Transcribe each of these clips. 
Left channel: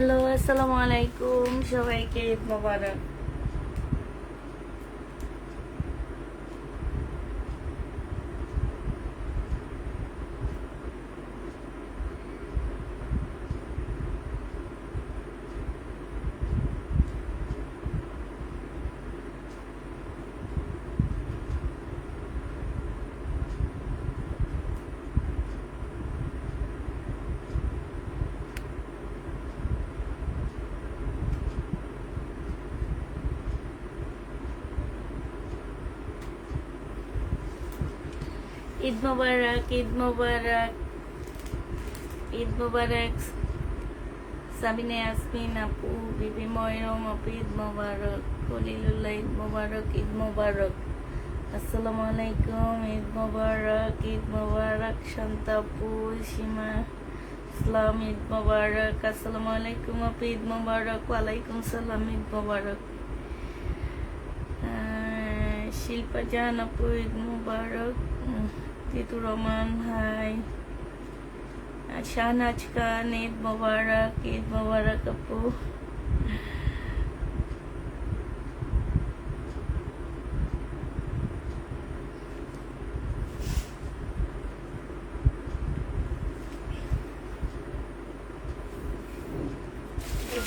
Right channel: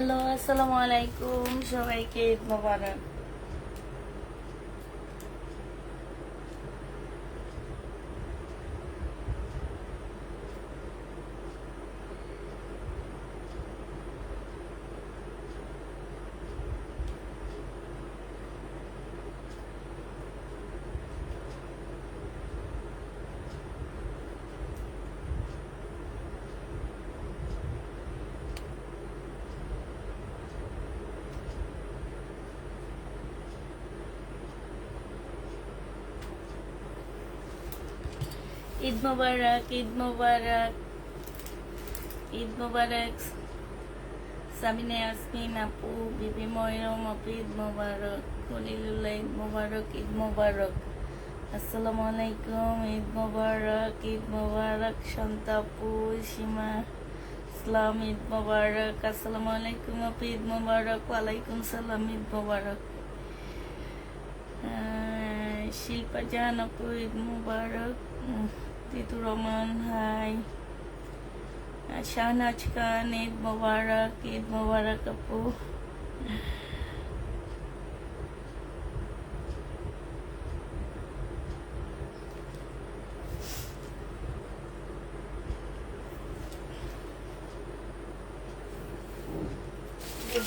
Hello, আসসালামু আলাইকুম। সবাইকে ঈদ মোবারক। ঈদ মোবারক, ঈদ মোবারক, ঈদ মোবারক। সাবিনা ইয়াসমিন আপু, বিবি ময়রম আপু, ঈদ মোবারক। খলিলুল্লাহ, ঈদ মোবারক, ঈদ মোবারক। আসসালামু আলাইকুম, ঈদ মোবারক, ঈদ মোবারক। শান্তা আপু, সীমা ইসলাম, ঈদ মোবারক। আসসালামু আলাইকুম আপু, ঈদ মোবারক। ওয়ালাইকুম সালাম, ঈদ মোবারক। শিল্পা জান আপু, ঈদ মুবারক। জিতুর রহমান, হাই। শাহনাজ খান, ঈদ মুবারক, ঈদ মুবারক আপু।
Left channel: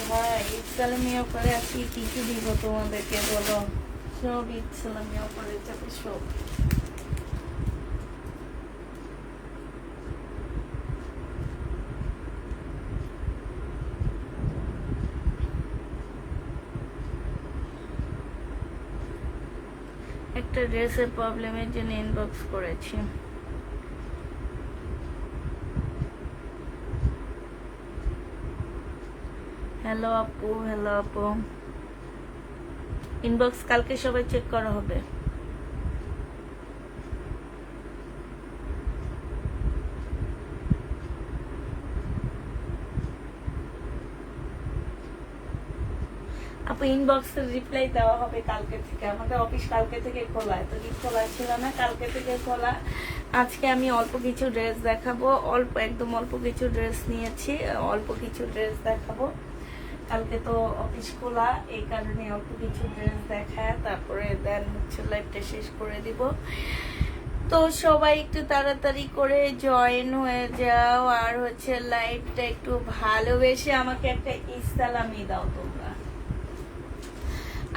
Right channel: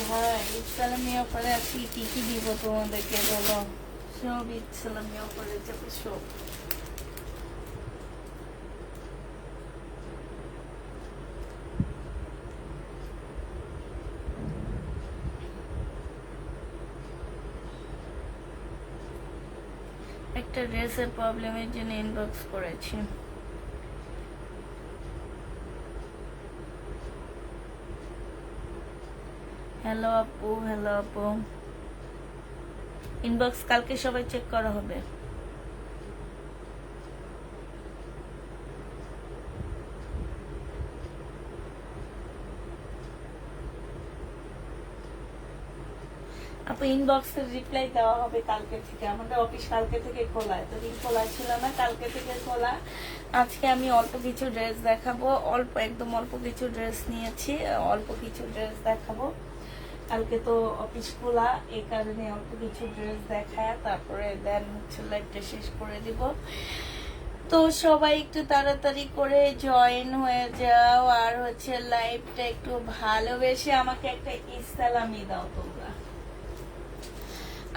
ভাই ঈদ সালামিও করে আজকে কি কি দিব তোমাদেরকে বলো? সব ঈদ সালামিও করে যাবে সব। একটা ড্রেসের প্রবলেমের জন্য ইনবক্স করেছি। হ্যালো আপু, হ্যালো আপু। ইনবক্স কালকে সবাই চেক করা হবে। আপু ইনবক্সের রিপ্লাই দেওয়া হবে কালকে থেকে। আমাদের অফিস কালকে থেকে খোলা, এতদিন খোলা ছিল না, কালকে থেকে খোলা। আজকে আমি অল্প কিছু ড্রেস দেখাবো, একদম অল্প কিছু ড্রেস নিয়েছি, অল্প কিছু ড্রেস দেখাবো। কালকে তো অফিস খোলা, এই কারণে অল্প কিছু ড্রেস দেখায় তারপরে দেন হচ্ছে লাইভটা শেষ করে দিব। তো সবাই একটু তাড়াতাড়ি করে জয়েন হয়ে যাও, আর হচ্ছে লাইভটা একটু ভালোবেসে আমাকে একটা ইসলামি দাও তোমরা।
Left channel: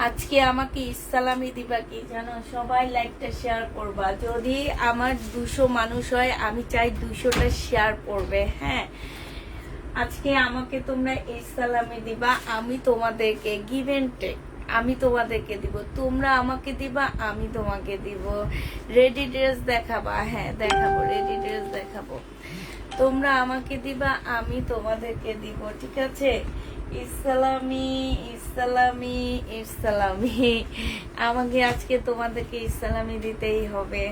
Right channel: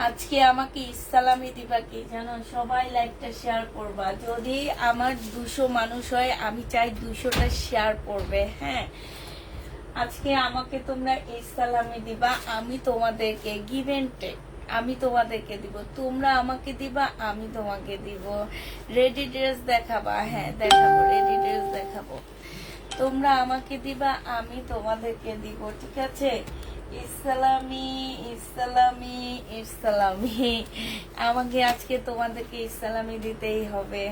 আজকে আমাকে ইসলামি দিবা কি জানো? সবাই লাইভটা শেয়ার করবা। যদি আমার 200 মানুষ হয়, আমি চাই 200টা শেয়ার করবে। হ্যাঁ, আজকে আমাকে তোমরা ইসলামি দিবা, আমি তোমাদেরকে গিভ এন্ড টেক, আমি তোমাদেরকে দিব, তোমরা আমাকে দিবা, আমি তোমাকে দিব। রেডি ড্রেস দেখাবা? হ্যাঁ দেখাবো, রেডি ড্রেস দেখাবো। তোমরা আমাকে দিবা, আমি তোমাদেরকে দিব, ঠিক আছে? ইসলামি, ইসলামি, ইসলামি। আমাকে আজকে তোমাদেরকে ইসলামি দিতেই হবে।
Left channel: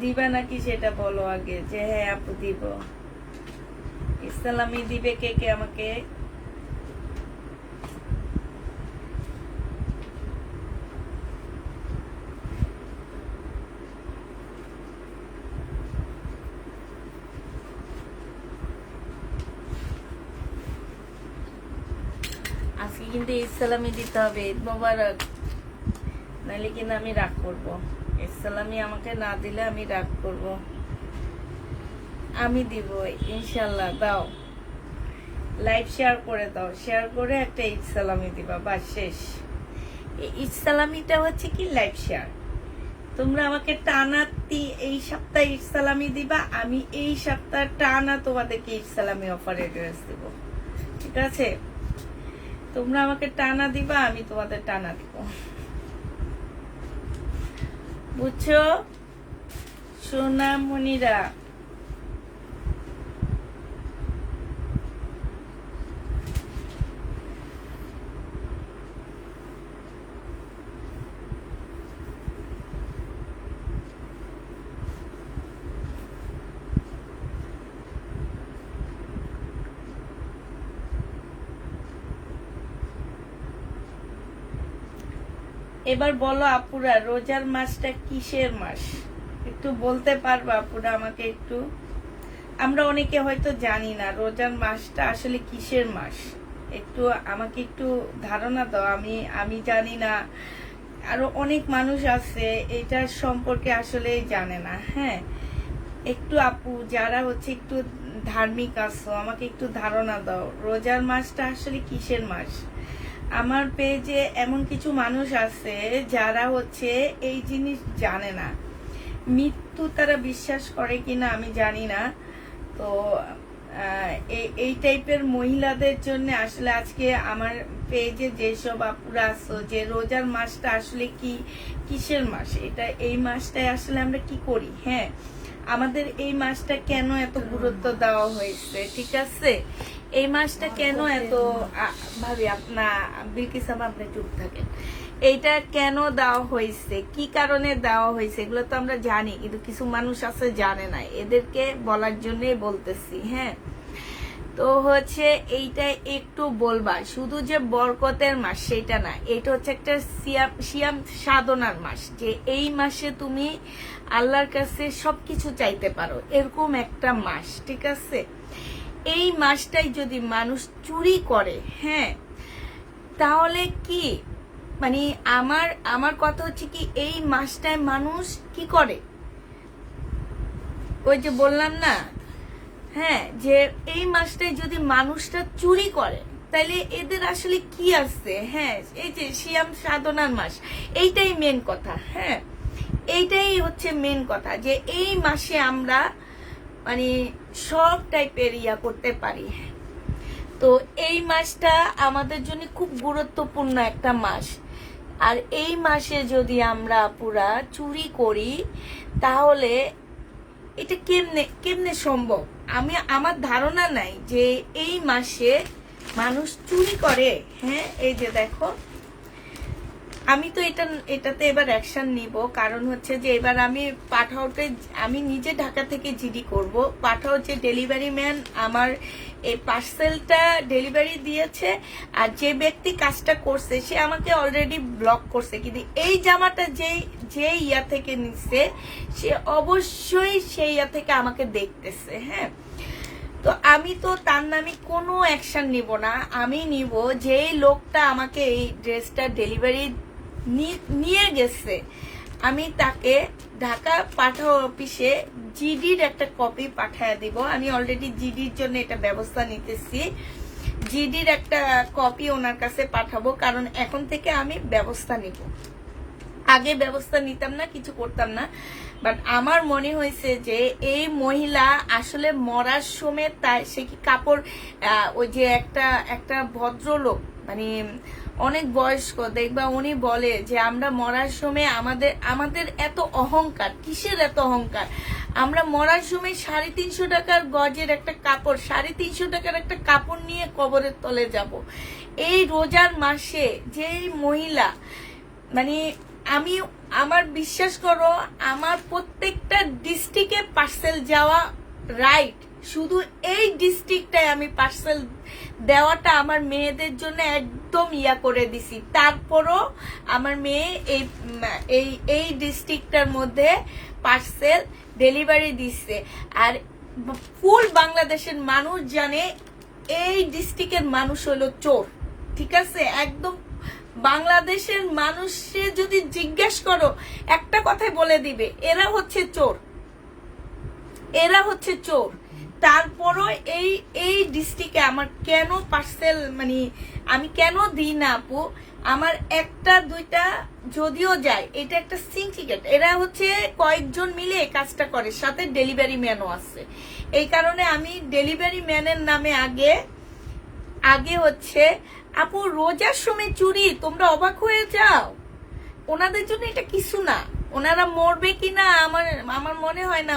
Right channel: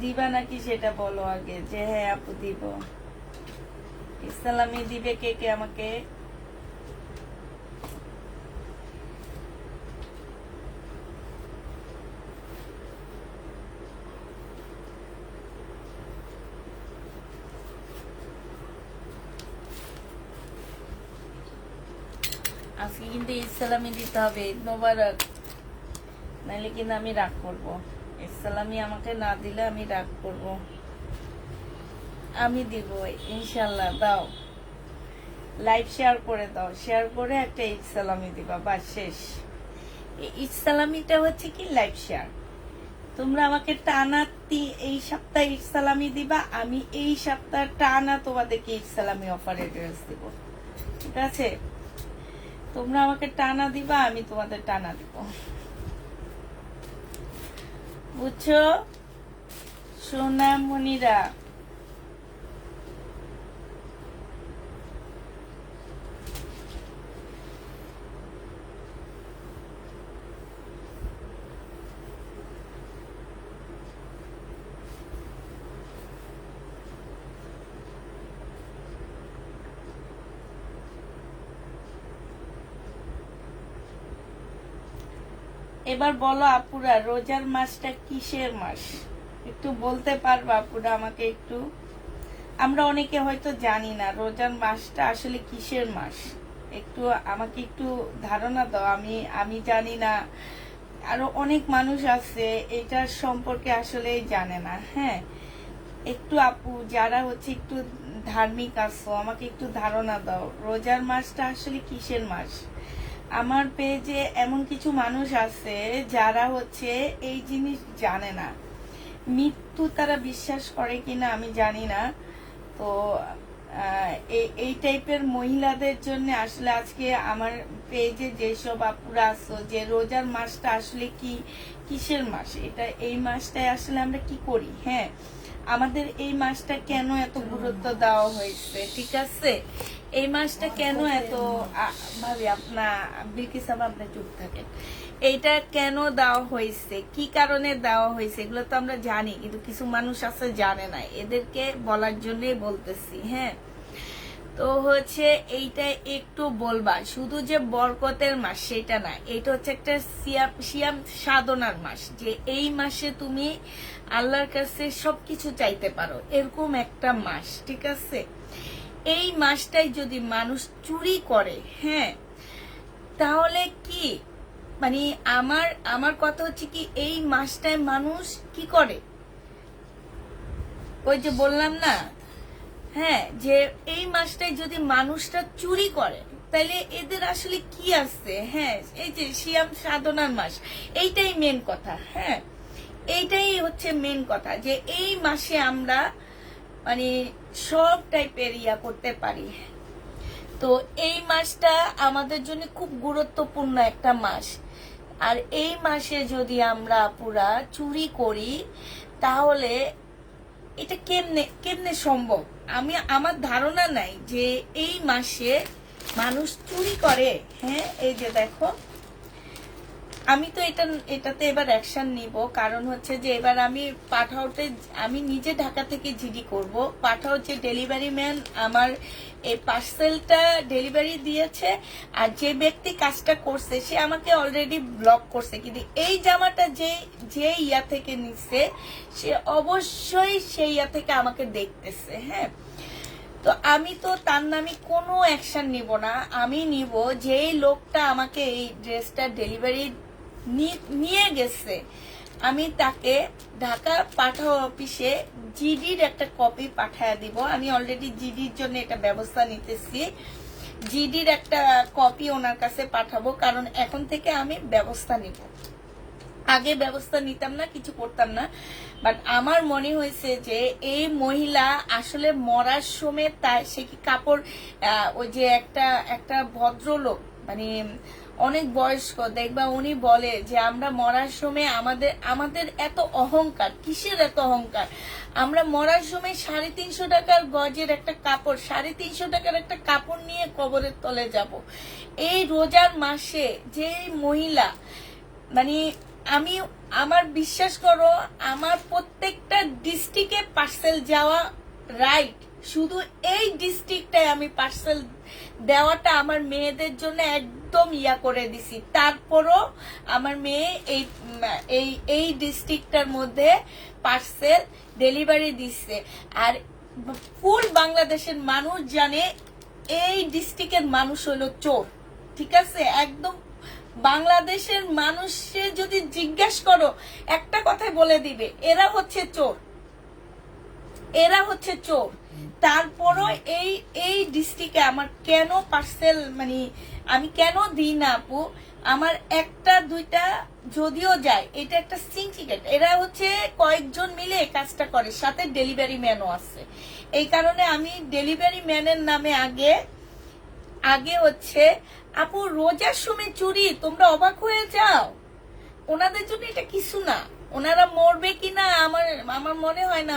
দিবা নাকি সেটা বলো আগে, যে হ্যাঁ আপু দিব। ইসলামি দিবে কে কে আমাকে? আজকে কিন্তু ইসলামি দিতে হবে। ঈদ মোবারক, নাহলে কিন্তু আমি রাগ করবো। ইসলামি আমাকে না দিলে আমি রাগ করব। আমি দিব ইনশাল্লাহ। দাও, লাইভ শেয়ার করে দাও, শেয়ার করে একটা ইসলামি দিবা, বাস শেষ। এই ইসলামিটা হচ্ছে কি লাইভ শেয়ার। তোমরা আমাকে টানা এই সপ্তাহে ইসলামি দিবা, আমি এই সপ্তাহ টানা তোমাদেরকে ইসলামি অফারে ড্রেস দিব, ঠিক আছে? তোমরা আমাকে টানা দিবা, আমি তোমাদের টানা দিব, বুঝছো সোনামণিরা? এবার বলো আপুরা, রোজার মাসটা কিসের মাস? একটু বলতে পারবা আপুরা আমাকে? একটু আমরা অনেকে হয়তো জানি না রোজার মাসটা আসলে কিসের মাস। একটু আমাকে একটু ধারণা দাও, আমি জানি না, আরো অনেক মানুষ আছে এটার সম্পর্কে আসলে জানে না। হ্যাঁ, একটু আপু যারা হচ্ছে একটু ধার্মিক আছো আমাকে একটু ধারণা দাও রোজার মাসটা আসলে কিসের মাস। আমার পেজে এমন কিছু মানুষ আছে যারা হচ্ছে এই জিনিস জানে না, মৃত্যু তারা বিশ্বাস করে কিনা আমি জানি না। তো এই টাইপের মহিলাদের জন্য আসলে আজকে আমার পেজে যেসব আপুরা আছো যে রোজার মাসটা আসলে কিসের মাস, এটা এই মাসটায় আসলে আমরা কি করি। হ্যাঁ, আমাদের এই মাসটা কেন এত গুরুত্ব দেওয়া হয়েছে, ঠিক আছে, এই মাসটা কেন এত ভাবি আপনার বিলকিসাম আপনি চুপ থাকেন, এইটা কেন দেওয়া হয়েছে, কি কারণে দেওয়া হয়েছে, এগুলো তো আমরা জানি কিন্তু কিছু মানুষ আছে জানে না, এদেরকে বলার জন্যই বলতেছি। হ্যাঁ, তো হচ্ছে এইটা একটু বলবা, শুধু যে বরকতের মাস সেটা না, এটা হচ্ছে একটা সিয়াম সাধনার মাস, যে এই মাসে তুমি আল্লাহর কাছে সবকিছু চাইতে পারো, এরকম একটা মাস, ঠিক আছে। এই মাসটাই যদি মানুষ চুরি করে, হ্যাঁ, তাহলে কি মানে আমার কথা হচ্ছে কি এই মাসটায় মানুষ কি করে, ওই যে বললাম না, হ্যাঁ, যে এই মাসটায় যদি মানুষটা চুরি করে তাহলে এদের আসলে কি আছে। হ্যাঁ, এই যে সিয়াম সাধনার মাস, এইটাই মেন কথা। হ্যাঁ, এইটাই হচ্ছে মেন কথা, যে এই মাসে আমরা মানে সব টাইপের করতে পারি। তো এই মাসটা আমাদের জন্য খুব গুরুত্বপূর্ণ একটা মাস, আর এই মাসে যদি আমরা পুরা চুরি করি তাহলে এটা কেমনে সম্ভব। আমার ধারণা নাই যে এই মাসে মানুষ চুরি করে। হ্যাঁ, এই যে দেখো, আমি তো এটাতে এবার অ্যাকশন নিব, কারণ হচ্ছে যে এবার আমি পাঠাওতে আমি নিজে ঢাকা থেকে জিডি করব। পাঠাও যে ডেলিভারি ম্যান আমার এই পার্সেলটা ডেলিভারি দিয়েছে, আর যে ব্যক্তি কাজটা করছে সে আমাকে অলরেডি ব্লক করছে, কিন্তু এই জামাটা যে ইয়া থেকে নিচ্ছে সে অবশ্যই সেই ইয়া থেকে আমাকে দেখতেছে। হ্যাঁ, তো আমি তো তার নামে কোনো অ্যাকশন নিব না, আমি নিব যেই লোকটা আমাকে এই ড্রেসটা ডেলিভারি নিয়ে গেছে আমি তাকে ঢাকা পাঠাও অফিসে জিডির একটা কপি পাঠায় দিব। আমি অলরেডি জিডির জন্য এটা ব্যবস্থা নিতেছি, জিডির একটা কপি ওনার কাছে পাঠাবো, কারণ এখন থেকে আমি ব্যবস্থা নিব। আগে ব্যবস্থা নিতাম না, কিছু করতাম না, বাট আমার মনে হয়েছে যে এই মহিলা আসলে মরার সময় তাই সে কি কাপড়, ওই যে একটা ভদ্রলোক মানে অনেক বয়স্ক দেখবা, উনি বলে যে আমরা মরার সময় আমাদের এত অহংকার, কিসের এত অহংকার, আমরা মরার সময় 350 টাকার গজের একটা কাপড়, 350 টাকার একটা কাপড় নিয়ে কবরের তলে যাব। এই রোজার মাসে যে মহিলা মানে আমার বিশ্বাস করো, আমার প্রত্যেকটা ডিস্ট্রিক্টে পার্সেল যাওয়া রাইট, শুধু এই ডিস্ট্রিক্টটায় আমি পার্সেল দেওয়াটা আমার মেয়েদের জন্য একদম করে দিছি, তারপরও আমার মেয়ে এই ডিস্ট্রিক্টটার মধ্যে পার্সেল ডেলিভারি দিচ্ছে। আর ফুল বাংলাদেশের মানুষ জানে এই ডিস্ট্রিক্টের মানুষ হলো চোর, ঠিক আছে। একদম বাংলাদেশের মানুষে যদি জিজ্ঞেস করো একটা কথাই বলে দিবে, এরা হচ্ছে চোর, এরা হচ্ছে চোর। তারপরও এই ডিস্ট্রিক্টে আমার কেন পার্সেল মানে আমি কেন দিই না আপু, আমার একটা দুইটা যদিও যায়, এটা একটা সিন্ডিকেট, এরা হচ্ছে কয়েকজন মিলে এই কাজটা করে, সাথে ডেলিভারি ম্যানও আছে। এই কারণে আমি ডেলিভারি ম্যানের নামে আগে হচ্ছে আপু রোজার সময় চুরি, তোমরা অবাক হয়ে যাও, ওনাদের জন্য এটা কিছু না, ওনারা মরবে কিনা আমার মনে হয় না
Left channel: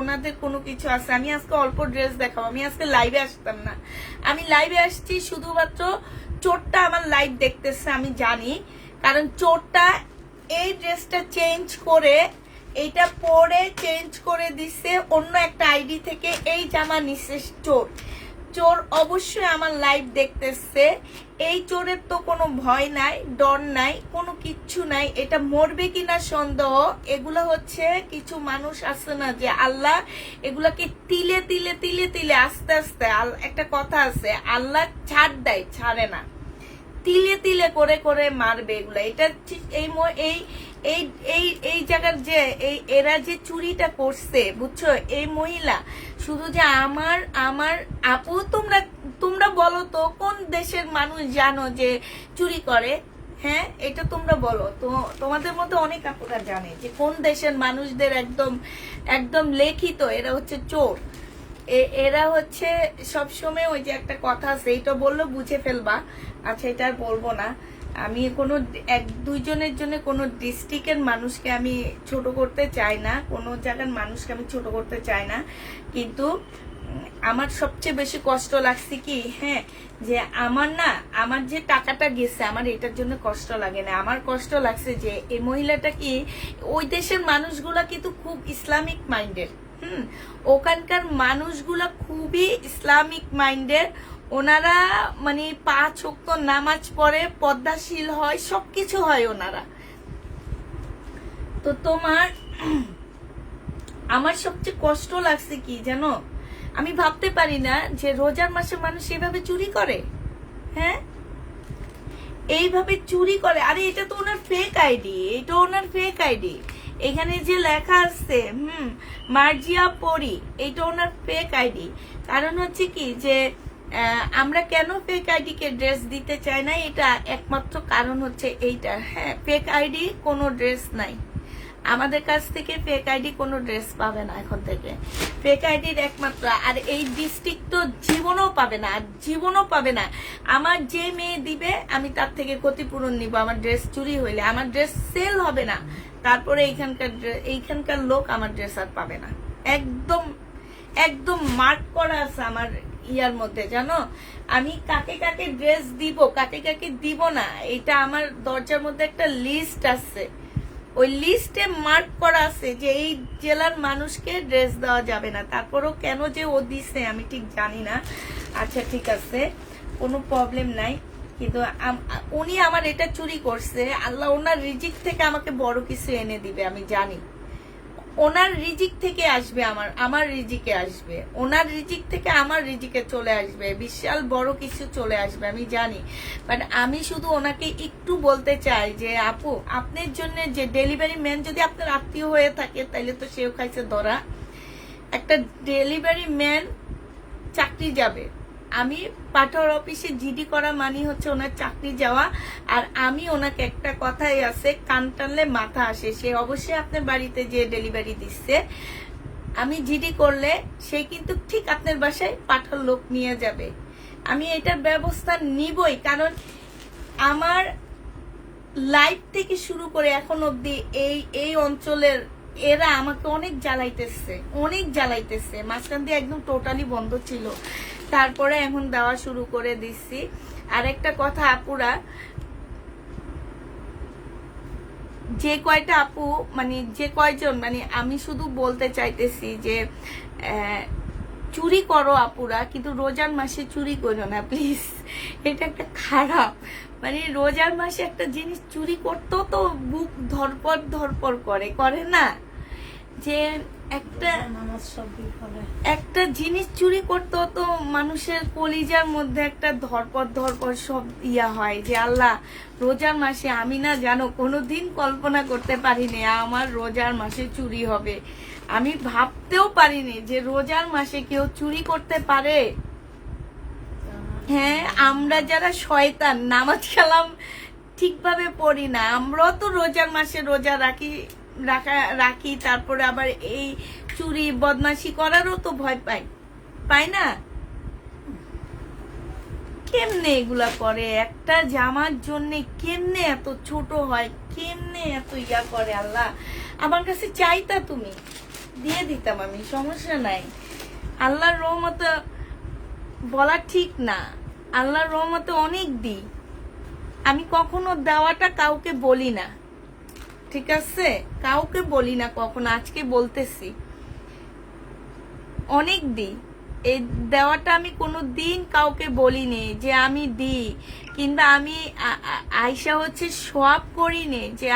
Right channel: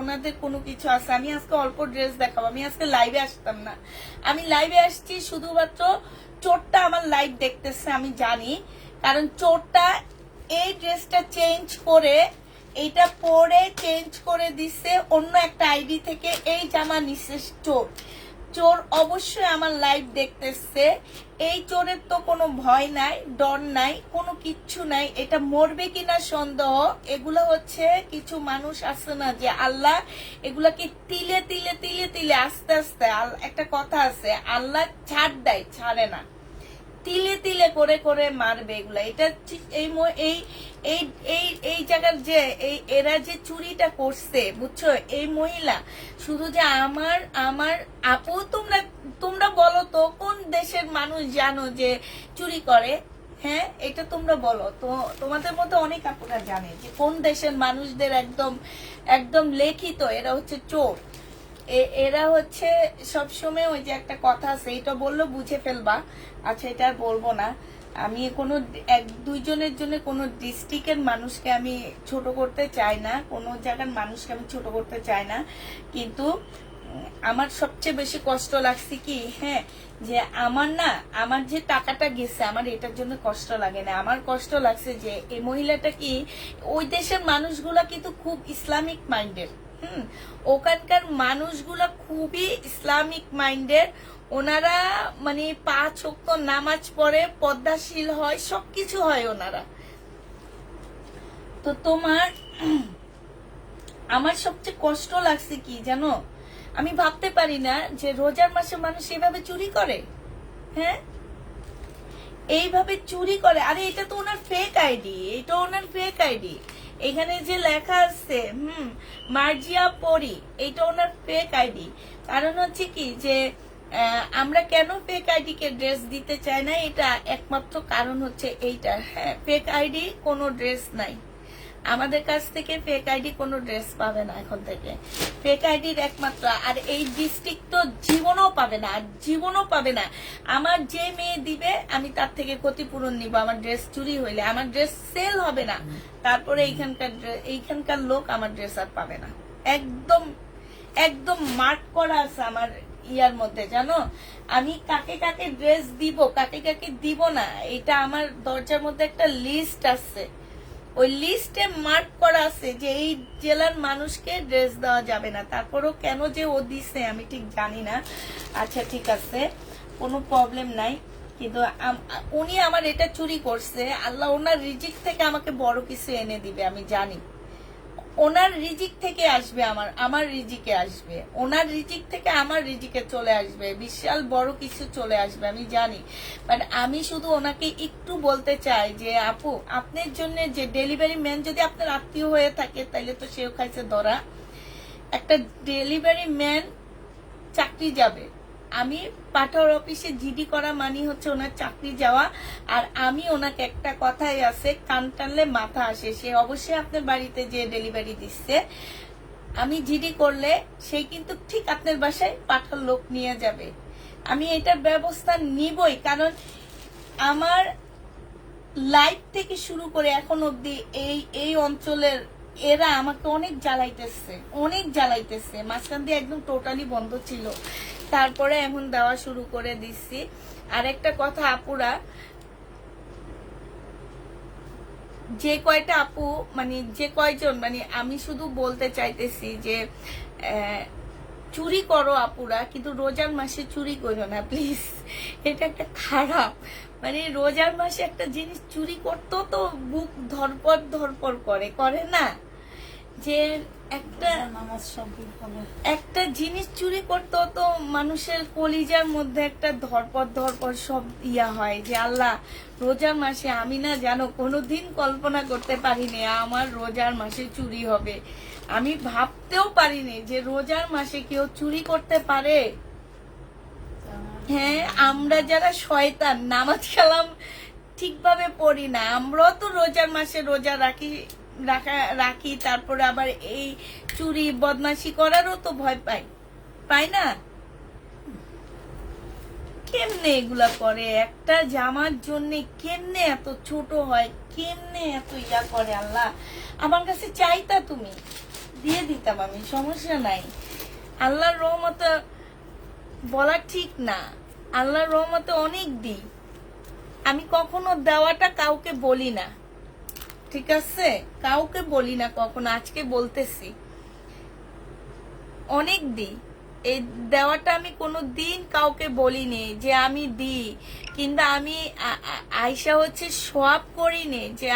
ওনাদের কোনো কিছু আছে। আমি আজকে অল্প ড্রেস দেখাবো, আমি আজকে লাইভে আসতাম না, আমি লাইভে আসছি শুধুমাত্র চোরটা আমার লাইভ দেখতেছে আমি জানি, কারণ চোরটা এই ড্রেসটা চেঞ্জ করে এইটা পরে চেঞ্জ করে দিছে অন্য একটা আইডি থেকে, এই জামা নিচ্ছে চোর। চোর অবশ্যই আমার লাইভ দেখতেছে। এই চোরের তো কোনো ভয় নাই, ডর নাই, কোনো কিচ্ছু নাই। এটা মরবে কিনা সন্দেহ। এগুলা হচ্ছে কিছু মানুষ আছে না, যে আল্লাহ এগুলাকে তিলে তিলে তিলে তিলে আস্তে আস্তে, একটা কথা আছে, আল্লাহ ছাড় দেয়, ছাড়ে না, তিলে তিলে করে করে মারবে এগুলা। এটা এই এই এই এই এই জায়গার যে এরা যে চুরিটা করছে, বুঝছো, এই মহিলা শুধু যে আমার আমার আপু, তোমরা তোমরা বলো তো কোন দেশের মানুষ জানো যে চুরি করে? হ্যাঁ, এটা তোমরা বলো তো। তোমাদের মধ্যে অনেক আপুরা জানে যে কোন দেশের মানুষদের একদম একদম লেখিত এরা হচ্ছে চোর। এরা হচ্ছে সবসময় ওই যে একটা কথা আছে, এটা বললে বুঝে ফেলবা। আচ্ছা, এটা আর বলবো না। আমি কোনো এক দুইজনের জন্য কোনো ডিস্ট্রিক্টের মানুষকে আমি ছোট করতে চাই না, কোনো জায়গার মানুষকে আমি ছোট করতে চাই না, কিন্তু আমার সবচেয়ে বেশি কষ্ট লাগছে কি, হ্যাঁ, যে আমার যে টাকাটা গেছে, আমার এটার জন্য কষ্ট লাগে না। আমার কষ্ট লাগছে যে এই মহিলাটা কি, ওই দেশের মানুষগুলা কিন্তু খুব ইসলামিক মাইন্ডের। ওখানকার মানুষগুলা খুবই ইসলামিক মাইন্ডের। ওনারা মানে 5 ওয়াক্ত নামাজ পড়ে, পর্দাশীল হয়, সবকিছু হয় ওনারা। তো আমার সবচেয়ে কষ্ট লাগছে কি জানো, আমি ভাবতে পারি না যে রোজার মাসে মানুষ এভাবে চুরি করে। হ্যাঁ, এইভাবে চুরি করে। আরে এটা তো ওনার ফেক আইডি, এটা ওনার ফেক আইডি। এখানে যে লেখা আছে মার্জিয়া পরি, এটা ওনার ফেক আইডি। কারণ হচ্ছে কি যে আমরা কেন ফেক আইডি কে ড্রেস দিতে চাই না, এটা একমাত্র কারণ হচ্ছে এইটা। হ্যাঁ, ফেক আইডি কোনো ড্রেস নাই আমাদের কাছ থেকে, ফেক আইডি কোনো ড্রেস পাবে না এখন থেকে। ফেক আইডির একমাত্র, আর এই ডিস্ট্রিক্ট তো জীবনও পাবে না, আর জীবনও পাবে না। আমার যে মেয়ে দিবে আমি তার থেকে ক্ষতিপূরণ নিব। আমার ড্রেস চুরি হইলে আমার ড্রেস সেল হবে না, তারপরে এইখানকার লোক আমার ড্রেস আর পাবে না। একদম একদম মার্ক করা আছে আমার ইয়ার মধ্যে, জানো, আমি কাকে কাকে ড্রেস দিব, কাকে কাকে দিব না, এটা আমার দরজার মধ্যে একটা লিস্ট আছে। ওই লিস্টে মার্ক করা আছে যে এই জেলার মানুষকে ড্রেস দেওয়া যাবে না। তারপরও কেন যে ও দিছে আমি ঠিক জানি না। আচ্ছা, ঠিক আছে, কোনো প্রবলেম নাই, কিন্তু উনি আমার এটা চুরি করছে। আল্লাহ ওনার রিজিক থেকে আমাকে বড় কিছু এনে দিবে, আমি জানি। ওনার রিজিক থেকে আসবে, আমার রিজিকে আসবে, ওনার রিজিক থেকে আমার রিজিকে চলে আসবে, বিশাল বড় কিছু চলে আসবে, আমি জানি। বাট আমি শুধু ওনাকে একটু বলতে চাই যে আপু, আপনার জন্য যে ডেলিভারি ম্যান যদি আপনার আত্মীয় হয়ে থাকে, তাইলে তো সেও খাইছে ধরা। একটা ডেলিভারি ম্যান চাকরি যাবে, আমি পাঠাওয়ার অফিসে জিডি করা মানে হচ্ছে ওনার চাকরি যাওয়া। আর আমি ওনাকে একটা কথাই আছে, কান টানলে মাথা আসে। সে অবশ্যই আপনার বাড়িতে যে ডেলিভারি দিচ্ছে, আমি জিডি করলে সেই কিন্তু ঠিক আপনার বাসায় পাঠার লোক নিয়ে যাবে। আমি এটার ব্যবস্থা নিবই, কারণ আমার লাইফ থেকে শুরু করে এখন অব্দি এই অঞ্চলের এরা আমাকে অনেক জ্বালাইতেছে। মাঝখান দিয়ে একদম টোটালি বন্ধ ছিল, তারপরে এখন দেওয়া শুরু করে দিচ্ছি। আর একটা কথা আপুরা, যে কয়টা আপু মানে যে কয়জন, মানে আমি শুধু বলতে চাইতেছি যে চুরি করো আপুরা, কিন্তু রোজার মাসে চুরি করো না প্লিজ। এটা একটা খারাপ, মানে রোজার মাসে একটা জিনিস চুরি করতেও তো বুক ধরপর করে না, যে একটা জিনিস চুরি করতে তো মানুষের কলিজার মধ্যে একটা ধরপর সব ইয়া হয় যে আল্লাহ, রোজার মাসে আমি না জানো কোনোদিন কল্পনা করতে পারিনি আমার রোজার মাসে চুরি হবে। আমি ভাবতেও পারিনি যে রোজার মাসে কেউ চুরি করতে পারে। হ্যাঁ, আমরা যারা শয়তান, নামাজ কালাম ঠিকভাবে পড়ি না, আমরাও তো রোজার মাসে রোজা রাখি, তারপরে আবার এই চুরি বদমাশি করারও তো ভয় পাই না। কেমনে এগুলা করে, একটা জামার জন্য কেমনে এত ছোট হয়, কেমনে এত ইয়া করে। আল্লাহ, আমার কাছে চাইতা তুমি দিয়ে দিতাম আমি, সমস্যা নাই। আল্লাহর রহমতে বলা ঠিক না, আল্লাহর রহমতে অনেক দিই, আমি কখনো দেওয়াটা কাউকে বলি না, ঠিক আছে, কাউকে বলি না কখনো। আজকে বলতেছি অনেক দিই, এই দেওয়াটা আমি কোনো দিন কাউকে বলিনি যে আমি দিই, কিংবা আমি আয়শা হচ্ছে সব করিনি যে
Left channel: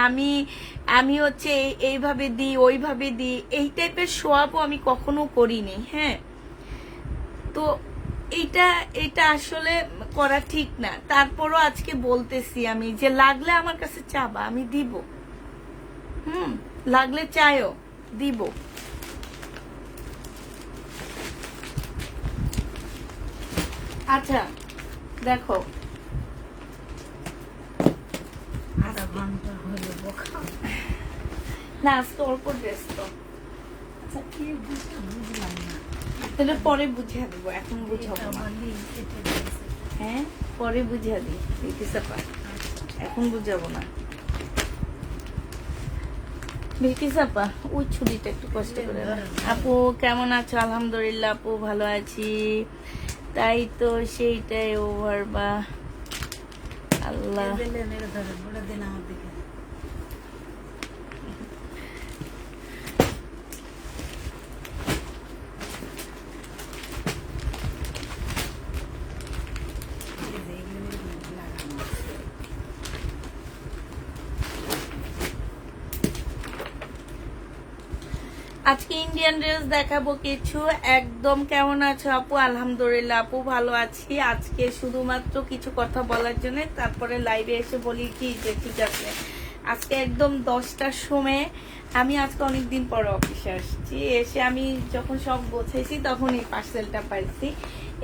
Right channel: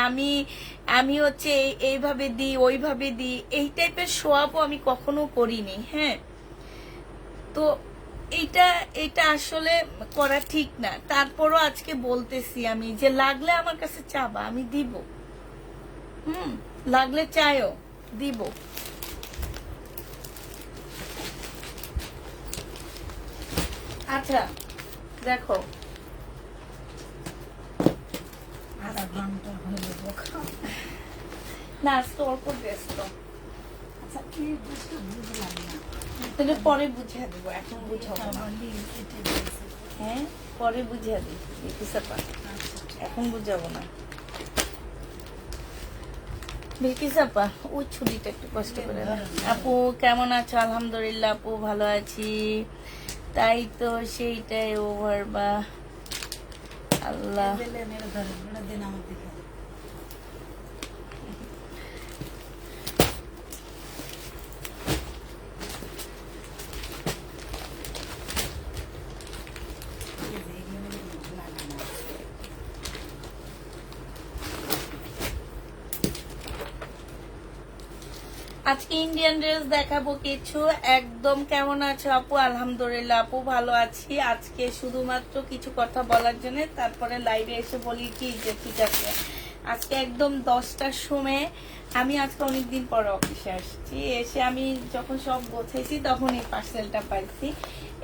আমি হচ্ছে এইভাবে দিই ওইভাবে দিই, এই টাইপের সোয়াবও আমি কখনো করিনি। হ্যাঁ, তো এটা আসলে করা ঠিক না। তারপরও আজকে বলতেছি আমি যে লাগলে আমার কাছে চাবা, আমি দিব। লাগলে চাইও, দিব। আচ্ছা দেখো, আধা ঘন্টা হলো না আজকে অল্প ব্যস্ত। আচ্ছা কি বুঝলাম না, তাহলে পরে বুঝিয়ে দেবো, এখন বুঝাবো না। হ্যাঁ, পরে বুঝিয়ে দিই, এখন বুঝাবো না। বিলকিস আপা, ওই ছুরিটা একটু কষ্ট করে দাও। আপু কেমন আছো? আলহামদুলিল্লাহ আপু ভালো আছি। তাই তো, সেইটাই ওভার বা আল্লাহ। আজকে ইন্ডিয়ান ড্রেস দেখাবো কিছু। একদম কেমন আছো আপু? আলহামদুলিল্লাহ আপু ভালো আছি। আজকে শুধুমাত্র কিছু কথা বলার জন্য তারপরে লাইভে এসে বলি কি যে ঠিক আছে, আজকে একদম 10টার সময়, আমি আজকে অনেকদিন পরে অফিসে আসছি, এসে আমি যখন সব গোছাইছি তখন এই পার্সেলটা পাইছি।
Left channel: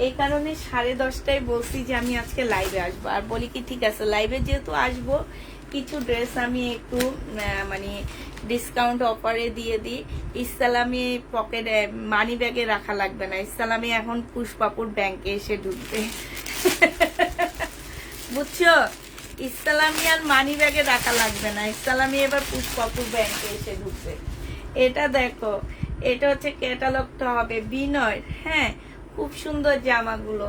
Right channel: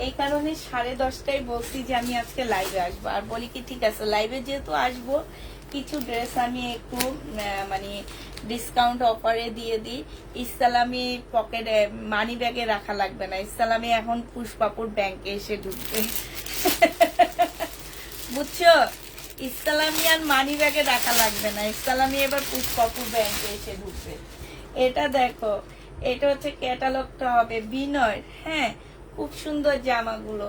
এই কারণে 10:30টায় বলছি যে আমি আজকে লাইভে আসবো। আর বলি কি ঠিক আছে, লাইভে যেহেতু আসবো কিছু ড্রেস আমি একটু মানে ডিসকাউন্ট অফারে দিয়ে দিই। ইসলামী পকেট মানি ব্যাগে রাখা লাগবে না, ইসলামী এখন পুষ্পাপুর ব্যাংকে এসে ঢুকবে। বুঝছো, ইসলামী আর মানি ব্যাগে রাখা লাগবে না, ইসলামী এবার পুষ্পাপুর ব্যাংকে এসে ঢুকবে। এটা দেখো, এটা হচ্ছে ক্যাটালগটা হবে বিনয়ের। হ্যাঁ, খুব সুন্দর জামাগুলো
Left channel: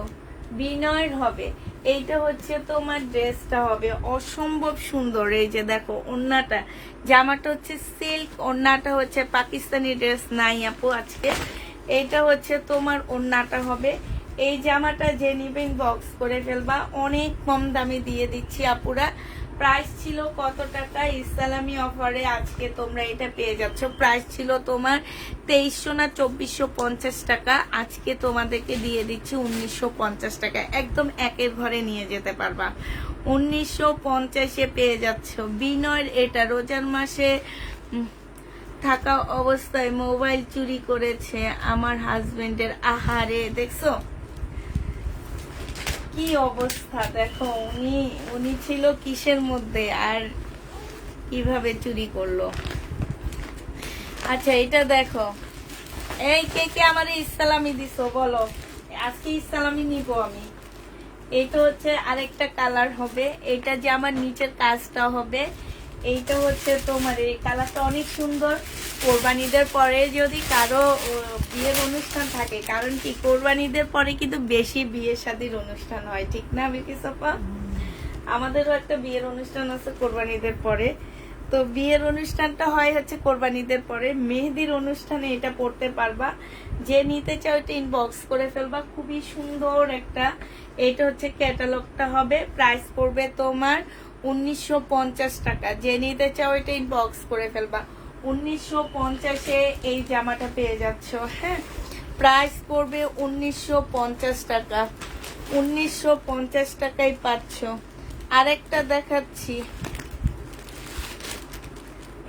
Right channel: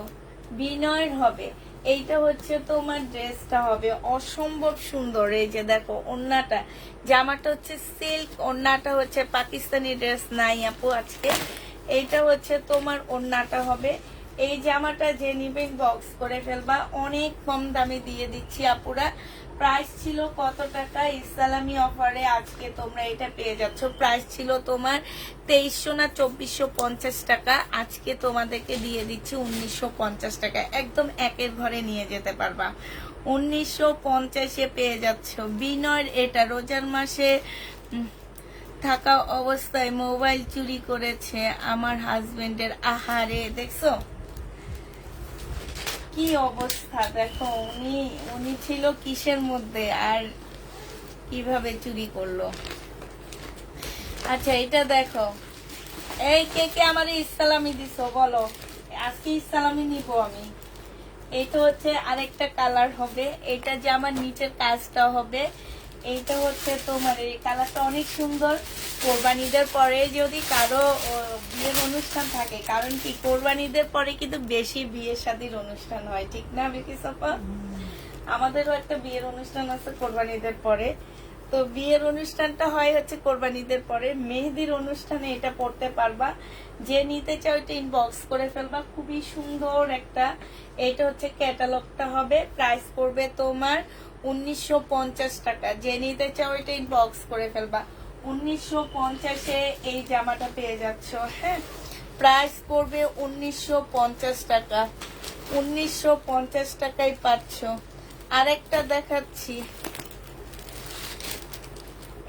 বিনয়ের হবে। এইটা হচ্ছে তোমার ড্রেসটা হবে অসম্ভব সুন্দর। এই যে দেখো ওড়নাটা, জামাটা হচ্ছে সিল্ক, ওড়নাটা হচ্ছে পাকিস্তানি ড্রেস নাই আপু আজকে। এইটা হচ্ছে তোমার ওড়নাটা হবে। এই জামাটা যে নিবে বক্স করে ফেলবা, অনেক কম দামে দিয়ে দিচ্ছি আপুরা। প্রাইস ছিল কত টাকা? ইসলামী অফারে আজকে তোমরা এটা পেয়ে যাচ্ছ। প্রাইস ছিল তোমার 2300 না 2450 টাকা, আজকে তোমাদেরকে দিয়ে দিচ্ছি 1950 টাকা। একদম একের ঘরে নিয়ে যেতে পারবা, 1950-এ পেয়ে যাচ্ছ। বিনয়ের এটা রোজার মাসে থাকা অবস্থায় মোবাইল চুরি করেছে আমার হাজবেন্ডের। আহারে, দেখছো কি অবস্থা? দেখো উনি ছিল কিসের মধ্যে আর কিভাবে চুরি করলো। আচ্ছা এটা দেখো, এই কে কে আমার ইসলামী দিছো বলো? আজকে ইসলামী নিব আমি। এইটা হচ্ছে আরেকটা কালার হবে, এটা যে আমার নিচের কাজটা হবে। এইটা হচ্ছে তোমার এই কালারটা অনেক সুন্দর। কোরবানিদের পরে যদি কারো বিয়ের অনুষ্ঠান থাকে, কারণ কি কোরবানিদের পরে কিন্তু বেশি বিয়ে শাদীর অনুষ্ঠান হয়, ঠিক না বিকি সাপা? আমাদেরও একটা বিয়ের অনুষ্ঠান আছে কোরবানিদের পরে। তো বিয়ের অনুষ্ঠানটা হয় হচ্ছে কোরবানিদের পরে। মেহেদির অনুষ্ঠানে এটা পড়তে পারবা। যে নিতে চাও এটা ইনবক্স করে ফেলবা, খুবই সুন্দর একটা। এটা হচ্ছে ক্যাটালগটা হবে। প্রাইস পড়বে তোমার 1950 টাকা। যে নিতে চাও এটা ইনবক্স করে ফেলবা। 1950-এ এই জামাটা পেয়ে যাচ্ছ। হ্যাঁ, প্রাইস পড়বে 1950 টাকা। 1950 টাকায় পাচ্ছ। আরেকটা দেখাচ্ছি,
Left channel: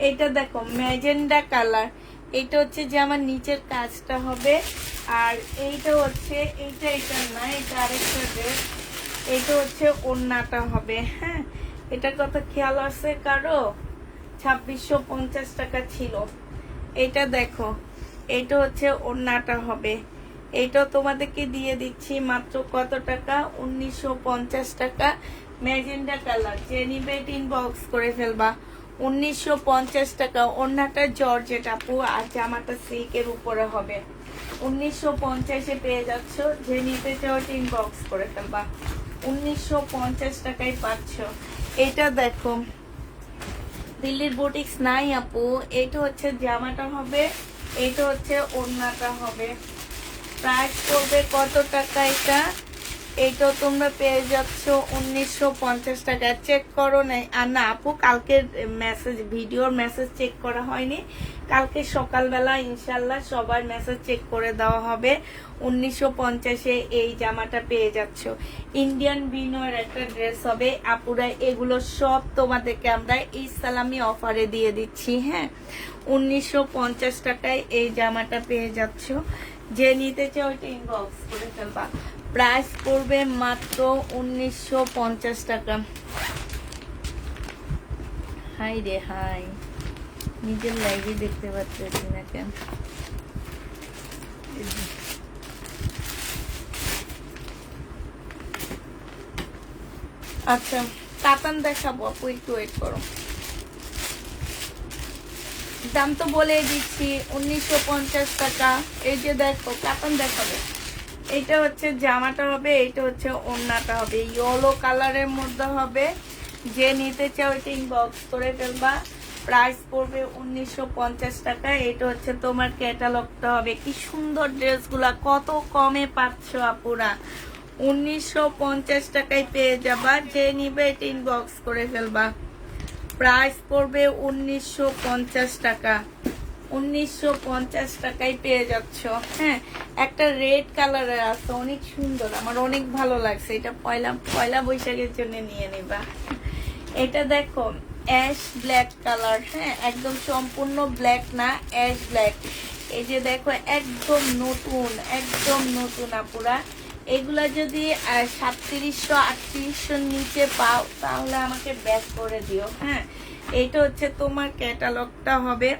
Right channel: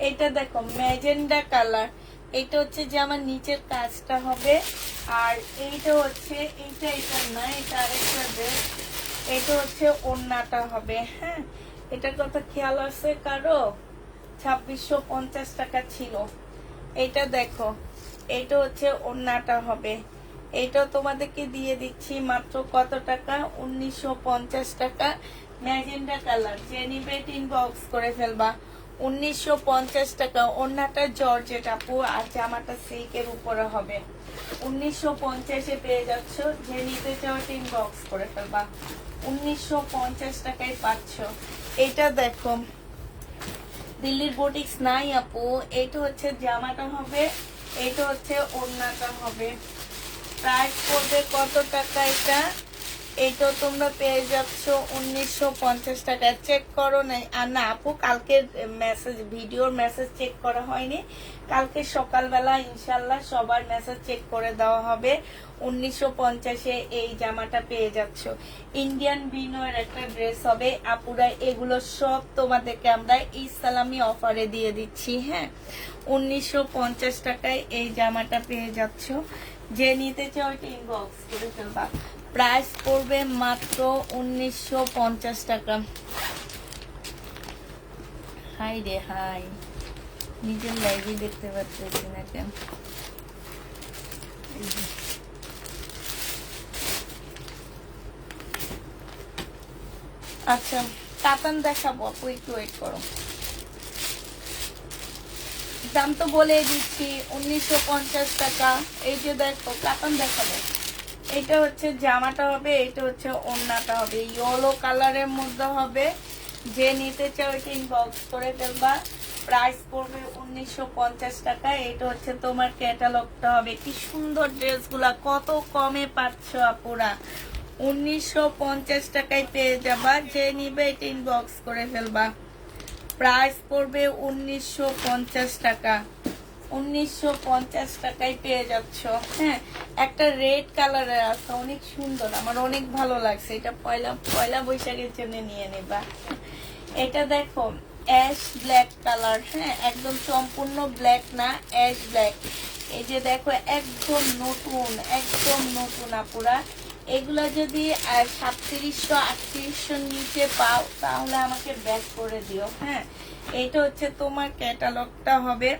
এটা দেখো ম্যাজেন্ডা কালার। এটা হচ্ছে যে আমার নিচের কাজটা হবে। আর এইটা হচ্ছে এটা না, এটা আরেকটা ড্রেস। এটা হচ্ছে ওড়নাটা হবে। হ্যাঁ, এটার কথা খেয়াল আছে কারো? 2650 টাকা ছিল। এটা দেখো, এটা হচ্ছে ওড়নাটা হবে। এইটাও তোমাদেরকে দিয়ে দিচ্ছি মাত্র কত টাকা? 1950 টাকা। ম্যাজেন্ডা কালার, যে নিবে ইনবক্স করে ফেলবা। 1950 টাকা। ওড়নাটা জর্জেট আপু, আর জামাটা সিল্কের উপরে হবে। 1950-এ পেয়ে যাচ্ছ। যে নিতে চাও ইনবক্স করে ফেলবা। 1950 টাকায় পাচ্ছ। এটা দেখো, দিল্লির বুটিক্স নাই আপু। এটা হচ্ছে জামাটা হবে, এটা হচ্ছে ওড়নাটা হবে। প্রাইস পড়বে কত টাকা এটা? এইটা তোমরা পেয়ে যাচ্ছ 1950 টাকা। চেক করো না? আর না আপু, কালকে মেসেজ, ভিডিওর মেসেজ চেক করা হয়নি। কালকে সকালবেলা ইনশাল্লাহ সবার মেসেজ চেক করে দেওয়া হবে। 1950-এ এই জামাটা পেয়ে যাচ্ছ। ইন্ডিয়ান বিনয়ের একটা ড্রেস হবে আপুরা। এগুলো সব তোমাদেরকে আমরা ইসলামী অফারে দিয়ে দিচ্ছি। হ্যাঁ, 1950 টাকায় এই জামাটা পেয়ে যাচ্ছ। যে নিতে চাও ওইটা ইনবক্স করে ফেলবা। প্রাইস পড়বে মাত্র 1950 টাকা। হাই রে হাই, নিজের লাইভে দেখতে পাচ্ছি না কেন? আচ্ছা, কাতান দেখাবো আপু, একটু ওয়েট করো। দাম তো বলে দিচ্ছি, 1950 টাকা। এই যে দেখো, কাতান দেখাবো। এটা হচ্ছে জামাটা হবে, এটা হচ্ছে ওড়নাটা হবে, ইয়েলো কালারের মধ্যে হবে। যে নিতে চাও এটা ইনবক্স করে ফেলবা। প্রাইস পড়বে 1950 টাকা। এটা হচ্ছে তোমার ক্যাটালগটা হবে। কি সুন্দর ড্রেসগুলা, কত কমে পাচ্ছ আপুরা। 1950 টাকায় পেয়ে যাবা। যে নিবে এটা ইনবক্স করে ফেলবা। প্রাইস পড়বে 1950 টাকা। 1950 টাকায় পেয়ে যাচ্ছ। হ্যাঁ, একটা রেড কালারের আছে, অনেক সুন্দর, আমার অনেক ভালো লাগছে। এটা পয়লা বৈশাখের জন্য নিয়ে নেবা। এটা দেখো, অ্যাশ ব্ল্যাক কালার। হ্যাঁ, একদম সম্পূর্ণ ব্ল্যাক না, অ্যাশ ব্ল্যাক। এই যে দেখো, একদম নতুন, একদম নতুন আপুরা। এগুলা যদি 3700-3800 নিচে পাও তাহলে আমাকে ব্যাক করে দিও। হ্যাঁ, এইটা হচ্ছে তোমার ক্যাটালগটা হবে।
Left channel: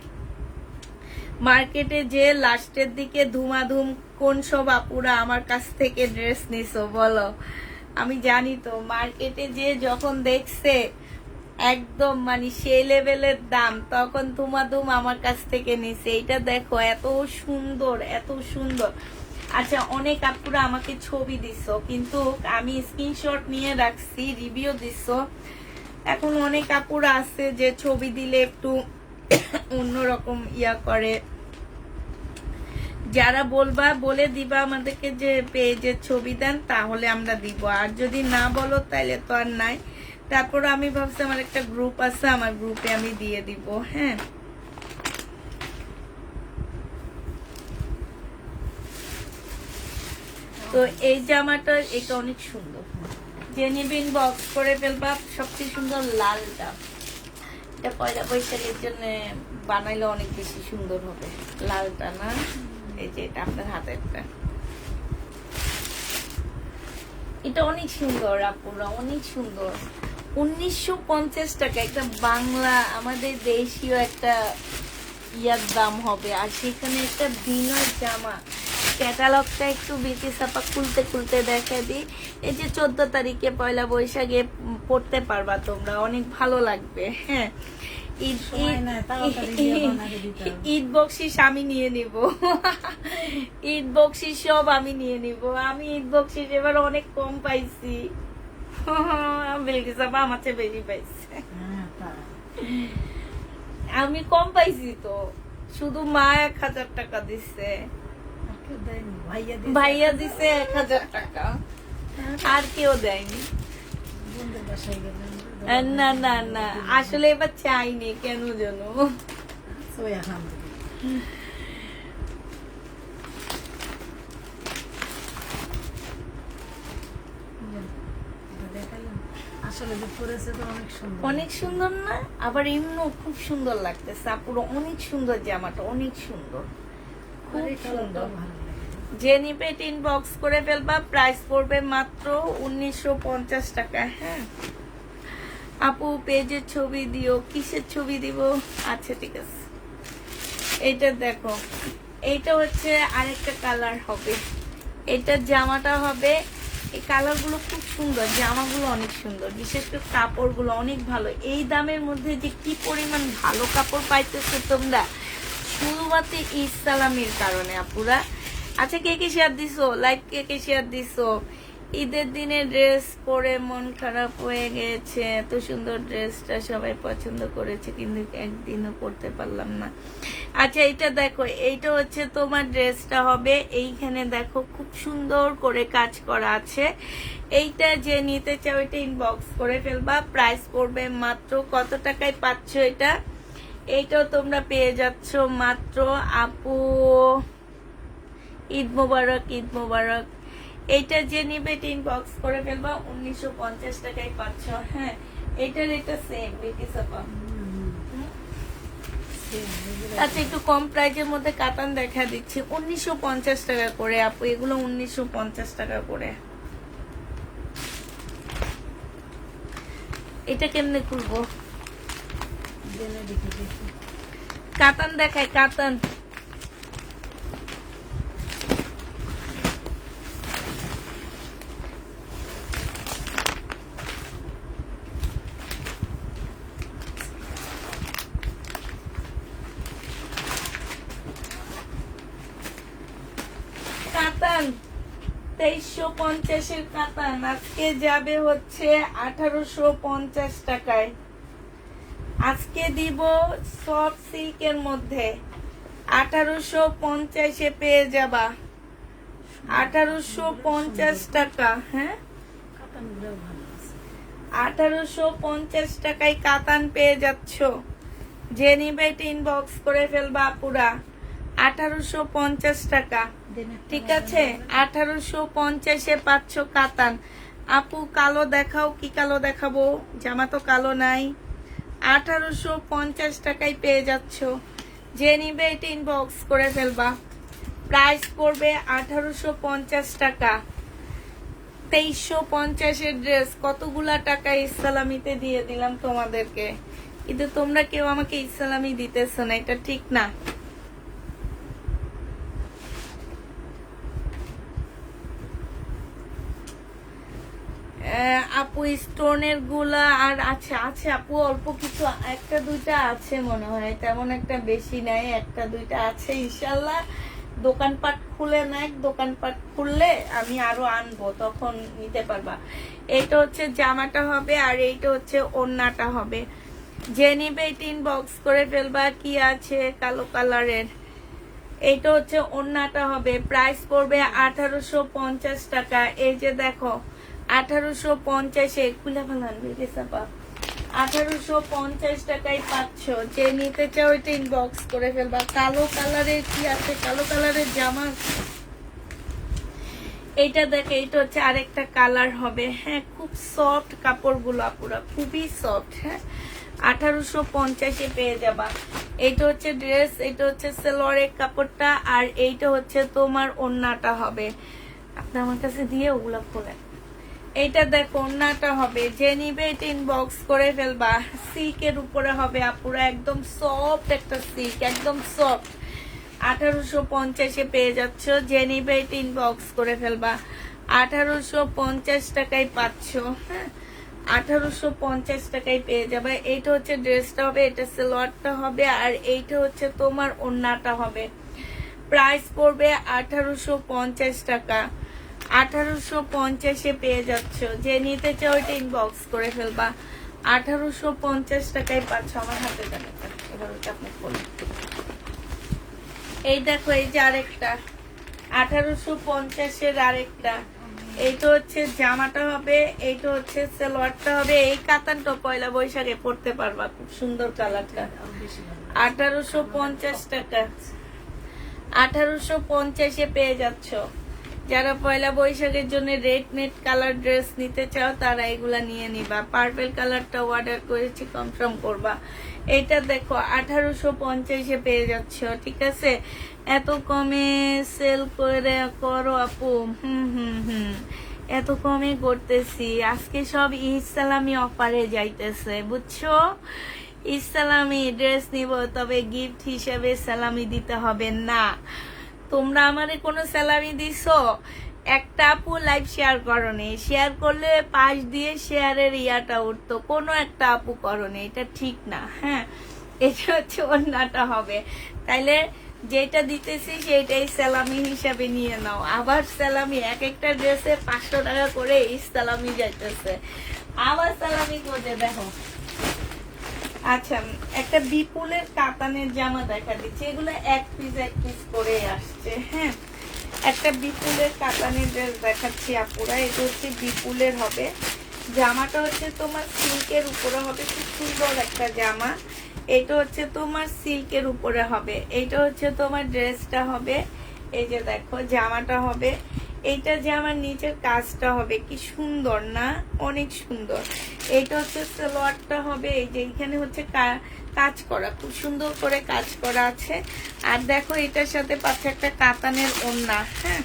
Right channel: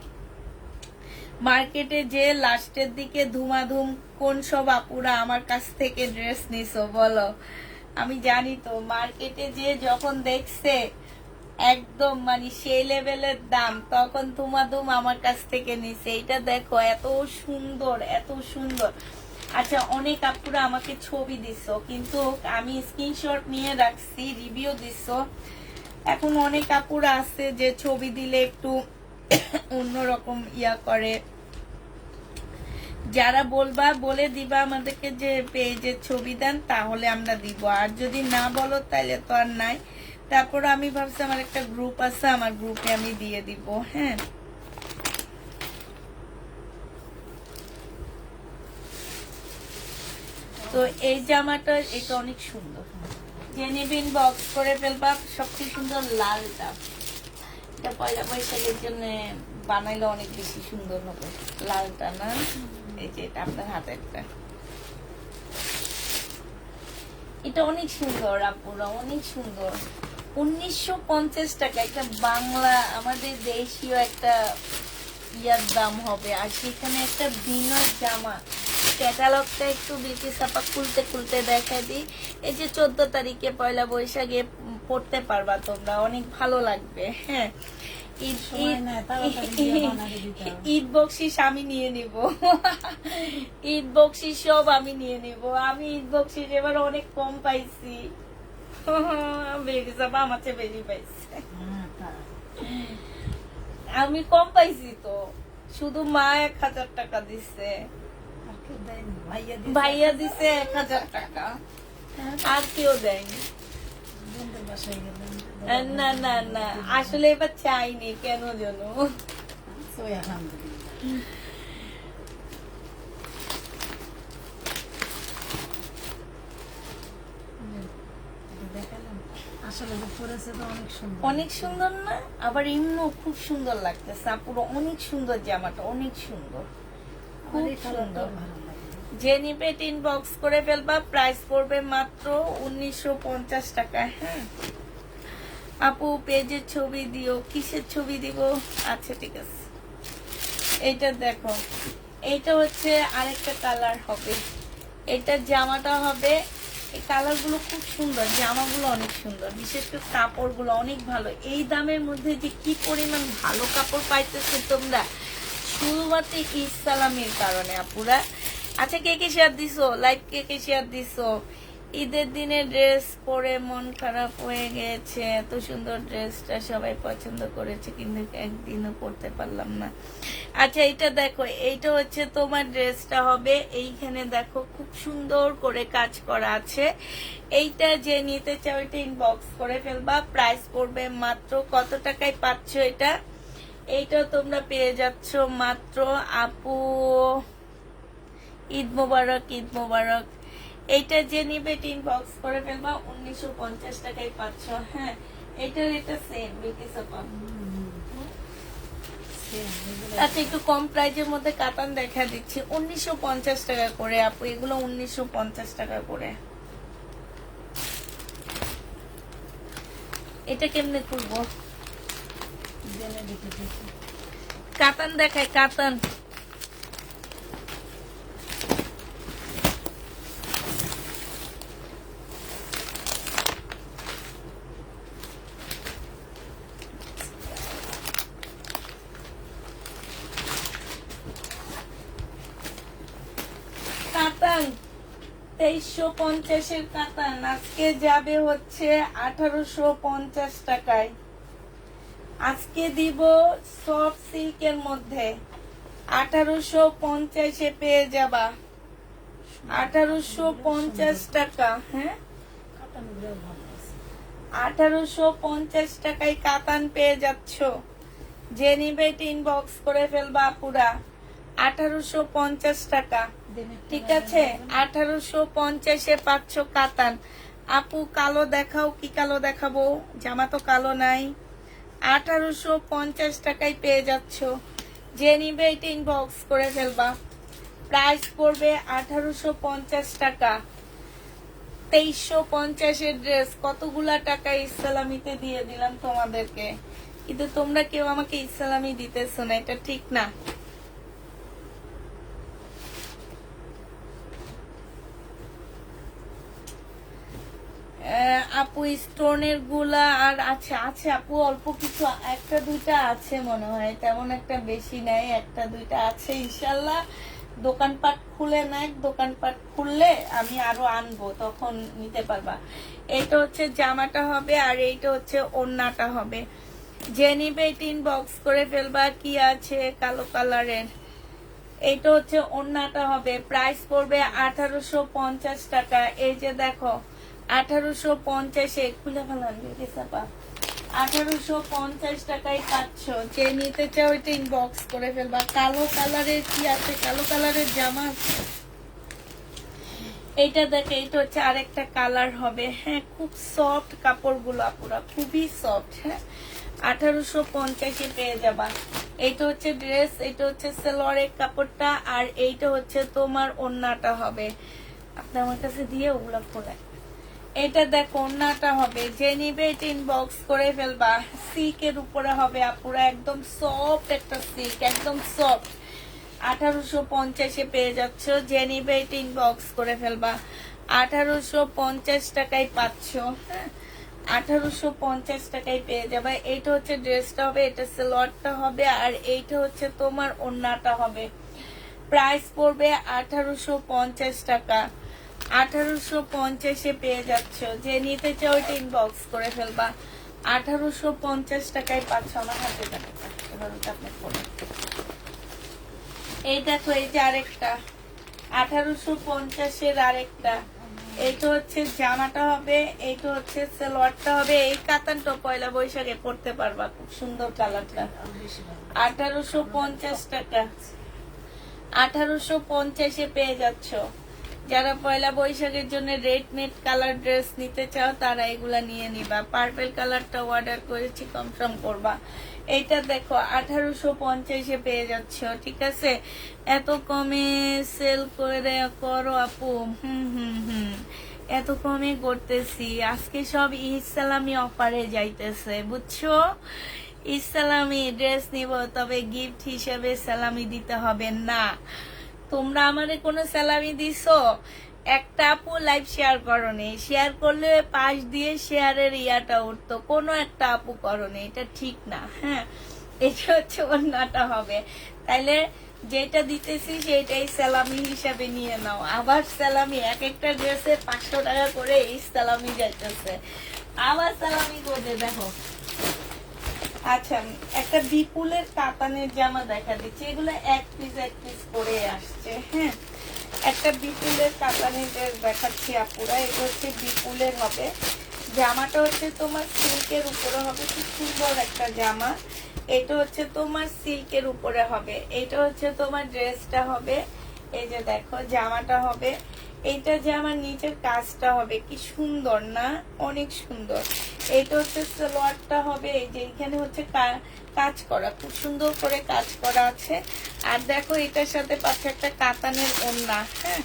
মার্কেটে যে লাস্টের দিকে ধুমাধুম কোন সব আপুরা আমার কাছ থেকে ড্রেস নিছো বলো? আমি জানি তো, মার্কেটে যে যখন দেখছে একদম মানে সেই লেভেলের দাম, তখন ধুমাধুম আমার কাছ থেকে নিছে। এটা দেখো, এত সুন্দর, এত সুন্দর। আচ্ছা, অনেক আপুরা আমাকে ছবি দিছো, কিন্তু আমি স্ক্রিনশট নিয়ে রাখছি, রিভিউ দিছো। এখন অনেক আপুরা আছে যে ছবি দিলে একটু অন্যরকম ইয়া করে। যারা বলবা, বলে দিবা আমাদেরকে যে পেজের ছবি দেন, তাহলে আমরা দিব। আর যদি না বলো তাহলে তো আর নাই। তারপর আমি ভাবছি আমার একটা গ্রুপ আছে, আমার গ্রুপে আমি দিয়ে দিব। হ্যাঁ, তো এই জামাটা, এটা অনেক সুন্দর। যে নিবিন বক্স করে ফেলবা। সবচেয়ে সুন্দর লালটা, এটা পয়লা বৈশাখের জন্য বানাইলে অনেক বেশি সুন্দর হবে। লালটা না, এই যে এটা আপনার হাতেরটা, এটা অনেক সুন্দর আপুরা, অনেক সুন্দর। 1950 টাকা একটা বাংলা, আমাদের দেশীয় একটা ইয়ার দাম হবে। আর সেখানে একটা বিনর জামা। ক্যাটালগটা একটু বেশি চাপা খুলতে খুলতে দেখা দিই। এই যে 14 তারিখে পয়লা বৈশাখে পড়তে পারবা তোমরা, অনেক ভালো লাগবে। হ্যাঁ, ঈদ বকশিস আমি নিয়ে নিব। ঈদ বকশিস সব আমি নিয়ে নিব। আমি ঈদ বকশিস এবার অনেক কম পাইছি। বেশি চাপা আমার চেয়ে বেশি পাইছে। আমি কম পাইছি তো, শুধু মা 1000 টাকা দিচ্ছে, ভাইয়া দিছে 1000 টাকা, আর কেউ দেয়নি। না না না, আসলে এবার চাইনি, কেন জানো? অনেক সুন্দর না? আবার এমনিও খুব সুন্দর লাগতেছে পুরো, অনেক সুন্দর জামাটা, অনেক সুন্দর, খুব সুন্দর। যে নিবে ইনবক্স করে ফেলবা। প্রাইস পড়বে মাত্র 1950 টাকা। হ্যাঁ আপু, পেজের ছবি দিও। কিসের ছবি দিব? আচ্ছা ঠিক আছে। এটা দেখো, এইটা হচ্ছে আরেকটা কালার হবে। এটা জামাটা হবে। এই কালার গুলো খুব সুন্দর, জামাগুলো অনেক সুন্দর, বিশেষ করে কাপড় গুলো অনেক ভালো। এই দামের মধ্যে যে কি পরিমাণ ভালো কাপড় পাইতেছো তোমরা, শুরুতে ইসলামের কারণে আপুরা। আচ্ছা, কে কে শেয়ার দিছো? লাইক কে কে শেয়ার দিছো? ঈদের দিনে ড্রেস পরে মন খারাপ হয়ে গেছে। এত সুন্দর ড্রেসটা সবাই পছন্দ করেছে, কিন্তু একদিনও পরতে পারলাম না। আচ্ছা, এইটা দেখো, এইটা হচ্ছে তোমার ড্রেসটা হবে। এইখানে দেখো খুব সুন্দর করে কাজ করা আছে। এইটা যে নিতে চাও এটা ইনবক্স করে ফেলবা। প্রাইস পড়বে মাত্র কত টাকায় পাচ্ছ এটা? এইটাও তোমরা পেয়ে যাচ্ছ মাত্র, আপু ঈদ মোবারক, ঈদ মোবারক। এইটা যে নিবে ইনবক্স করে ফেলবা, 1950 টাকায় পাচ্ছ। হ্যাঁ, এইটার এটা সেম বিটি সাপা। আচ্ছা, একটু কম প্রাইজের মধ্যে কাতান দেখা দিচ্ছি, 1950 টাকা করে আপু। এগুলো 1950 টাকা করে। এটা কেমনে খুলবো? কাতান দেখায়, কাতান। কাতান 2350 কাতান আজকে যাবে হচ্ছে 1850 টাকায়। আজকে দিব সফট সিল্কের মধ্যে 1850 পেয়ে যাবা। 1850 টাকা। হ্যাঁ, 1850 টাকায় কাতান পেয়ে যাচ্ছ। যে নিবে এটা ইনবক্স করে ফেলবা পুরা। 1850 টাকা, ঠিক আছে? 1850 পাচ্ছ কাতান। আপু কালো দেখাও, কি কালো দেখাবো? জামা তো কালো নাই। 1850 টাকায় পেয়ে যাচ্ছ। যে নিবে এটা ইনবক্স করে ফেলবা। প্রাইস পড়বে 1850 টাকা। 2350 ড্রেস কতগুলা টাকা ইসলামিতে দিয়ে দিলাম তোমাদেরকে, কিন্তু তোমরা কেউ আমাকে ইসলামি দিতেছ না, এটা ঠিক না। আপু স্টোনের গুলা আর আছে, আছে আপু অল্প কিছু, একটা দুইটা আছে মনে হয়, তেমন একটা বেশি নাই, একটা দুইটা আছে। ইনশাল্লাহ দোকানপাট খুলে নেয়, দোকানপাট খুললে আমি আরো আনবো, তখন নিতে পারবা। এইটা হচ্ছে জামাটা হবে, আর এইটা হচ্ছে ওড়নাটা হবে। যে নিবে এটা ইনবক্স করে ফেলবা। কি আছে কালো কালারের, এইটা হচ্ছে ওড়নাটা হবে। প্রাইস পড়বে 1850 টাকা। এই যে দেখো 1850 খুলে ফেলান, 1850 টাকায় পাচ্ছ। যে নিতে চাও ওইটা ইনবক্স করে ফেলবা। কালো কালারের কি আছে, কালো কালারের জামা। এইটা দেখে, এইটা হচ্ছে আরেকটা কালার হবে। হ্যাঁ, খুব সফট কাপড়গুলো পুরা, খুবই সফট। হ্যাঁ, 1850 পেয়ে যাবা। এইটা হচ্ছে ড্রেস, এইটা হচ্ছে সালোয়ারের কাপড়টা, আর এইটা হচ্ছে তোমার ওড়নাটা হবে। আপনি আমার কাছে দিয়ে ওগুলা করে। এইটা দেখো ওড়নাটা হবে। যে নিবে এটা ইনবক্স করে ফেলবা। সিল্কের উপরে হবে আপুরা, একদম সফট একটা সিল্ক, একদম সফট। 1850 পেয়ে যাচ্ছ। যে নিবে এটা ইনবক্স করে ফেলবা। 1850 টাকায় পাচ্ছ। হ্যাঁ, 1850 টাকায় পেয়ে যাবে। এইটা হচ্ছে ড্রেসটা হবে, এটা সালোয়ারটা হবে, আর এইটা হচ্ছে তোমার ওড়নাটা হবে। প্রাইস পড়বে 1850 টাকা। 1850 পেয়ে যাচ্ছ। যে নিতে চাও ওইটা ইনবক্স করে ফেলবা। 1850 টাকায় পাচ্ছ। আমার হাতে টাকা এবার ওটা আপনি বলেন। এই দেখো, এই যে আরেকটা 1850 আরেকটা। এইটা হচ্ছে জামাটা হবে, এইটা হচ্ছে সালোয়ারটা হবে। এই কাতানটা পয়লা বৈশাখে পড়তে পারবা, খুব সুন্দর কালারটা। 1850 টাকা। 1850 পেয়ে যাচ্ছ। যারা পয়লা বৈশাখের জন্য রেড নেট কালার ড্রেস নিতে চাও তারা এগুলা নিয়ে নিবা। পার্পল কালারটা অর্ডার করেছি, কনফার্ম করবা। এটা দেখো 1850 পেয়ে যাচ্ছ, ঠিক আছে? এত কমে সেল করে করো আপু। এত কমে করতেছি আজকে, সব ইসলামি অফারে যাইতেছে, বুঝছো? ইসলামি ড্রেস নিব, তবে গিফট হিসেবে সালামি দিতে হবে না। তোমরা আমারে কোনো স্যালামি দিছো? একটা আপু লাইভ শেয়ার করনি, শেয়ার করলে পাশ দিয়ে শেয়ারের ইয়াটা উঠতো, কোনো একটা আপু করনি, এটা ঠিক না। হ্যাঁ, এটা হচ্ছে ওড়নাটা হবে। তাইলে যেটা দিতেছি সেটাই সালামি হিসাবে নিয়ে নাও। আবার সালামি, এক একটা ড্রেসে 500 টাকা করে এই সালামি যাইতেছে, আবার সালামি করে দেখো। আচ্ছা, একটা বিপুলের কাতানের জামা দেখা দিচ্ছে, এগুলো এক পিস করে আসছে। হ্যাঁ, একটা বিপুলের কাতানের ড্রেস দেখাচ্ছি আপুরা, এটা হচ্ছে বিপুলের হবে। জামাটা হচ্ছে তোমার সিল্কের উপরে হবে, খুব সুন্দর একটা জামা। এটা হচ্ছে তোমার সিল্কের উপরে হবে, এটা হচ্ছে তোমার ড্রেসটা হবে। এই যে দেখো জামাটা হবে, এইটা যে আমার নিচের কাজটা হবে, কি সুন্দর না, অনেক সুন্দর। এইটা হচ্ছে সালোয়ারটা হবে, এই যে এখানে হচ্ছে কাজ করা, খুব সুন্দর করে কাজ করা আছে। আর দেখো এটার সাথে পাচ্ছে একটা কাতানের ওড়না। হ্যাঁ,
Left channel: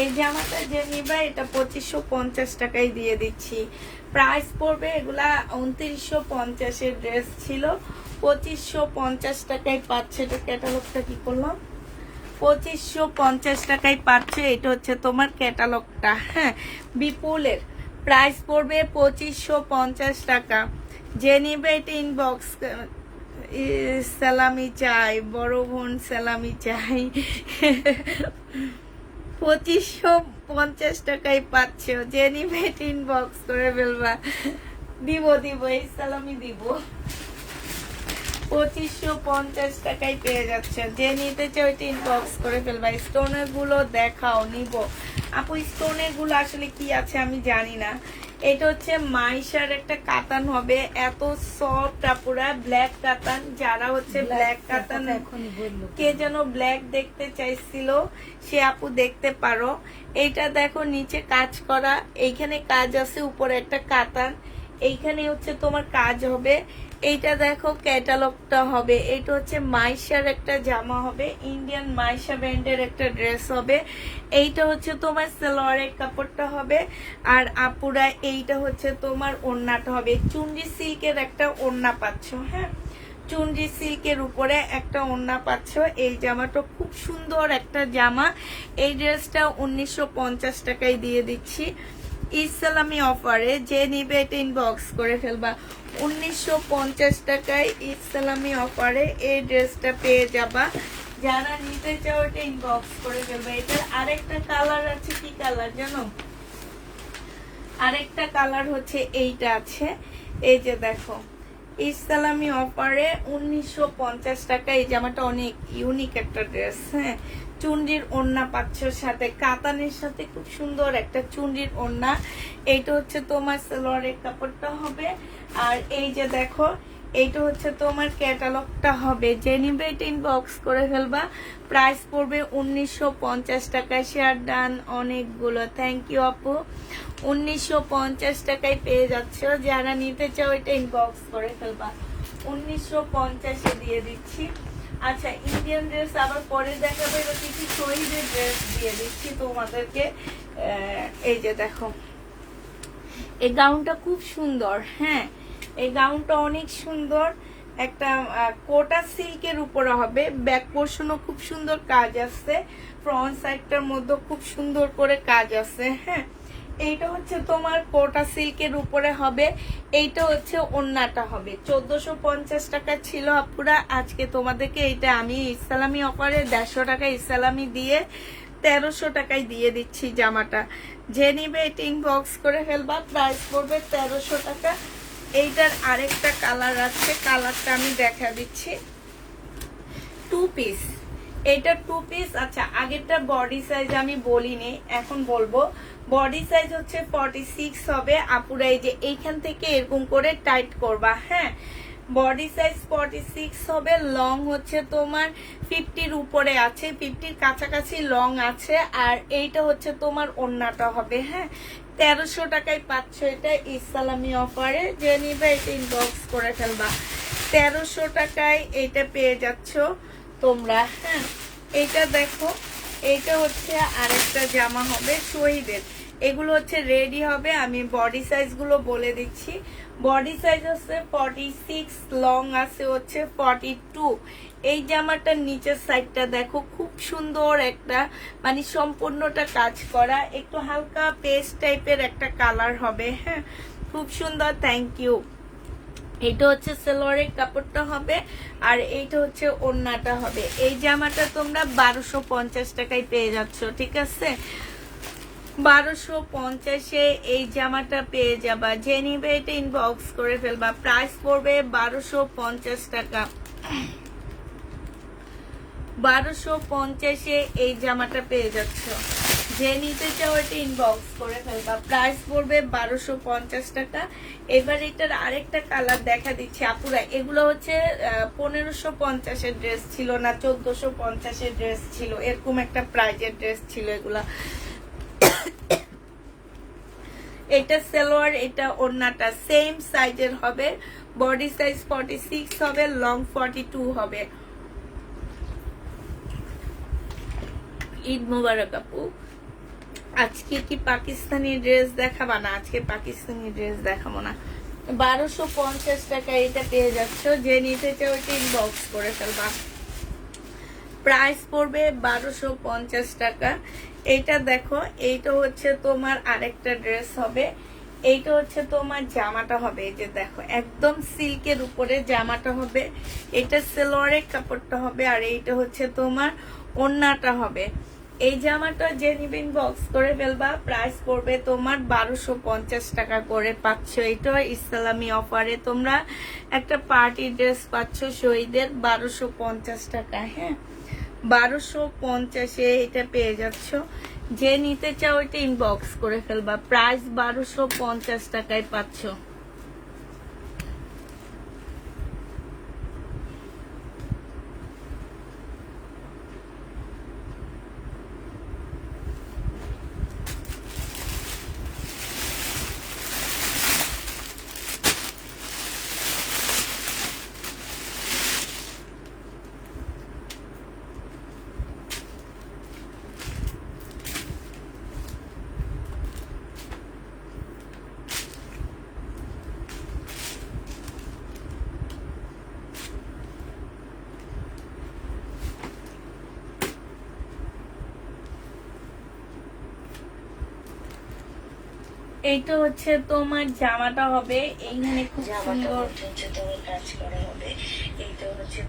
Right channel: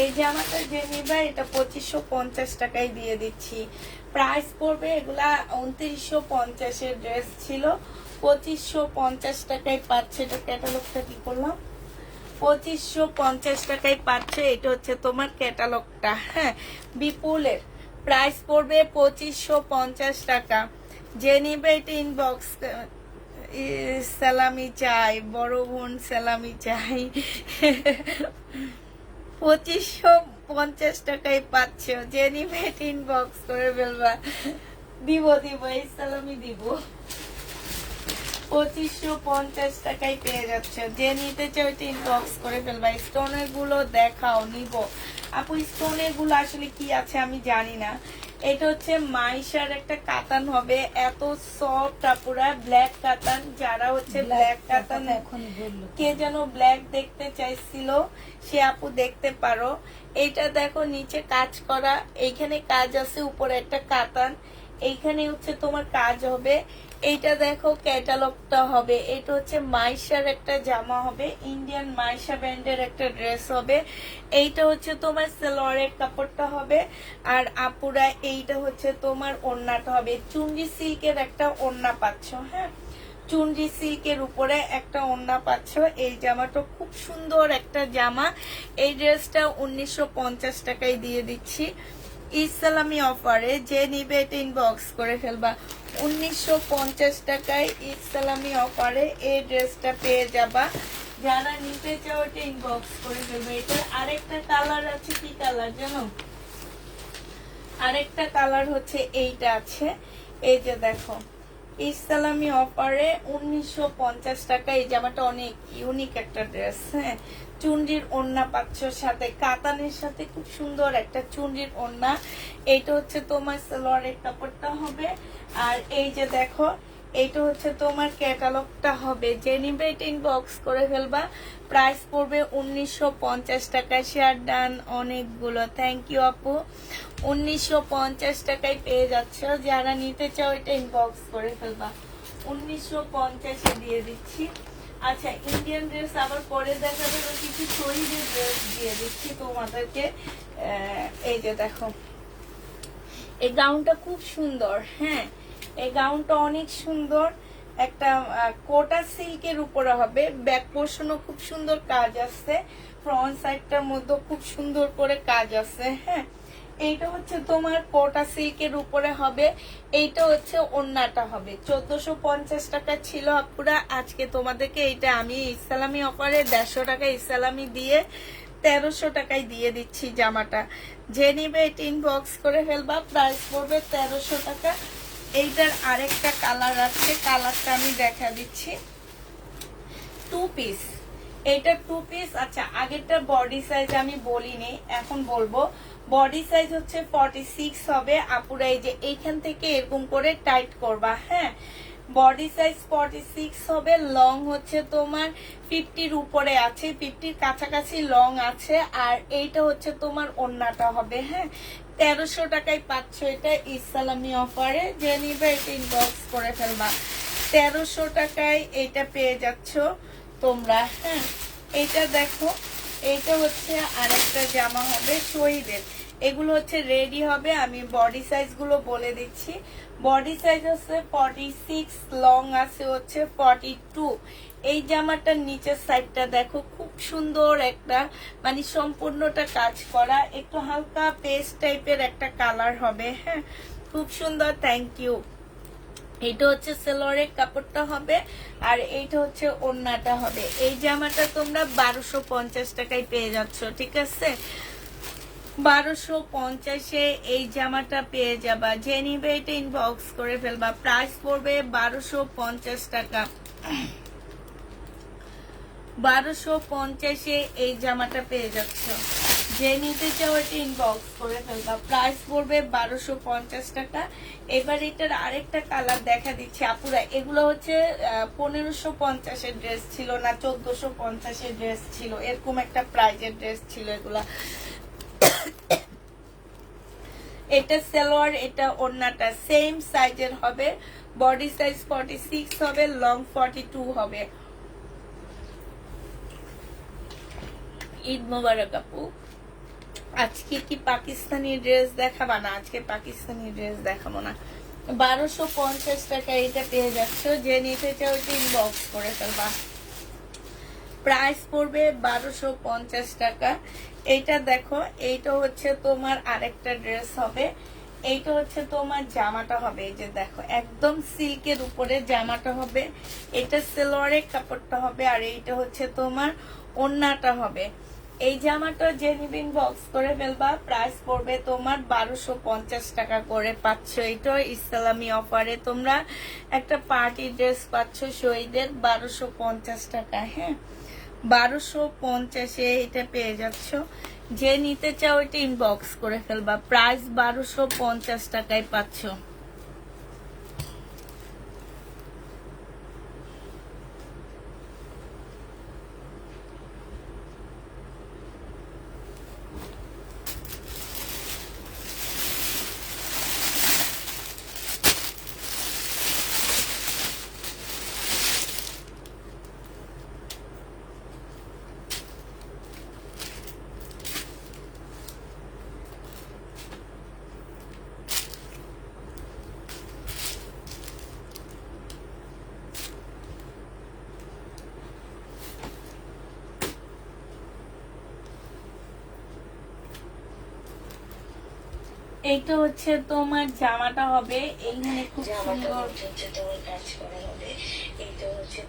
এই জামাটা যে নিবা এটা 2550 টাকায় দিয়ে দিচ্ছি। প্রাইস পড়বে, এগুলা 2950 এর ড্রেস ছিল, 2550 টাকায় পাচ্ছে। এটা ক্যাটালগটা কি করলাম, 2550 টাকায় পাচ্ছে। এটা হচ্ছে তোমার ক্যাটালগটা। হ্যাঁ, বিপুলের প্রাইস পড়বে 2550 টাকা। যে নিবে এটা ইনবক্স, সালামি চাই, বড় বোন সালামি চাই। 2550 টাকায় পাচ্ছে, যে নিবে এটা ইনবক্স করে ফেলবা, দিব এই সালামি দিব। 2550 টাকায় পেয়ে যাচ্ছে, যে নিতে চাও এটা ইনবক্স করে ফেলবা। স্টোনের গুলো দেখাও, নিব আপু। স্টোনের গুলো আসলে কি আছে আমি জানি না। এটা হচ্ছে মাইশার একটা কাতান হবে, এত সফট আপুরা, ব্ল্যাক কাতান। যারা হচ্ছে ব্ল্যাক কাতান, কে যেন ব্ল্যাক দেখতে চাইছিল সে আপু দেখতে পারো। এইটা দেখো নিচে কাজ করা, এইখানে কাজ আছে, উপরে একটা কাতান, এইখানে হচ্ছে তোমার কাজ হবে। এইটা দেখো ক্যাটালগটা হবে, এটা হচ্ছে মাইশার একটা জামা হবে, ইন্ডিয়ান মাইশা ব্র্যান্ডের একটা ড্রেস হবে। এইটা হচ্ছে তোমার সালোয়ারের কাপড়টা হবে। আর আপুরা এইটা হচ্ছে তোমার ওড়নাটা হবে, চুনরি সিল্কের একটা ওড়না পাচ্ছ। হ্যাঁ, চুনরি সিল্কের উপরে একটা ওড়না পাচ্ছ। এই জামাটা খুব সুন্দর একটা জামা। এই ড্রেসটা 1950 টাকায় দিয়ে দিচ্ছি ইসলামী অফারে। যে নিবে এটা ইনবক্স করে ফেলবা, 1950 টাকায় ইসলামী অফারে এই ড্রেসটা পেয়ে যাবা। যারা নিতে চাও এটা ইনবক্স করে ফেলবা। এটার আরেকটা কালার আছে, কি কালার জানো, আরেকটা কালার হচ্ছে এইটা আছে। এই যে দেখো ইসলামী অফারে 1950 টাকা। এই জামাটা অনেক ইউনিক একটা ড্রেস। হ্যাঁ, চুনরির ওড়না পাচ্ছ, সাথে কাতানের সাথে খুব সুন্দর একটা চুনরির ওড়না। এইটা হচ্ছে তোমার সালোয়ারের কাপড়টা হবে। আর এই যে দেখো এইটা হচ্ছে তোমার ক্যাটালগটা হবে, যে নিবে এটা ইনবক্স করে ফেলবা। প্রাইস পড়বে 1950 টাকা। শেয়ার ডান অনেকগুলো, থ্যাংক ইউ আপু। 1950 টাকায় পেয়ে যাচ্ছ, যারা নিতে চাও এটা ইনবক্স করে ফেলবা, 1950-এ দিয়ে দিচ্ছি। আচ্ছা, ইন্ডিয়ান ড্রেস আবার পরে দেখাবে, কিছু শহীদের ড্রেস দিয়ে দিচ্ছি তোমাদেরকে। এই যে দেখো এই গাউনটা খুব সুন্দর। হ্যাঁ, এই গাউনটা অনেক সুন্দর, একটা কোটা সিল্কের উপরে হবে। ব্যাক পোর্শনও খুব সুন্দর কাজ আছে, ফ্রন্ট সাইডটার মধ্যে খুব সুন্দর করে কাজ আছে। হ্যাঁ, এইটা হচ্ছে তোমার কোটা সিল্কের উপরে হবে। এইটা হচ্ছে ওড়নাটা হবে। 1450 টাকা ছিল আপুরা, আজকে তোমাদেরকে এইটা আমি ইসলামী অফারে 150 টাকা ইসলামী দিয়ে 1300 টাকায় দিয়ে দিচ্ছি জামাটা। যে নিবে এটা ইনবক্স করে ফেলবা, প্রাইস পড়বে 1300 টাকা। এইটার আরেকটা কালার আছে, কালারটা আমি দেখা দিচ্ছি। 2 পিস, এটা 2 পিস। আচ্ছা, আগেরটা বডি সাইজ আমি বলিনি, এখন বলবো। বডি সাইজ হচ্ছে 46 হবে আপুরা। এই যে এইখান থেকে এরকম করে টাইট করবা। হ্যাঁ, বডি সাইজ 46 হবে। লং হচ্ছে তোমার 50-র উপরে আছে, 50-র কাছাকাছি লং আছে। আর এইটা হচ্ছে তোমার ওড়নাটা হবে। হ্যাঁ, 1300 টাকায় পাচ্ছ এটা ইসলামী অফারে। যে নিবে এটা ইনবক্স করে ফেলবা, 1300 টাকায় এটা পেয়ে যাচ্ছ তোমরা। হ্যাঁ, এইটা দেখো, এইটা হচ্ছে আরেকটা জামা হবে শহীদের। এগুলো হচ্ছে রেডি হবে, আমি বডি সাইজ গুলো বলে দিচ্ছি। বডি সাইজ হচ্ছে 46, লং আছে হচ্ছে 42। এই জামাটার নিচের সাইডটা দেখো, খুব সুন্দর একটা, মানে সম্পূর্ণটা কাজ করা, একটু হালকা পেস্ট টাইপের একটা কালার হবে। হ্যাঁ, খুব সুন্দর, থ্যাংক ইউ। এটা হচ্ছে সালোয়ারের কাপড়টা হবে, আর এইটা হচ্ছে ওড়নাটা হবে। এই জামাটা তোমরা 1250 টাকায় পেয়ে যাচ্ছ, ঠিক আছে? 1250-এ এই জামাটা পেয়ে যাবা। যে নিবে এটা ইনবক্স করে ফেলবা। প্রাইস পড়বে 1250 টাকা। 1250-এ এই জামাটা পেয়ে যাচ্ছ। যে নিতে চাও এটা ইনবক্স করে ফেলবা। প্রাইস পড়বে 1250 টাকা। এবার এটার আরেকটা কালার দেখা দিচ্ছে আপুরা। এগুলো হচ্ছে 1550-এর ড্রেস ছিল না, 1450-এর ড্রেস ছিল, এরকম একটা প্রাইজের ড্রেস ছিল এগুলা। এটা সালোয়ার, এটা ওড়নাটা সেম সাইজের হবে। বডি সাইজ 46 হবে, লং 42 হবে। ঈদ মোবারক আপু। আজকে কি পাকিস্তানি ড্রেস দেখাবা? না, আজকে পাকিস্তানি ড্রেস দেখাবো না। 1250 টাকা এটা পেয়ে যাচ্ছ। যে নিতে চাও ইনবক্স করে ফেলবা। প্রাইস পড়বে 1250 টাকা। এইটা দেখো, এইটা হচ্ছে তোমার আরেকটা ড্রেস হবে। এইটা হচ্ছে তোমার জামাটা হবে। এই যে দেখো, একদম সিল্কের উপরে জামাটা হবে। এটা সালোয়ারের কাপড়টা হবে, আর এইটা হচ্ছে তোমার ওড়নাটা হবে। এই জামাটা যে নিবে ইনবক্স করে ফেলবা। প্রাইস পড়বে তোমার 1250 টাকা করে পাচ্ছ। এটা ইসলামী অফারে তোমরা একটা পার্টি ড্রেস পাচ্ছ শহীদের 1250 টাকা। হ্যাঁ, 1250-এ এটা পেয়ে যাচ্ছ। যে নিতে চাও এটা ইনবক্স করে ফেলবা। প্রাইস 1250 টাকায় পাচ্ছ। এইটা হচ্ছে তোমার জামাটা হবে। এইখানে খুব সুন্দর কাজ করা হবে। এইটা হচ্ছে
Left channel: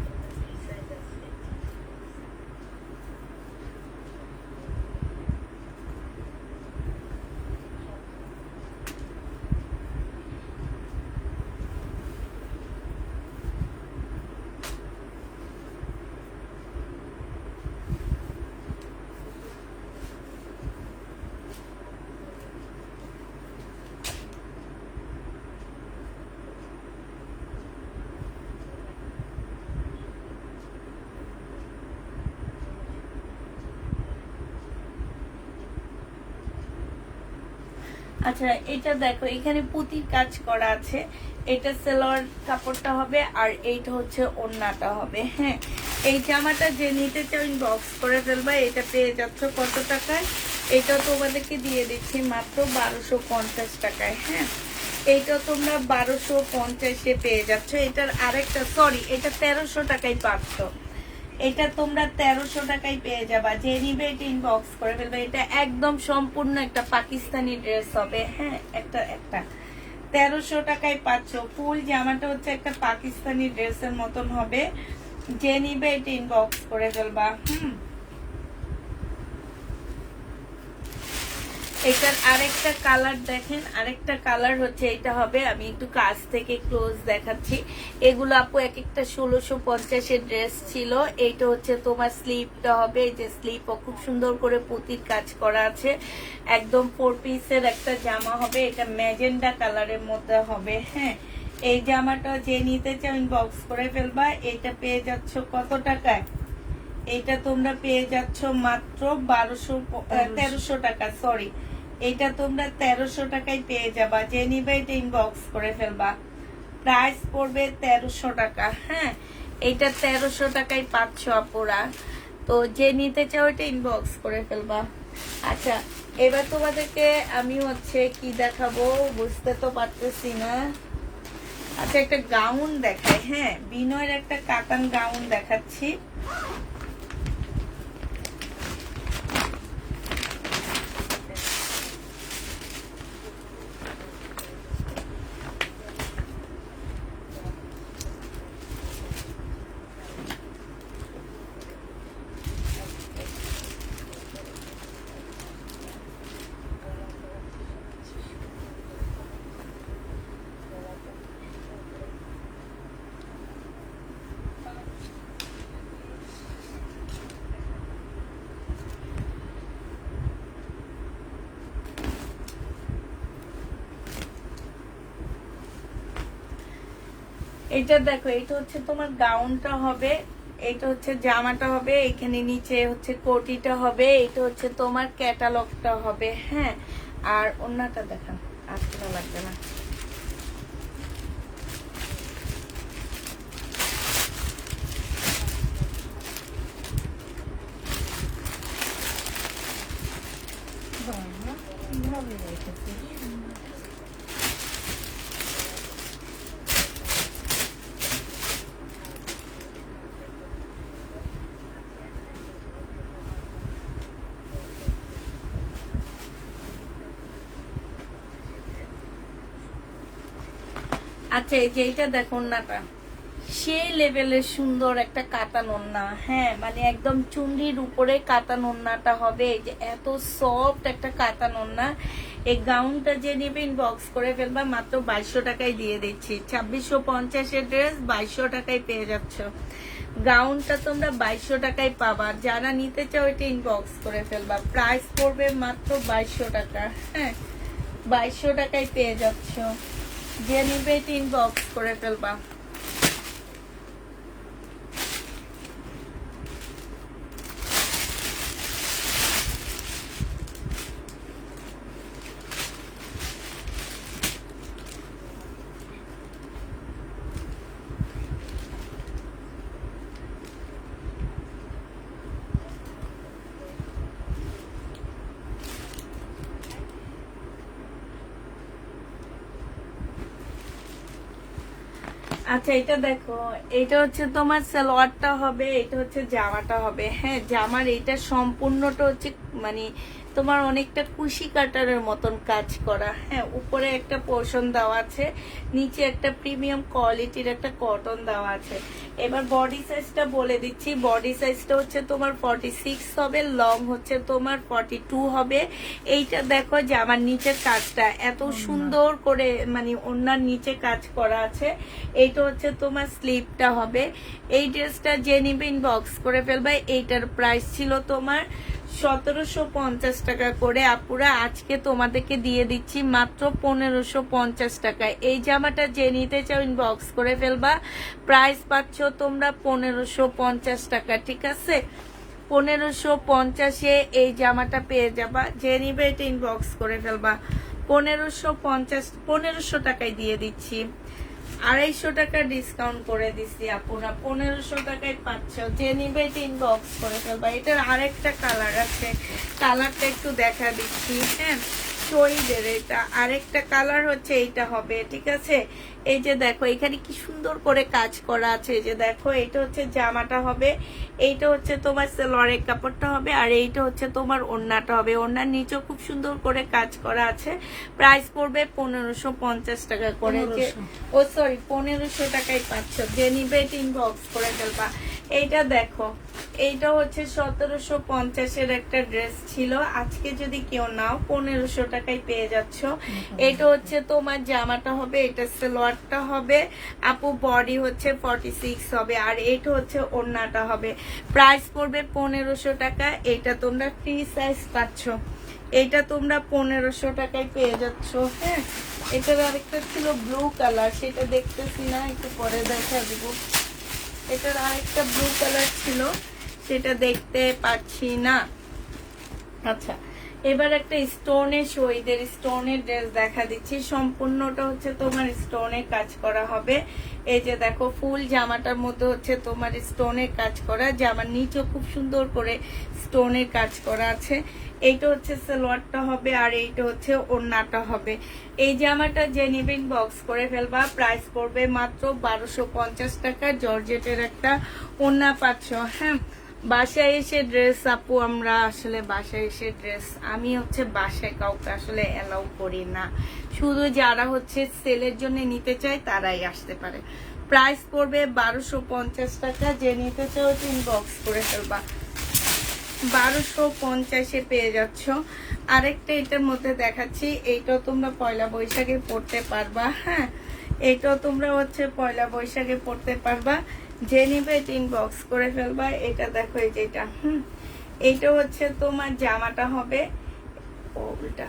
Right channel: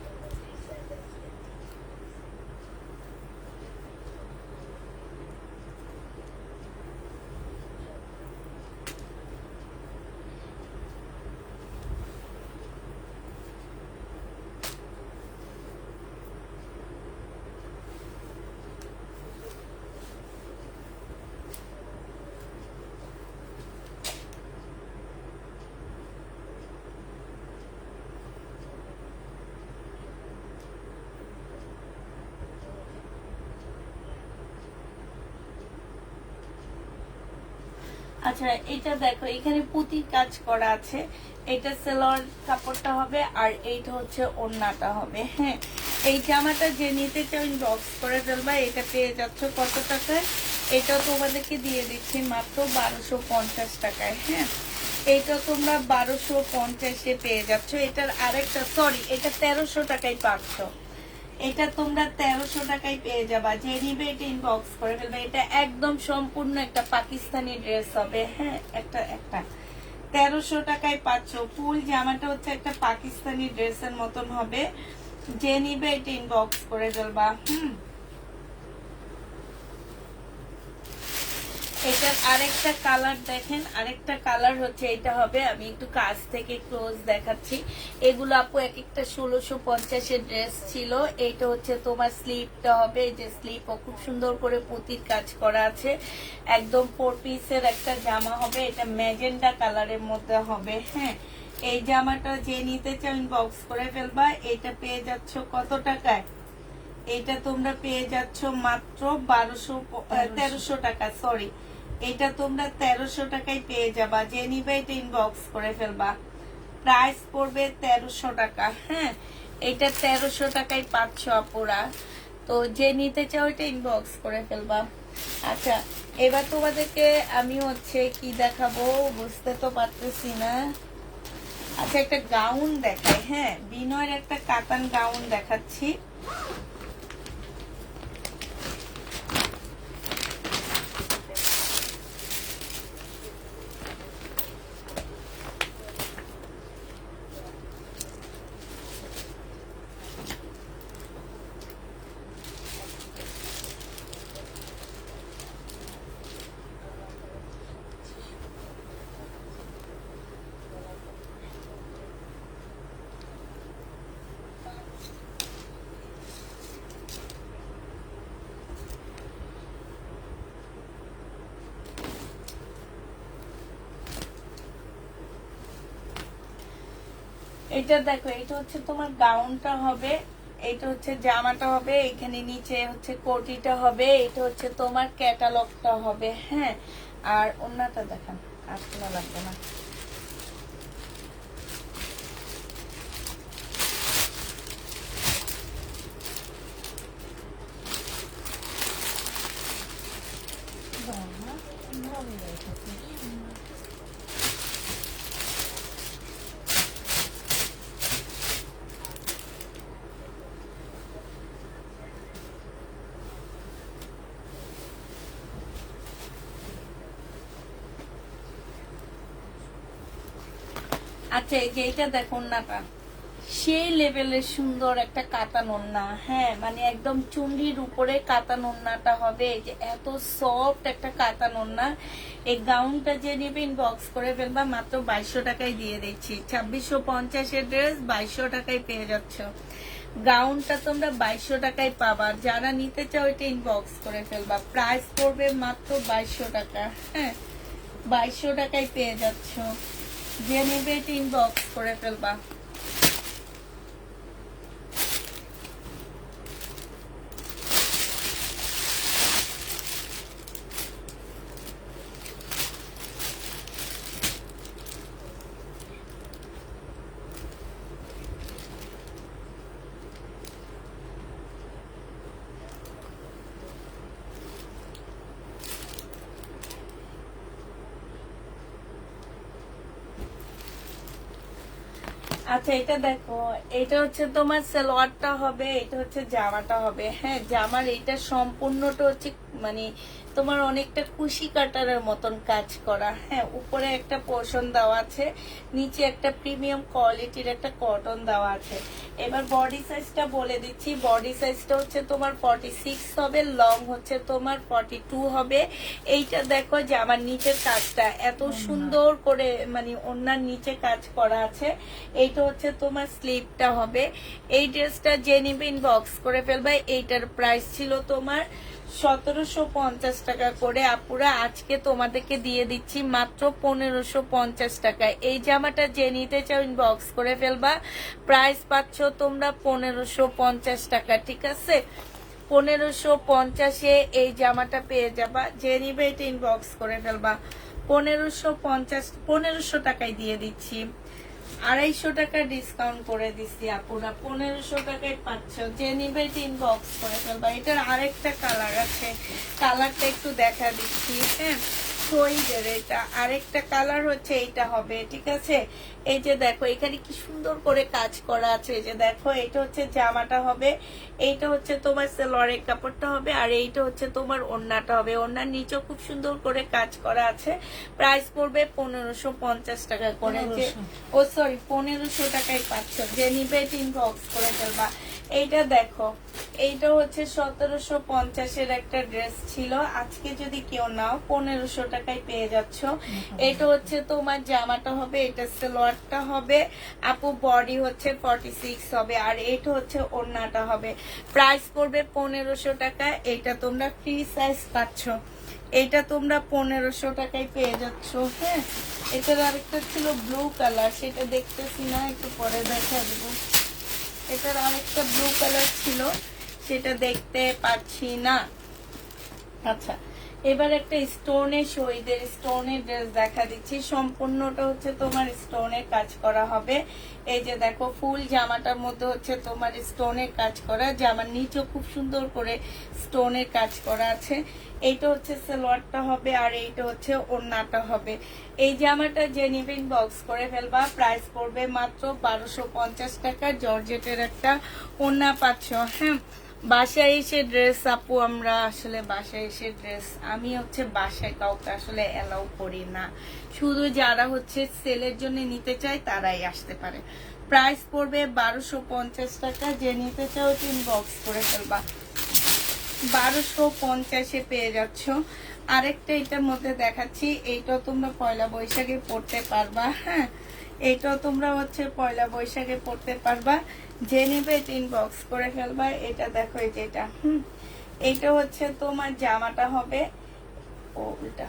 আচ্ছা, এটা দেখো, এখানে পুঁতির কাজ করা আছে। এটা সালোয়ার কাপড়টা হবে, আর এইটা হচ্ছে ওড়নাটা হবে। হ্যাঁ, এই জামাটা যে নিতে চাও ইনবক্স করে ফেলবা। এটা পেয়ে যাচ্ছ কত টাকায়? এটা তোমাদেরকে দিয়ে দিচ্ছি মাত্র 1250 টাকায়। হ্যাঁ, এইটা তোমরা 1250-এ পেয়ে যাচ্ছ। এটার আরেকটা, সরি, এটা 1300 টাকায় পাচ্ছ। এটা তোমরা 1300 টাকায় পেয়ে যাবা। যে নিবে এটা ইনবক্স করে ফেলবে। এটা একদম সম্পূর্ণ একটা পাকিস্তানি ড্রেস হবে। হ্যাঁ, একটা 1300 টাকায় পাচ্ছ। ফুল জামাটা হচ্ছে একটা পাকিস্তানি ড্রেসের মতন হবে। যে নিবে এটা ইনবক্স করে ফেলবা। এটার আরেকটা কালার দেখেন, আরেকটা কালার হচ্ছে এটা হবে। আমি একটু কাছ থেকে ক্লোজ দেখাচ্ছি। এগুলো আপু এক একটা 1650-এর ড্রেস ছিল। এইটা হচ্ছে তোমার স্লিপটা হবে। এই যে স্লিপ খুব সুন্দর করে পুঁতির কাজ করা আছে। একদম 4 পিসের একটা জামা হবে। এটা ম্যাজেন্ডা কালারের মধ্যে হবে। হ্যাঁ, এই জামাটা যে নিতে চাও ইনবক্স করে ফেলবা। এটা পেয়ে যাচ্ছ কত টাকায়? এটা তোমরা পেয়ে যাচ্ছ মাত্র 1300 টাকা। সরি, এটা তোমরা 1300 টাকায় পেয়ে যাবা। যে নিবে এটা ইনবক্স করে ফেলবা। প্রাইস পড়বে 1300 টাকা। হ্যাঁ, এটা 1300 টাকায় পাচ্ছ আপুরা। তো যে নিতে চাও এটা ইনবক্স করে ফেলবা। আচ্ছা, এবার তোমাদেরকে আমি হচ্ছে কি দেখাবো বুঝতে তো পারতেছি না। আচ্ছা, একটা গাউন দেখাই। হ্যাঁ, বিনয়ের একটা কাতান গাউন দেখাচ্ছি। এটা দেখো, এটা হচ্ছে তোমার গাউনটা হবে, এটা হচ্ছে জামাটা হবে, এখানে নিচে হচ্ছে কোটিটা হবে, এটা হচ্ছে তোমার ক্যাটালগটা হবে। হ্যাঁ, আর ওন্নাটা দেখান, আর শোনা লাগবে না। বাবা, ভালো রেখেছে। আচ্ছা, এই যে এইটা দেখো, ওন্নাটা সেই লেভেলের সুন্দর একটা কাতান ওন্না। হ্যাঁ, মানে একদম চুন্ডির উপরে কাতান ওন্নাটা হবে। এই যে এত সফট একটা কাতান ওন্না। এই গাউনটা যে নেবে ইনবক্স করে ফেলবা, মাত্র 2200 টাকায় দিয়ে দিচ্ছি। 2650 এর ড্রেস 2200 টাকায় পেয়ে যাচ্ছ। গাউনটা তোমরা 2200 টাকায় পাবা। যারা নিতে চাও এটা ইনবক্স করে ফেলবা, প্রাইস পড়বে মাত্র 2200 টাকা। হ্যাঁ, 2200 টাকায় পেয়ে যাচ্ছ। যে নেবে এটা ইনবক্স করে ফেলবা। আচ্ছা, এটা দেখো, এটা হচ্ছে তোমার সালোয়ারটা হবে, এটা হচ্ছে জামাটা হবে। হ্যাঁ, জামার এটা সম্পূর্ণটা হচ্ছে মানে তোমার অনেকটা কুশি কাটারের মতন কাজ করা। হ্যাঁ, উপরে একটা পোর্শন দেওয়া আছে, নিচে একটা প্রিমিয়াম কোয়ালিটির একটা কটন দেওয়া আছে। এবার বডি সাইজটা বলে দিচ্ছি। বডি সাইজটা হচ্ছে তোমার 46 হবে, লং হচ্ছে তোমার 42 হবে। এইটা দেখো যে আমার নিচের কাজটা এত সুন্দর করে মানে ওনার নিচে কাজ করা আছে। এইটা হচ্ছে তোমার স্লিপটা হবে। এই ড্রেসটা যে নিবে ইনবক্স করে ফেলবে। এইটার প্রাইস ছিল তোমার 1750 টাকা করে। আপুরা আজকে তোমাদেরকে দিয়ে দিচ্ছি মাত্র 1550 টাকায়। এই জামাটা যে নিতে চাও ইনবক্স করে ফেলবা, প্রাইস পাচ্ছ তোমরা 1550 টাকা। ঠিক আছে, 1550-এ এই জামাটা পেয়ে যাবা। যে নিবে এটা ইনবক্স করে ফেলবা। 1550 টাকায় দিয়ে দিচ্ছি। 250 টাকা ডিসকাউন্ট করে দিচ্ছি আপুরা, 1500 টাকায় পাচ্ছ। যে নিবে এটা ইনবক্স করে ফেলবা। এটার আরেকটা কালার আছে, কালারটা একটু দেখা দিচ্ছি। হ্যাঁ, শহীদের এটা আরেকটা কালার হচ্ছে এইটা হবে। ঠিক আছে, এই যে দেখো এখানে কি সুন্দর করে কাজ করা আছে। এই যে দেখো, এটা হচ্ছে জামাটা হবে, এইটা হচ্ছে তোমার সালোয়ারের কাপড়টা হবে, আর এইটা হচ্ছে তোমার ওড়নাটা হবে। ওড়নার নিচেও খুব সুন্দর করে কাজ করা আছে। প্রাইস পড়বে 1550 টাকা করে। ও সরি, 1500 টাকায় পাচ্ছ। যে নিবে এটা ইনবক্স করে ফেলবা। এইটা দেখো, এইটা হচ্ছে 1750-এর একটা ড্রেস ছিল। আজকে যদি কেউ নাও 1500 টাকায় পেয়ে যাচ্ছ। এটা হচ্ছে তোমার জামাটা হবে, এটা সালোয়ারটা হবে আপু, বডি হচ্ছে 46 হবে, আর এটা হচ্ছে ওড়নাটা হবে। প্রাইস পড়বে 1500 টাকা। এটা তোমরা ফ্রি সাইজ পাচ্ছ। এটা তোমরা 1500 টাকায় পেয়ে যাচ্ছ। হ্যাঁ, এটার আরেকটা ছিল ব্লু কালার, সেটা দেখতেছি না, একটু পরে দেখা দিব। এটার আরেকটা ব্লু কালার ছিল, সেটা দেখতে পাচ্ছি না। আচ্ছা, এবার একটা স্টোনের শহীদের স্টোনের ড্রেস দেখা দিচ্ছি। সম্পূর্ণটা হচ্ছে তোমার স্টোনের কাজ করা হবে। এই যে দেখো, ফুল জামাটার মধ্যে হচ্ছে তোমার স্টোনের কাজ করা। জামার নিচে খুব সুন্দর করে স্টোনের কাজ করা আছে। এইটা হচ্ছে সালোয়ারটা হবে, আর এইটা হচ্ছে ওড়নাটা হবে। এই জামাটা যে নিবেন বক্স করে ফেলবা। প্রাইস পড়বে মাত্র 1250 টাকা। জর্জেটের একটা ওড়না পাচ্ছ। হ্যাঁ, বাসায় এসে ড্রেস আপু, আমরা আসলে বাসায় এসে ড্রেস আমি হচ্ছে বাসায় কাউকে আসলে অ্যালাউ করি না। শুধু যারা হচ্ছে সেলের জন্য নিতে চায় তারাই আসতে পারে। প্রাইস পড়বে 1250 টাকা। যে নিতে চাও ইনবক্স করে ফেলবা। 1250-এ পেয়ে যাচ্ছ। আরেকটা এটার মধ্যে দেখাচ্ছি, এইটাও তোমরা পয়লা বৈশাখে পড়তে পারবা। হ্যাঁ, এটাও তোমরা হচ্ছে পয়লা বৈশাখে পড়তে পারবা। যে নিবে এটা ইনবক্স করে ফেলবা। এটা দেখো, এই যেটা এইটা হচ্ছে তোমার জামাটা হবে। ও উল্টা,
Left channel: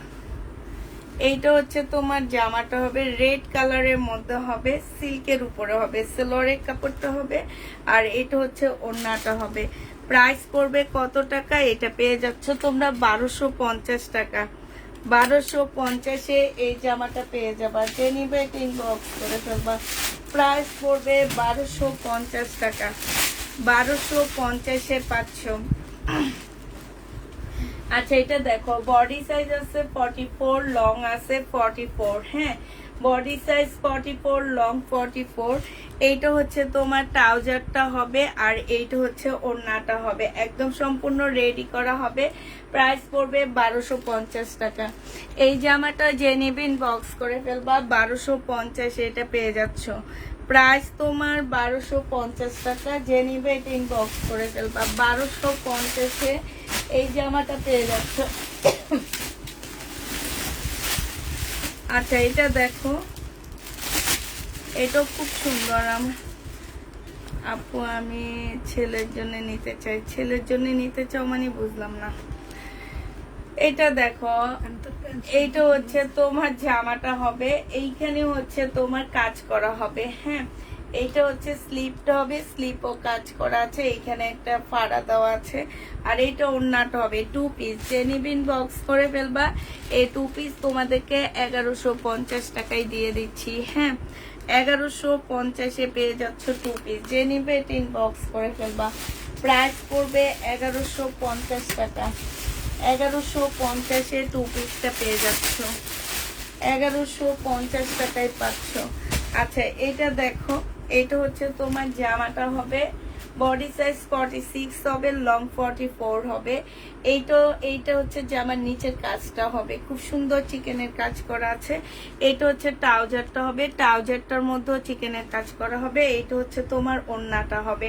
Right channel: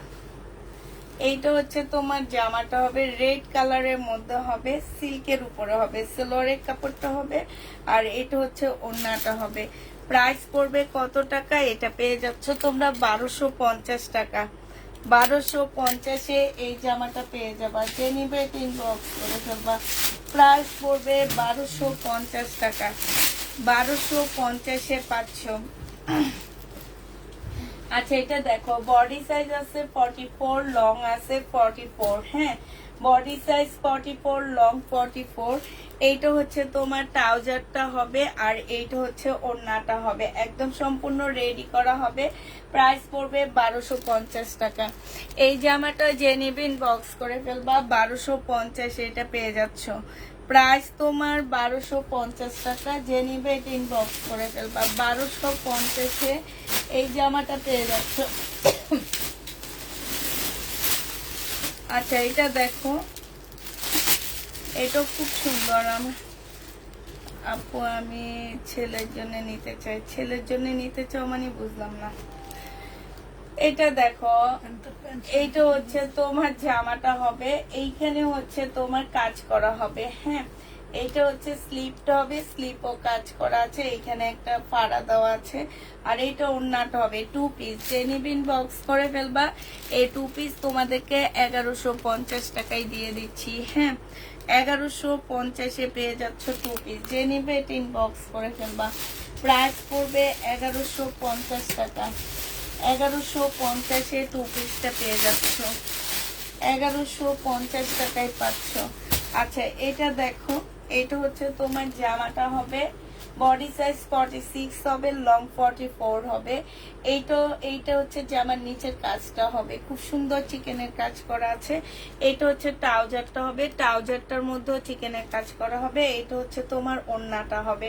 এইটা হচ্ছে তোমার জামাটা হবে রেড কালারের মধ্যে হবে, সিল্কের উপরে হবে, সেলোয়ারের কাপড়টা হবে। আর এটা হচ্ছে ওড়নাটা হবে। প্রাইস পড়বে কত টাকা? এটা পেয়ে যাচ্ছ তোমরা 1250 টাকা। 1250-এ এই জামাটা পেয়ে যাবা। যে নিবে ইনবক্স করে ফেলবা। প্রাইস পড়বে 1250 টাকা। 1250-এ পাচ্ছ। আচ্ছা, এটা দেখো বডি সাইজ আছে 44, লং আছে 44। হ্যাঁ, বডি সাইজ 44, লং 44। এইটা হচ্ছে তোমার ট্রাউজারটা হবে, আর এইটা হচ্ছে ওড়নাটা হবে। একদম সম্পূর্ণ রেডি করা হবে। প্রাইস পড়বে 1250 টাকা। এই জামাটা যে নিবেন বক্স করে ফেলবা। 1250 এটা পেয়ে যাচ্ছ। প্রাইস তোমার 1250 টাকা। যে নিবে ইনবক্স করে ফেলবা। 1250-এ এই জামাটা পেয়ে যাচ্ছ। আচ্ছা, এটা দেখো, এটা খুব সুন্দর। আপু আমি ছেলের জন্য নিতে চাই। ছেলের জন্য নিতে চাও মানে বুঝলাম না। এটা দেখো, এইটা হচ্ছে তোমার জামাটা হবে। এইখানে হচ্ছে তোমার কাজ করা হবে। হ্যাঁ, এইটা হচ্ছে স্লিপটা হবে, স্লিপও কাজ করা আছে। এইখানে একটা ফাড়া দেওয়া আছে। আর এইটা ওড়নাটা হবে 2 পিস। যে নিবিন বক্স করে ফেলবা। এই 2 পিস তোমাদেরকে 1150 টাকায় দিয়ে দিচ্ছি। হ্যাঁ, 1150-এ পেয়ে যাচ্ছ 2 পিস। যে নিবে বক্স করে ফেলবা। প্রাইস পড়বে 1150 টাকা। 1150-এ 2 পিসটা পেয়ে যাচ্ছ। 1150 টাকায় পাচ্ছ। আচ্ছা, এটা দেখো, এটা হচ্ছে তোমার জামাটা হবে। বডি সাইজ 46 হবে, লং 44 হবে। এইটা হচ্ছে জামার নিচের কাজটা হবে। খুব সুন্দর চিকেনের কাজ করা আছে। এটা হচ্ছে ট্রাউজারটা হবে। ট্রাউজারটার মধ্যেও চিকেনের কাজ করা হবে। এইটা হচ্ছে তোমার ওড়নাটা হবে।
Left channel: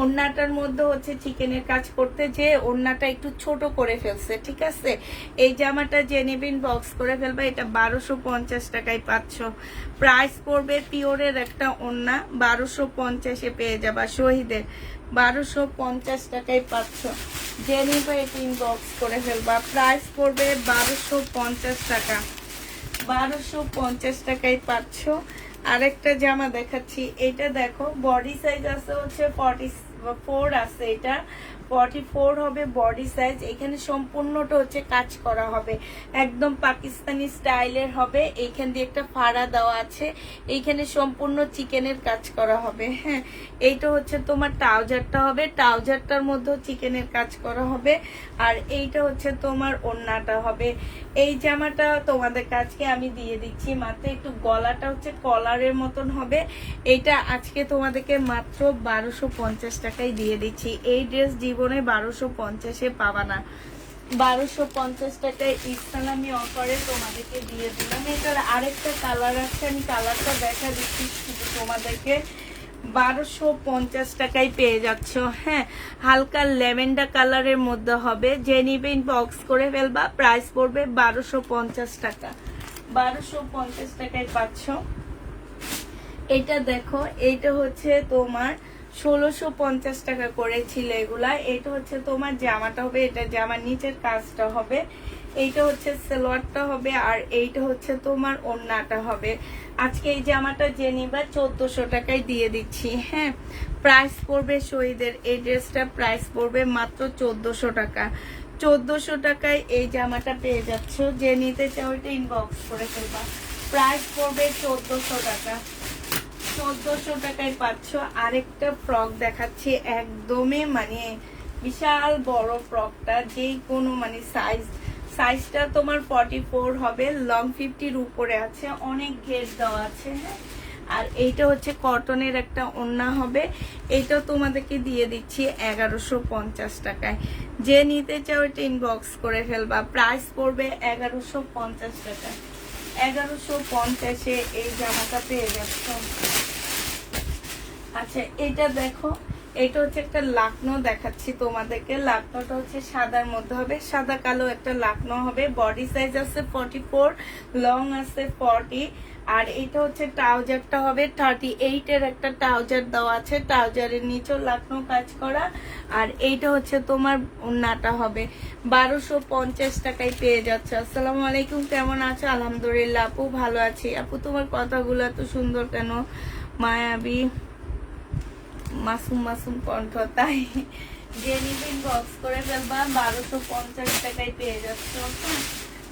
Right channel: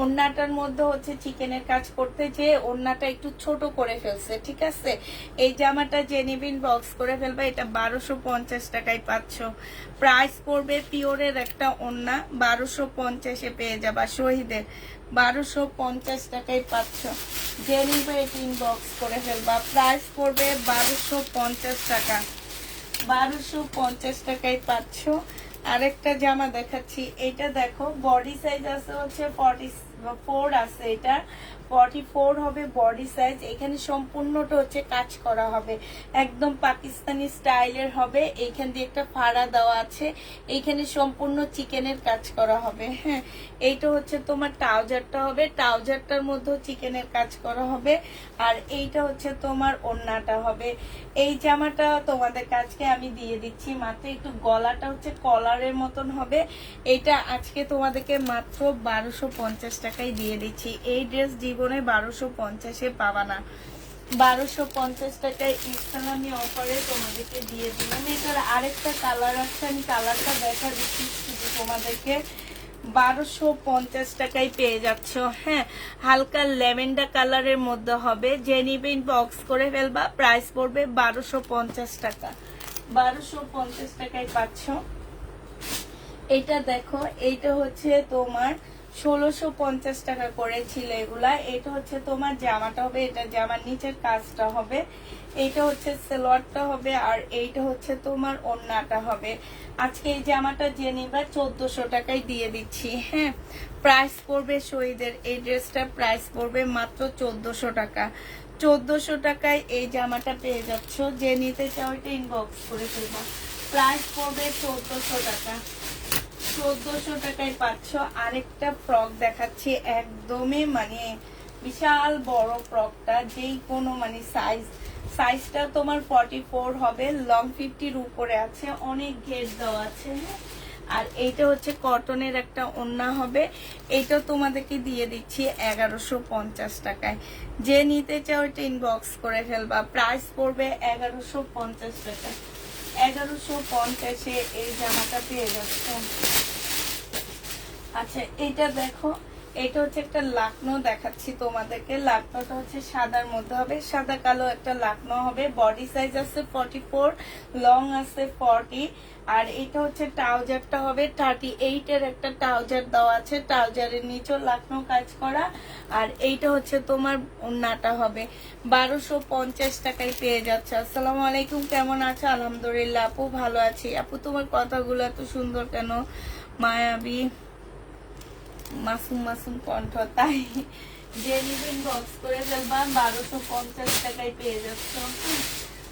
ওড়নাটার মধ্যে হচ্ছে চিকেনের কাজ করতে যে ওড়নাটা একটু ছোট করে ফেলছে। ঠিক আছে, এই জামাটা যে নিবিন বক্স করে ফেলবে। এটা 1250 টাকায় পাচ্ছ। প্রাইস পড়বে পিওরের একটা ওড়না 1250-এ পেয়ে যাবা। শহীদের 1250 টাকায় পাচ্ছ। যে নিবে বক্স করে ফেলবা। প্রাইস পড়বে 1250 টাকা। 1250 টাকায় পাচ্ছ। আরেকটা জামা দেখাচ্ছি। এটা দেখো, বডি সাইজ আছে হচ্ছে 44 আছে। এটা 44 হবে বডি সাইজ। এখানে সম্পূর্ণটা হচ্ছে কাজ করা হবে। একদম পাকিস্তানি স্টাইলের হবে। এইখান দিয়ে একটা ফাড়া দেওয়া আছে। এইখানে সম্পূর্ণ চিকেনের কাজ করা হবে। হ্যাঁ, এইটা হচ্ছে তোমার ট্রাউজারটা হবে। ট্রাউজারটার মধ্যেও চিকেনের কাজ করা হবে। আর এইটা হচ্ছে তোমার ওড়নাটা হবে। এই জামাটা তোমাদের কাছকে আমি দিয়ে দিচ্ছি মাত্র। একটু গলাটা হচ্ছে কলারের মতন হবে। এইটা আজকে তোমাদেরকে মাত্র 1250 টাকায় দিয়ে দিচ্ছি। এই ড্রেস জীবনে 1250-এ পাবা না। 1250 টাকায় ইসলামি অফারে তোমাদেরকে দিয়ে দিলাম। এটার আরেকটা কালার আছে, আমি কালারটা দেখা দিচ্ছি শুধু তোমাদেরকে। 1250 টাকায় পেয়ে যাচ্ছ। হ্যাঁ, হালকা ল্যাভেন্ডার কালারের মধ্যে হবে। যে নিবেন বক্স করে ফেলবা। প্রাইস পড়বে 1250 টাকা। 1250 টাকায় পাচ্ছ। এটা দেখো, এইটা হচ্ছে তোমার 1650 টাকা করেছিল এগুলা। এটা হচ্ছে তোমার জামাটা হবে। এটা জামার নিচের কাজটা হবে। এইটা হচ্ছে সালোয়ারটা হবে। আর এইটা হচ্ছে তোমার ওড়নাটা হবে। আজকে এই জামাটা যে নিবা 1400 টাকায় দিয়ে দিচ্ছি। হ্যাঁ, প্রাইস পড়বে শহীদের এই ড্রেসটা প্রাইস পড়বে মাত্র 1400 টাকা। 1400 টাকায় এই জামাটা পেয়ে যাচ্ছ। যে নিতে চাও এটা ইনবক্স করে ফেলবা। প্রাইস পড়বে 1400 টাকা। 1400 টাকায় পাচ্ছ। আরেকটা ফ্রক দেখাচ্ছি, একদমই মানে বিশাল বড় ফ্রকটা। যেই কোনো মানে সাইজটা তোমার 44 হবে, লং 50-র উপরে আছে, অনেক ঘের দেওয়া আছে। আর এইটা হচ্ছে কটনের একটা ওড়না হবে। এটা তোমাদেরকে দিয়ে দিচ্ছি 1150 টাকায়। যে নিতে চাও এটা ইনবক্স করে ফেলবা। প্রাইস পড়বে 1150 টাকা। 1150-এ এই জামাটা পেয়ে যাচ্ছ। আচ্ছা, এটা দেখো, এটা হচ্ছে একটা লাকনো দেখাচ্ছি তোমাদেরকে। লাকনোটা হচ্ছে সাদার মধ্যে হবে, সাদা কালো একটা লাকনো হবে। বডি সাইজ আছে 44, লং আছে 40। আর এটা হচ্ছে ট্রাউজারটা হবে 38 এর একটা ট্রাউজার দেওয়া আছে, ট্রাউজারের নিচেও লাকনো কাজ করা। আর এইটা হচ্ছে তোমার ওড়নাটা হবে 1250 টাকায় পেয়ে যাচ্ছে। আসসালামু আলাইকুম, কেমন আছো? আলহামদুলিল্লাহ আপু, ভালো আছি। আপু তোমার কথাগুলো এত সুন্দর কেন? মায়াবী মাসুম মাসুম কণ্ঠ, তাই জেনিবিন বক্স করে ফেলবা 1250 টাকায় পেয়ে যাচ্ছ।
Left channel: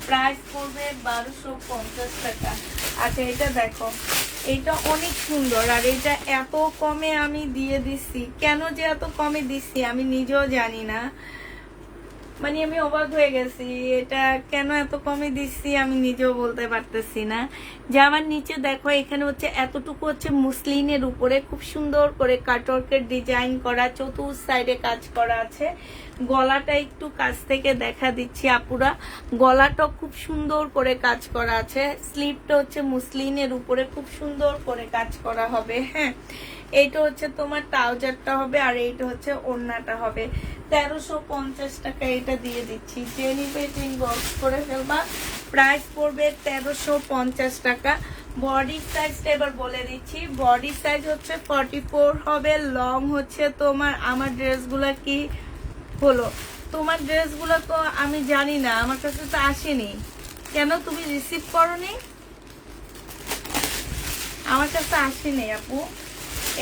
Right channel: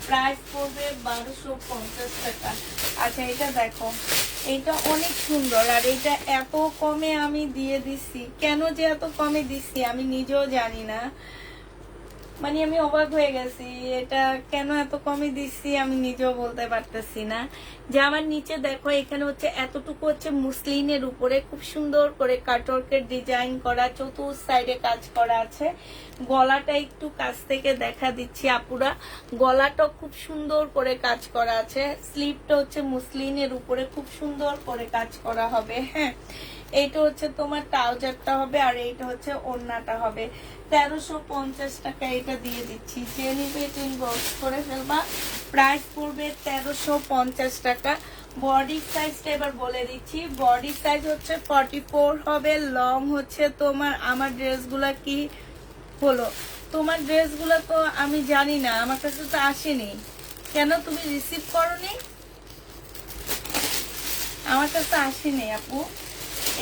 প্রাইস পড়বে 1250 টাকা। আচ্ছা এটা দেখো, এটা অনেক সুন্দর। আর এটা এত কমে আমি দিয়ে দিচ্ছি, কেন যে এত কমে দিচ্ছি আমি নিজেও জানি না। মানে আমি অবাক হয়ে গেছি, এটা কেন এত কমে দিচ্ছি আমি নিজেও বলতে পারতেছি না। জামার নিচে দেখো, এখানে হচ্ছে এতটুকু হচ্ছে মুসলিনের উপরে খুব সুন্দর করে কাটওয়ার্কের ডিজাইন করা, চতুর সাইডে কাজ করা আছে। গলাটা একটু কাছ থেকে দেখা দিচ্ছি আপুরা, গলাটা খুব সুন্দর করে কাজ করা আছে। স্লিভটা হচ্ছে মুসলিনের উপরে খুব সুন্দর করে কাজ করা হবে। হ্যাঁ, এইটা হচ্ছে তোমার ট্রাউজারটা হবে, আর এইটা হচ্ছে ওড়নাটা হবে। 1350 টাকা এটা দিয়ে দিচ্ছি। যে নিবে ইনবক্স করে ফেলবা, প্রাইস পড়বে 1350 টাকা। বডি সাইজটা এবার বলে দিচ্ছি। বডি সাইজ হচ্ছে 44 হবে, লং হচ্ছে তোমার, আমার ড্রেসগুলা কি হলো, তোমার ড্রেসগুলো তো আমি জানি না, আমার কাছে তো আসেনি। কেন তুমি রিসিভ করনি? আমার কাছে আসেনি আপু।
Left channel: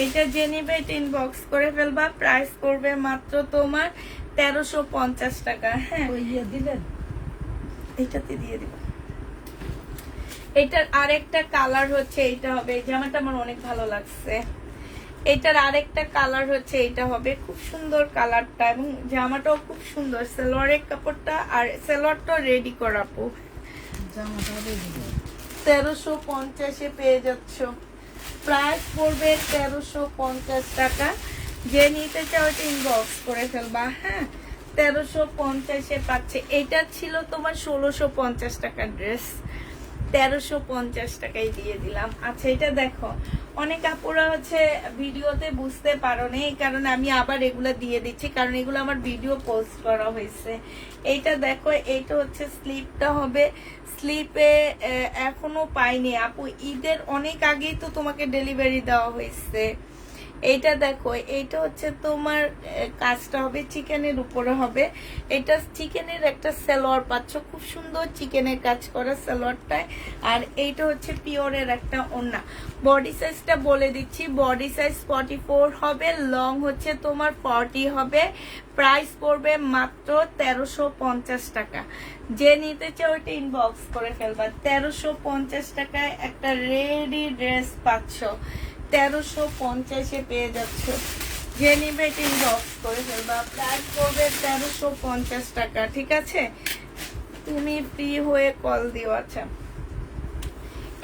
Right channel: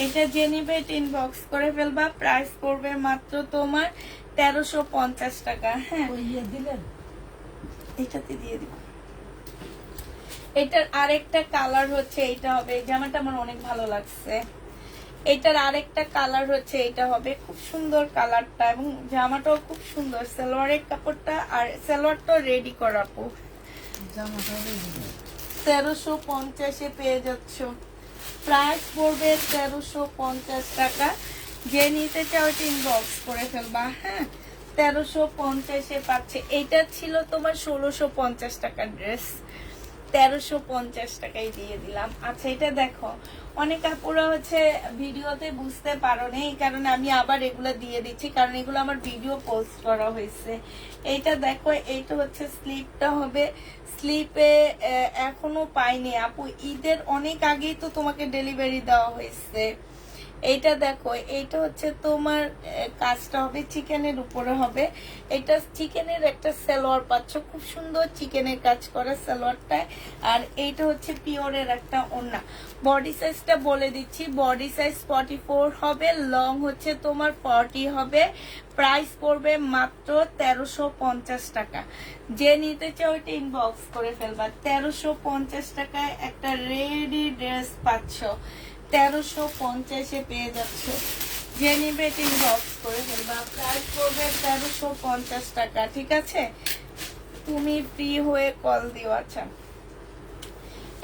এটা যে নিবে ইনবক্স করে ফেলবা, প্রাইস পড়বে মাত্র তোমার 1350 টাকা। হ্যাঁ, দিলেন এটাতে দিয়ে দিব। এটার আরেকটা কালার হচ্ছে এইটা হবে, এই জামাটা আমার অনেক ভালো লাগছে। এটার আরেকটা কালার হচ্ছে এইটা হবে, খুব সুন্দর কালারটা, এবং জামাটাও খুব সুন্দর। সালোয়ারের কাপড়টা আর সালোয়ারটা রেডি করাবো। জামাটা রেডি 1350 পেয়ে যাচ্ছ। প্রাইস পড়বে 1350 টাকা। যে নিতে চাও ইনবক্স করে ফেলবা। হ্যাঁ, 1350 পাচ্ছে। এটা ছিল তোমার 1650 টাকার ড্রেস, 1350 টাকায় দিয়ে দিলাম। আচ্ছা এটা দেখো, অনেক আপুরা হচ্ছে ভিডিওতে বুঝতে পারো না, এই কারণে আমি আবার এগুলা দিয়ে দিচ্ছি, কারণ এগুলো আমার ভিডিও পোস্ট করা হয়েছে। এইটা দেখো, এইটা হচ্ছে স্লিপটা হবে। স্লিপে এখনো পাইনি আপু, ঈদের অনেক আগেই তো তোমাকে ডেলিভারি দেওয়া হয়েছে। এইটা দেখো, এইটা হচ্ছে তোমার কাজটা হবে চিকেনের উপরে হবে। এটা চিকেনের একটা সালোয়ার পাচ্ছ, খুব সুন্দর চিকেনের কাজ করা সালোয়ারটায়। আর এইটা হচ্ছে পিওরের একটা ওড়না। বডি সাইজটা বলে দিচ্ছি, বডি সাইজ 44 হবে, লং হচ্ছে তোমার 40 হবে। প্রাইস পড়বে মাত্র 1350 টাকা। যে নিতে চাও ওইটা ইনবক্স করে ফেলবা। 1350 টাকায় একটা রেডি ড্রেস পাচ্ছ, 1350 পেয়ে যাচ্ছ। যে নিবে ইনবক্স করে ফেলবা, প্রাইস পড়বে 1350 টাকা। ঠিক আছে, তুমি ফ্রি হয়ে কল দিও। আচ্ছা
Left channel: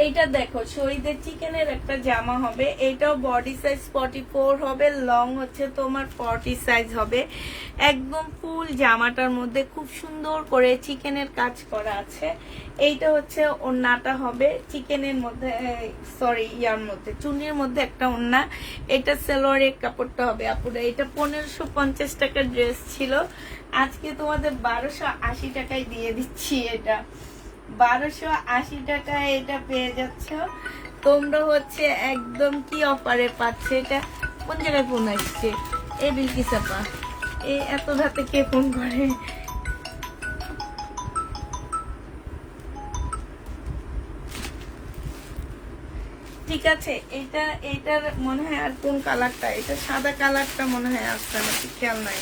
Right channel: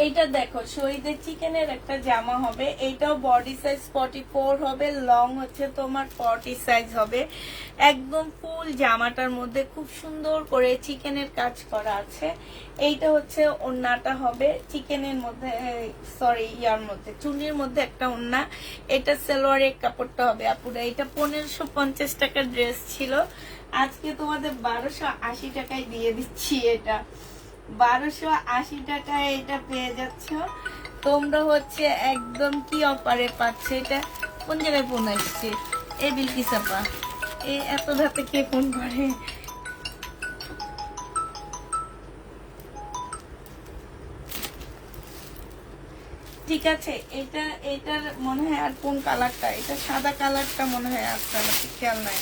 এইটা দেখো, শহীদের চিকেনের একটা জামা হবে। এইটাও বডি সাইজ 44 হবে, লং হচ্ছে তোমার 40 সাইজ হবে। একদম ফুল জামাটার মধ্যে খুব সুন্দর করে চিকেনের কাজ করা আছে। এইটা হচ্ছে ওড়নাটা হবে চিকেনের মধ্যে, সরি ইয়ার মধ্যে, চুনির মধ্যে একটা ওড়না। এটা সালোয়ারের কাপড়টা হবে আপুরা। এটা 1550 টাকার ড্রেস ছিল, আজকে তোমাদের 1280 টাকায় দিয়ে দিচ্ছি। এটা 1280 টাকায় এটা পেয়ে যাচ্ছ তোমরা। হচ্ছে একদম কি অফারে পাচ্ছ। এটা কোন জায়গায় ফোন আসছে? এই বিলকিস আপা, এই এত রাতে কে ফোন করে? ঠিক আছে, এটার মনে হয় আর কোন কালারটা, এটা সাদা কালারটা মনে হয় আসছে, আমার ঠিক খেয়াল নাই।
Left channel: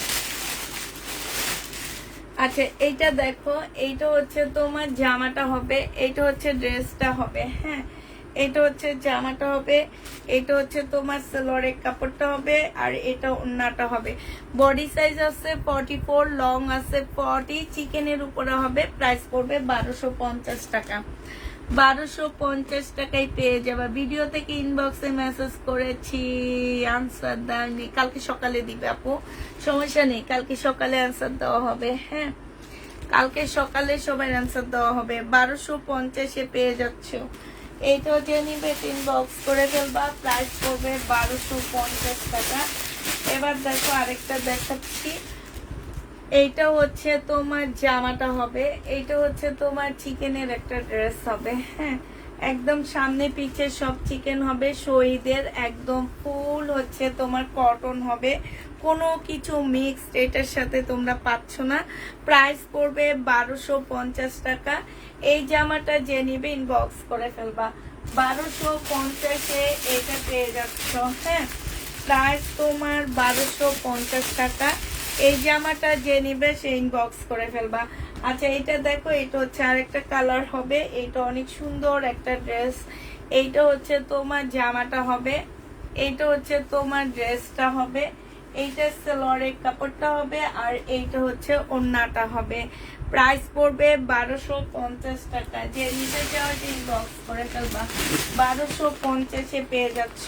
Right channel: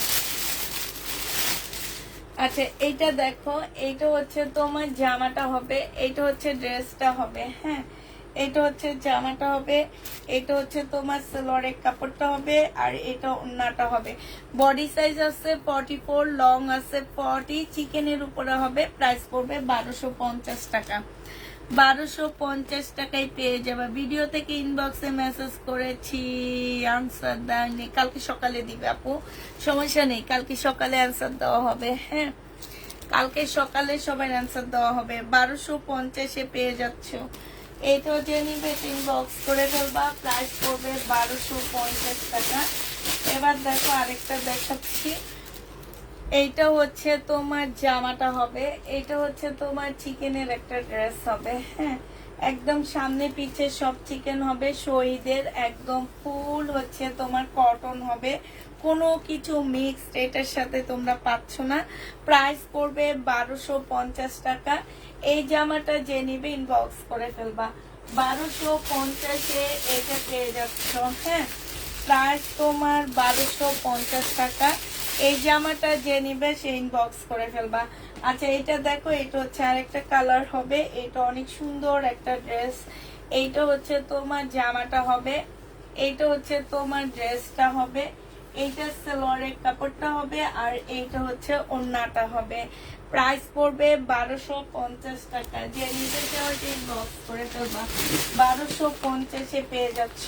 আচ্ছা এইটা দেখো, এইটা হচ্ছে তোমার জামাটা হবে, এইটা হচ্ছে ড্রেসটা হবে। হ্যাঁ, এটা হচ্ছে জামাটা হবে, এটা হচ্ছে তোমার সালোয়ারের কাপড়টা হবে, আর এটা ওড়নাটা হবে। বডি সাইজ আছে 44, লং আছে 40, চিকেনের উপরে হবে। প্রাইস পড়বে 1250 টাকা। 1250 টাকায় পেয়ে যাবে। ভিডিও থেকে ইনবক্সে মেসেজ করেছি, আনসার দেয়নি, কালকে সকালে দিবে আপু, সমস্যা নেই, কালকে সকালে আনসার দেওয়া হবে। হ্যাঁ, কালকে সকালে সবাই আনসার দেওয়া হবে। 1250 পেয়ে যাচ্ছ। এই তো যে নিবে ইনবক্স করে ফেলবা, প্রাইস পড়বে 1250 টাকা। এবার দেখো আরেকটা দেখাচ্ছি। এইটা হচ্ছে তোমার জামাটা হবে, এইটা হচ্ছে তোমার চিকেনের একটা ড্রেস হবে। হ্যাঁ, একদম সামনে পিছে সব চিকেন হবে, শহীদের একদম ফুল হচ্ছে তোমার কটন হবে, কোনো কিছু মিক্সড এটার সাথে তোমরা পাচ্ছ না। প্রাইস পড়বে 1250 টাকা। এই জামাটা যে নিবে ইনবক্স করে ফেলবা, 1250-এ এটা পেয়ে যাচ্ছ। হ্যাঁ, প্রাইস তোমার 1250 টাকা। এই জামাটা যে নিবে সে ইনবক্স করে ফেলবা। আচ্ছা, এটা দেখো, এটা হচ্ছে আরেকটা কালার হবে, এটা অনেক সুন্দর একটা ড্রেস। এইটা হচ্ছে তোমার জামাটা হবে, এইটা হচ্ছে তোমার ড্রেসটা হবে, এইটা সালোয়ারের কাপড়টা হবে, আর এইটা হচ্ছে ওড়নাটা হবে। প্রাইস পড়বে 1250 টাকা। যে নিতে চাও ইনবক্স করে ফেলবা, 1250-এ পেয়ে যাচ্ছ।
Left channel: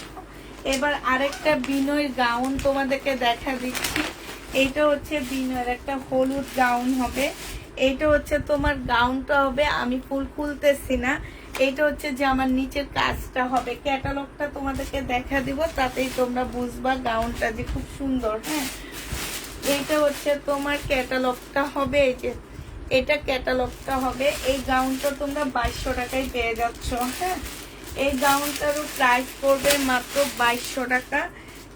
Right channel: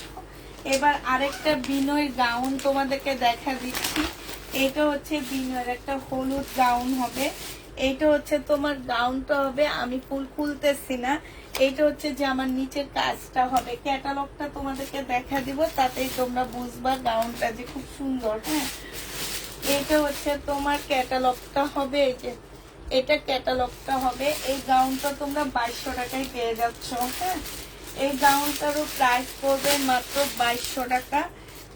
এবার আরেকটা বিনয় গাউন তোমাদেরকে দেখা দিচ্ছি। এইটা হচ্ছে বিনয়ের একটা হলুদ গাউন হবে, এইটা হচ্ছে তোমার গাউনটা হবে, আমি ফুল খুলতেছি না। এইটা হচ্ছে যে আমার নিচের কাজটা হবে, ক্যাটালগটা তোমাদেরকে দেখা দিব, তাতেই তোমরা বুঝবা গাউনটা যে খুব সুন্দর। হ্যাঁ, এইটা হচ্ছে তোমার ক্যাটালগটা হবে, এই যে এটা ক্যাটালগটা হবে। এই গাউনটা তোমরা 2200 টাকায় পেয়ে যাচ্ছ। হ্যাঁ, এই গাউনটারও প্রাইস পড়বে মাত্র 2200 টাকা।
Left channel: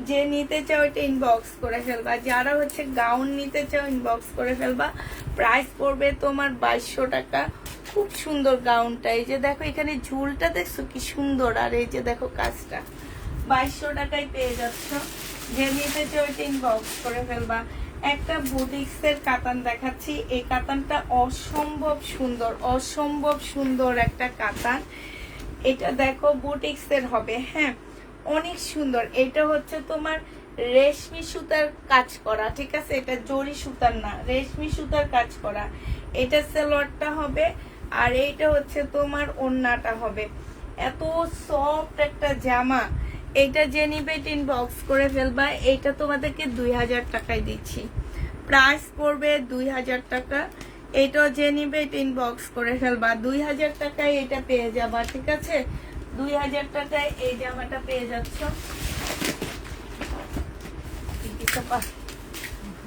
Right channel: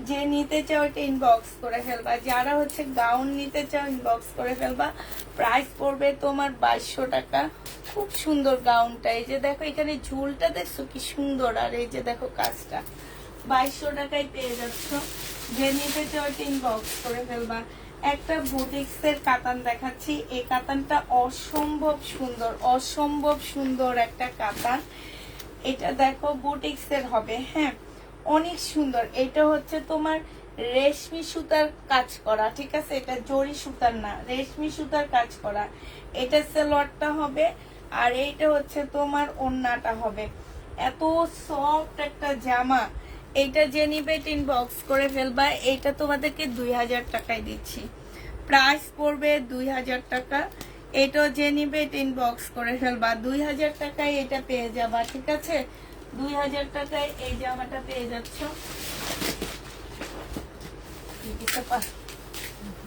যে নিতে চাও এটা ইনবক্স করে ফেলবা, যারা হচ্ছে গাউন নিতে চাও ইনবক্স করে ফেলবা। প্রাইস পড়বে তোমার 2200 টাকা। খুব সুন্দর গাউনটা, এই যে দেখো এখানে ঝুলটা দেখছো কি সুন্দর, আর এই যে দেখো কাজটা, 2200 টাকায় পেয়ে যাচ্ছ। যে নিতে চাও এটা ইনবক্স করে ফেলবা। একটা বুটিক্স এর কাতান দেখাচ্ছি, এই কাতানটা অসম্ভব সুন্দর, অসম্ভব সুন্দর একটা কাতান। এটা দেখো বুটিক্স এর হবে। হ্যাঁ, অনেক সুন্দর। এটা হচ্ছে তোমার রেশমি সুতার কাজ করা, ঠিক আছে, এটা জরি সুতার না, রেশমি সুতার কাজ করা। এটা সালোয়ারটা হবে, আর এইটা হচ্ছে তোমার ওড়নাটা হবে। এত সফট একটা জামা। এইটা যে নিবে ইনবক্স করে ফেলবা। এইটা তোমাদেরকে 2000 টাকায় দিচ্ছি, প্রাইস পড়বে 2000 টাকা। এটাও যে নিবে ইনবক্স করে ফেলবা, 2000 টাকায় এটা পেয়ে যাবা, ঠিক আছে। 2000 টাকায় এই জামাটা পেয়ে যাচ্ছ।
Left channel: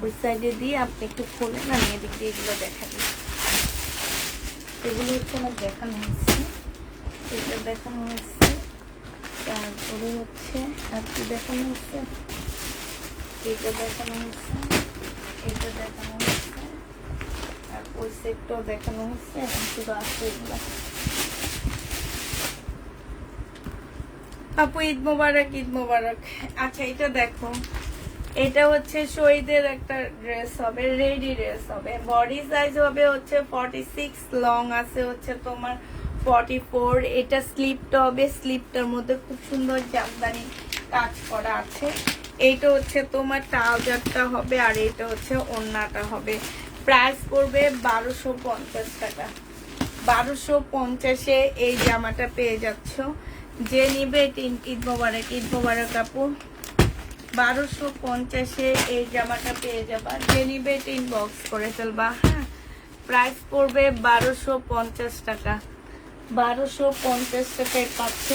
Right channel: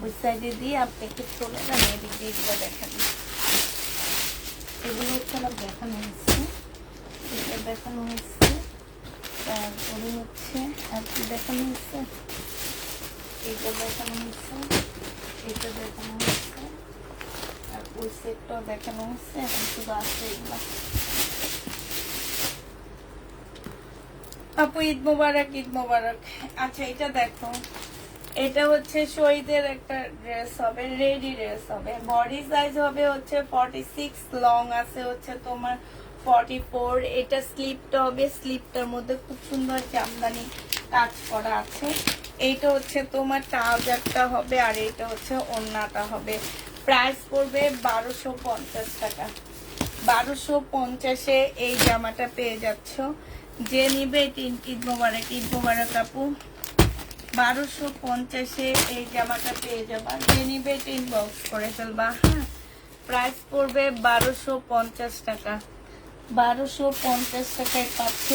ওই সাইডে দিয়ে আপনি একটু খুলে নিয়ে এদিক দিয়ে এগুলো দেখাবেন। এগুলো হচ্ছে আমার দেখানো হয়েছে, এটা দেখানো হয়েছে, তারপরে হচ্ছে আর কি দেখানো হচ্ছে, এটা দেখানো হচ্ছে, এটা দেখানো হচ্ছে, আর ওই সেটটাও দেখানো হচ্ছে। এখন শুধু আসছে এগুলো। আপু ঈদ মোবারক, ঈদ মোবারক। আচ্ছা, এটা দেখো, এটা হচ্ছে শহীদের একটা ড্রেস হবে, রেডি ড্রেস হবে। বডি সাইজ হবে হচ্ছে 46, লং আছে হচ্ছে তোমার 44। এটা স্লিপটা হবে, স্লিপটার মধ্যে খুব সুন্দর জামদানি কাজ করা আছে। এইটা হচ্ছে তোমার ট্রাউজারটা হবে, আর এইটা হচ্ছে ওড়নাটা হবে। প্রাইস পড়বে 1250 টাকা। 1250-এ এই জামাটা পেয়ে যাচ্ছ। যে নিবে ঈদ মোবারক, ঈদ মোবারক আপু। 1250-এ এই জামাটা পেয়ে যাবা, যে নিবে ইনবক্স করে ফেলবা। হ্যাঁ, প্রাইস পড়বে 1250 টাকা। 1250 টাকায় পাচ্ছ।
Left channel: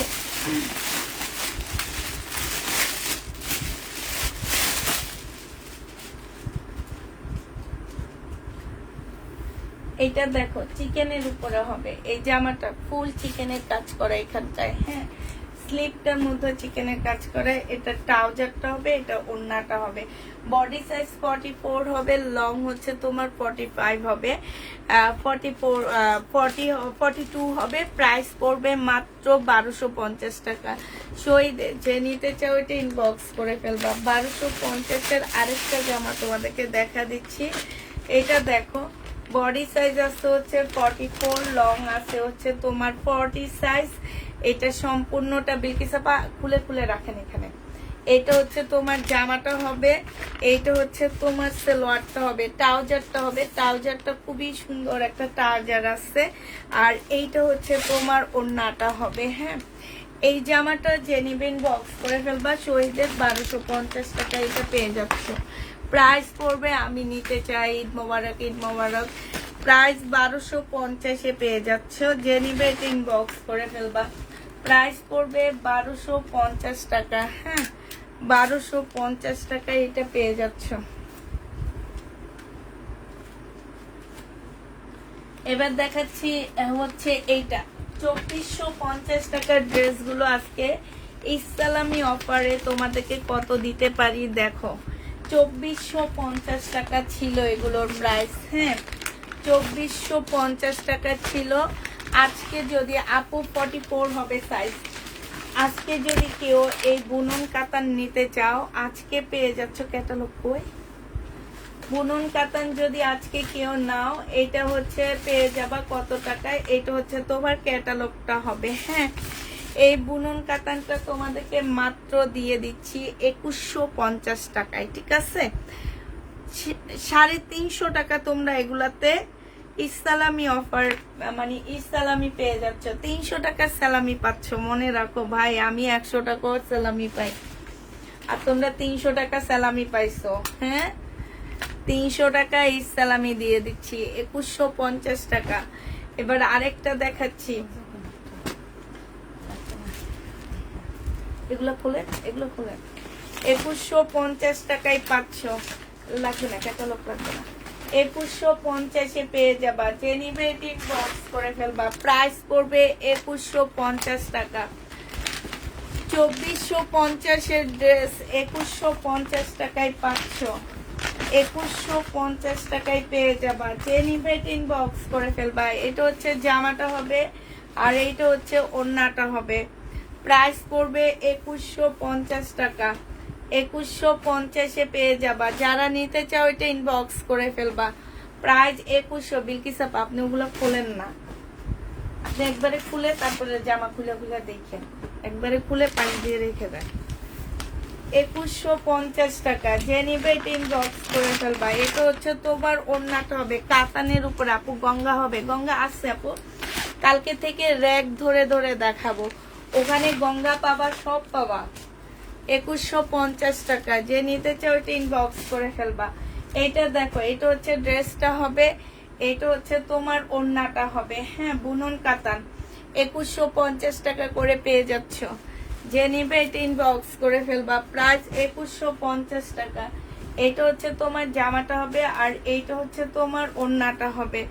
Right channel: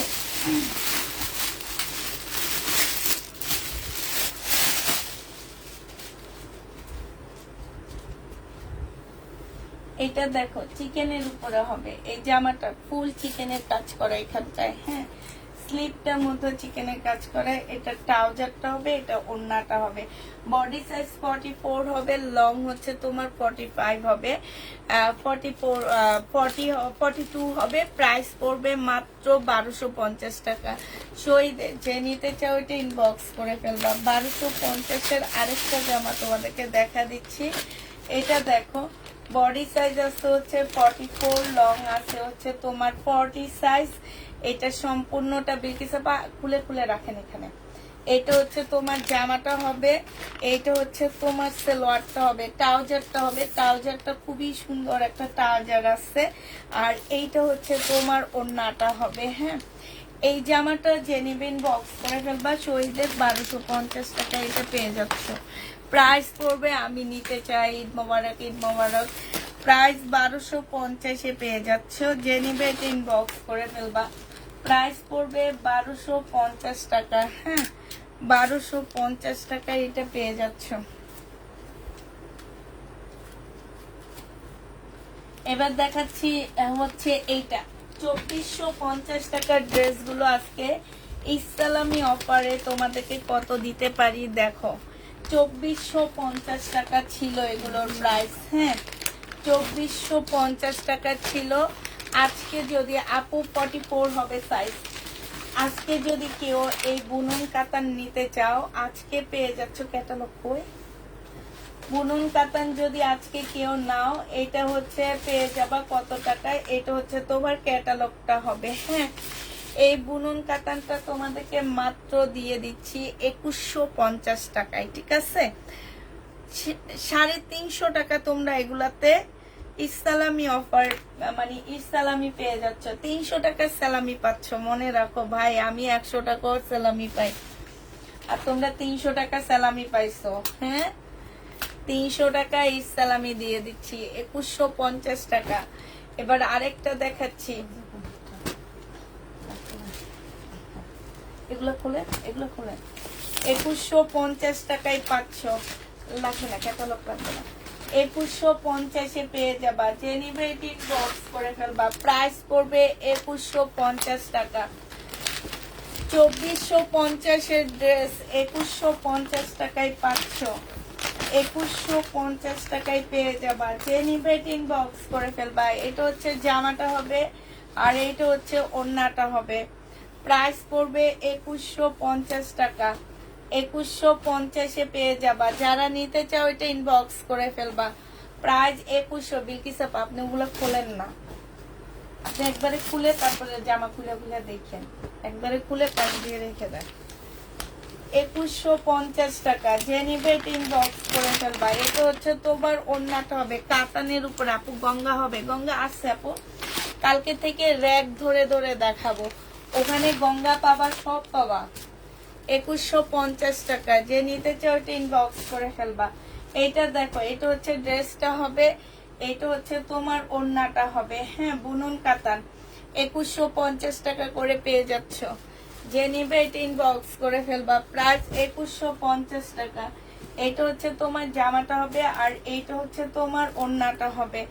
এটা দেখো চিকেনের উপরে হবে, এই জামাটা ফুল চিকেনের কাজ করা এখানটায়। হ্যাঁ, স্লিপটার মধ্যে চিকেনের কাজ করে। এটা ট্রাউজারটা হবে, এটা ওড়নাটা হবে। বডি সাইজ 44 হবে, লং হচ্ছে তোমার 45 হবে, 42 হবে। প্রাইস পড়বে মাত্র 1250 টাকা। শহীদে যে নিতে চাও এটা ইনবক্স করে ফেলবা। 1250-এর আরেকটা জামা তোমাদেরকে দেখা দিচ্ছি। এটা দেখো, বডি সাইজ আছে হচ্ছে 44, লং আছে হচ্ছে তোমার 40 সাইজ। এটা সম্পূর্ণটা বিলকিসা খুলে খুলে রাখেন এখানে। এটা হচ্ছে তোমার জামাটা হবে, এইটা হচ্ছে তোমার সালোয়ারটা হবে, ট্রাউজারটা হবে। ট্রাউজারটা খুবই সুন্দর একটা ট্রাউজার আছে, আর এইটা হচ্ছে তোমার ওড়নাটা হবে। হ্যাঁ, এই জামাটা যে নিবেন বক্স করে ফেলবা। শহীদের 1250 টাকা এটা পেয়ে যাচ্ছ। প্রাইস পড়বে, আমি নিতে চাই, ঈদ মোবারক, ঈদ মোবারক। প্রাইস 1250-এ পেয়ে যাচ্ছ। যে নিবে ইনবক্স করে ফেলবা। প্রাইস পড়বে 1250 টাকা। হ্যাঁ, 1250 টাকায় এটা পেয়ে যাচ্ছ। এবার দেখাচ্ছি হচ্ছে এইটা 2450 টাকার ড্রেসগুলো আজকে ইসলামি অফারে তোমাদেরকে কত দিতে পারি দেখো। 2450 টাকা ছিল এগুলোর প্রাইস, হ্যাঁ 2450 টাকা ছিল। আজকে যদি আপু 44 হবে সাইজ, আজকে যদি কেউ এই বুনন কাতান নিতে চাও আজকে পেয়ে যাচ্ছ। ক্যাটালগ কই? বুনন কাতান যদি আজকে কেউ নাও এটা হচ্ছে পেয়ে যাবা কত টাকায়? এটা হচ্ছে তোমার ক্যাটালগটা হবে, হ্যাঁ। এই বুনন কাতানটা তোমাদেরকে মাত্র দিয়ে দিচ্ছি 2150 টাকায়, ঠিক আছে। 350 টাকা তোমরা এগুলাতে ইসলামি অফার মানে ইসলামি পেয়ে যাচ্ছ। 300 টাকার সালামি পাচ্ছ, মনে রাখো ভাই আমি 100 টাকাও সালামি পাই আর তোমরা 300 টাকা সালামি পাইছো, হ্যাঁ। 300 টাকা ইসলামি দিয়ে দিচ্ছি 2150 টাকা। এবার আরেকটা দেখাচ্ছি, এগুলো খুলে 2150 টাকায় পাচ্ছ। লাগবে না, ক্যাটালগ লাগবে না। 2150-এ পেয়ে যাবা। যে নিবে বক্স করে ফেলবা। প্রাইস পড়বে 2150 টাকা। 2450-এর ড্রেস 2150 টাকায় পাচ্ছ। 2150 টাকায় পেয়ে যাবা। যে নিবে বক্স করে ফেলবা। এটা হচ্ছে জামাটা হবে আর এইটা হচ্ছে ওড়নাটা হবে। প্রাইস পড়বে 2150 টাকা। 2150-এ পেয়ে যাবা। যারা নিতে চাও এটা ইনবক্স করে ফেলবা। প্রাইস 2100। বিলকিস আপা আপনি ওগুলো খুলেন না, আপনি একবারে খুলে তারপরে জামা খুলে দেখেন, একবারে খুলে পানি দিয়ে রেখে দেন। 2150 টাকা। যে নিবে এটা ইনবক্স করে ফেলবা। এটা হচ্ছে তোমার ওড়নাটা হবে কাতানের উপরে। আপু গঙ্গা হবে? গঙ্গা আছে আপু, কালকে থেকে র‍্যাক ধরে ধরে দেখাবো, ওখানে গঙ্গা পাবা, সব পাবা। 2150 টাকা। যে নিতে চাও এটা ইনবক্স করে ফেলবা। এইটা দেখো, এটা হচ্ছে ড্রেসটা হবে, এটা হচ্ছে তোমার ওড়নাটা হবে, হ্যাঁ বুনন কাতান। 2150 টাকা করে পেয়ে যাচ্ছ। যে নিবে এটা ইনবক্স করে ফেলবা। প্রাইস 2150 টাকা। এটা হচ্ছে তোমার জামাটা হবে আর এইটা হচ্ছে তোমার ওড়নাটা হবে।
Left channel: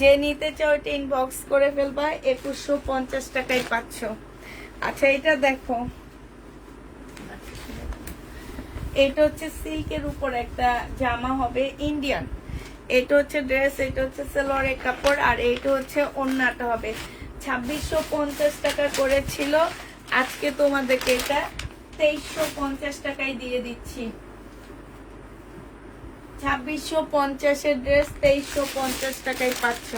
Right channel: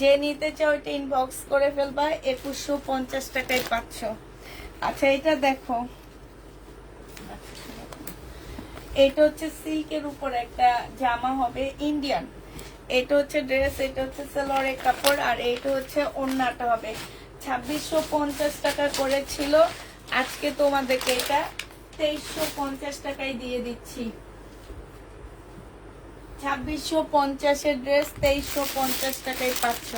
যে নিতে চাও এটা ইনবক্স করে ফেলবা। 2150 টাকায় পাচ্ছ। আচ্ছা এটা দেখো, এটা হচ্ছে সিল্কের উপর একটা জামা হবে ইন্ডিয়ান। এটা হচ্ছে ড্রেস, এটা হচ্ছে সালোয়ারের কাপড় আর এইটা হচ্ছে ওড়নাটা হবে। 2650 টাকা করে ছিল, আজকে তোমাদেরকে এটা 2350 টাকায় দিয়ে দিচ্ছি। 2650-এর ড্রেস 2350 টাকায় পাচ্ছ।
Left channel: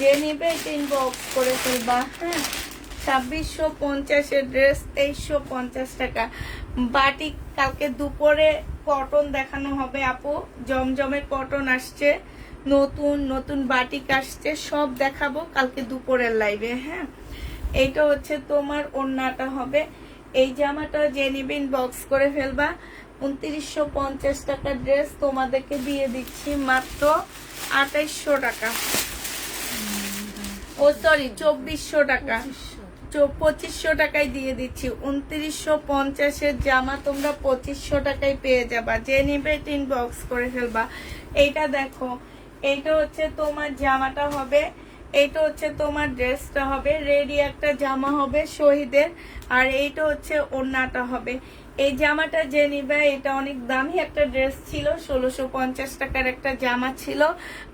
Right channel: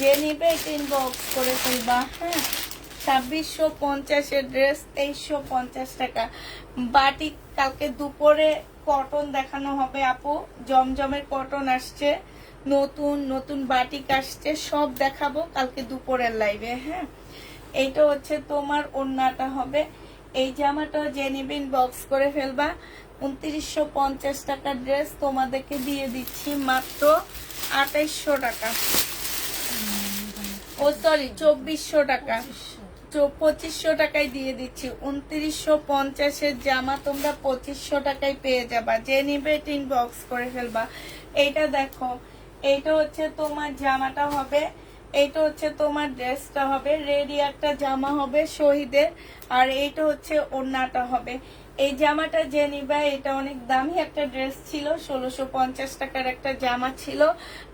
যে নিবে এটা ইনবক্স করে ফেলবা, হ্যাঁ। 2650-এর ড্রেস 2350 টাকা। বাটিক কালকে দুপুরে কটন দেখানো হবে আপু, জমজমে কটন আসছে, নতুন নতুন বাটিক আসছে, সব দেখাবো কালকে দুপুরের লাইভে, হ্যাঁ। এইটা হচ্ছে তোমার ওড়নাটা হবে। এই জামাটা যে নিবে ইনবক্স করে ফেলবা। 2950 টাকার ড্রেস তোমাদেরকে দিয়ে দিচ্ছি মাত্র 2800 টাকা। ও সরি 2400 টাকা। 2500 টাকায় দিয়ে দিচ্ছি। 2950-এর জামা তোমরা 2500 টাকায় পেয়ে যাবা। যে নিবে ইনবক্স করে ফেলবা। এইটা দেখো, এইটা হচ্ছে তোমার জামাটা হবে, এইটা হচ্ছে তোমার ড্রেসটা হবে। রেডি একটা জামা হবে শহীদের আর এইটা হচ্ছে ওড়নাটা হবে। এই জামাটা যে নিবে, এটা অনেক দামি একটা ড্রেস ছিল, 1650 টাকার একটা জামা ছিল,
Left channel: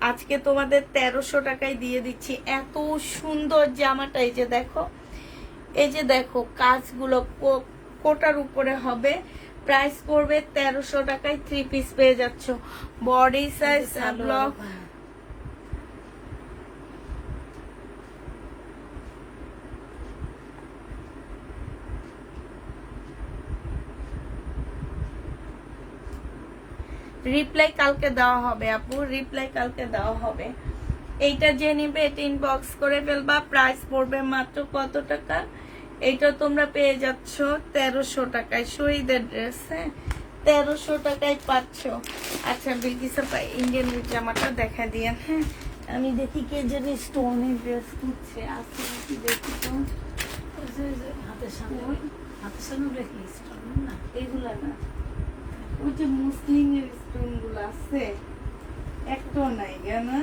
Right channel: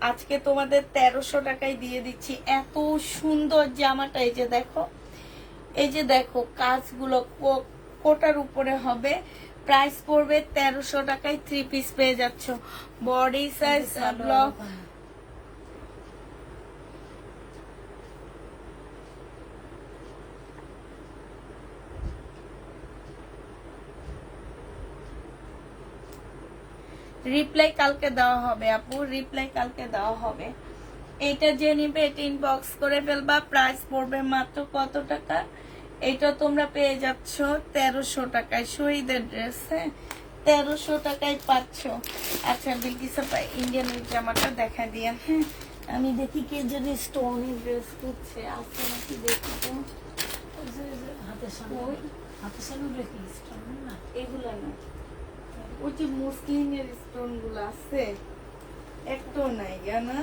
আজকে তোমাদের 1300 টাকায় দিয়ে দিচ্ছি। এত সুন্দর জামাটা, এই যে দেখো, এই যে দেখো কাজগুলো কোটার উপরে হবে। প্রাইস পড়বে 1300 টাকায়। 3 পিস পেয়ে যাচ্ছ। বডি সাইজ ব্লক রিপ্লাই কালকে দেওয়া হবে আপু, রিপ্লাই কালকে দেওয়া হবে। এইটা যে নিবে এটা ইনবক্স করে ফেলবা। প্রাইস পড়বে মাত্র কত টাকা? এটা তোমরা পেয়ে যাচ্ছ 1300 টাকায়। শহীদের ড্রেস, হ্যাঁ 1300 টাকায় পাচ্ছ। আচ্ছা বিলকিস আপা ইন্ডিয়ান জামাটা দেখা দিয়ে, আমি দেখি কে যদি স্টোনের ড্রেস খুঁজছে, আসছে নাকি দেখি তো। হাতের সামনে হাতের সামনে রেখে স্টোন না এগুলা না, ওই যে মুসলিমের স্টোন গুলো আছে একটাও নাই জানা।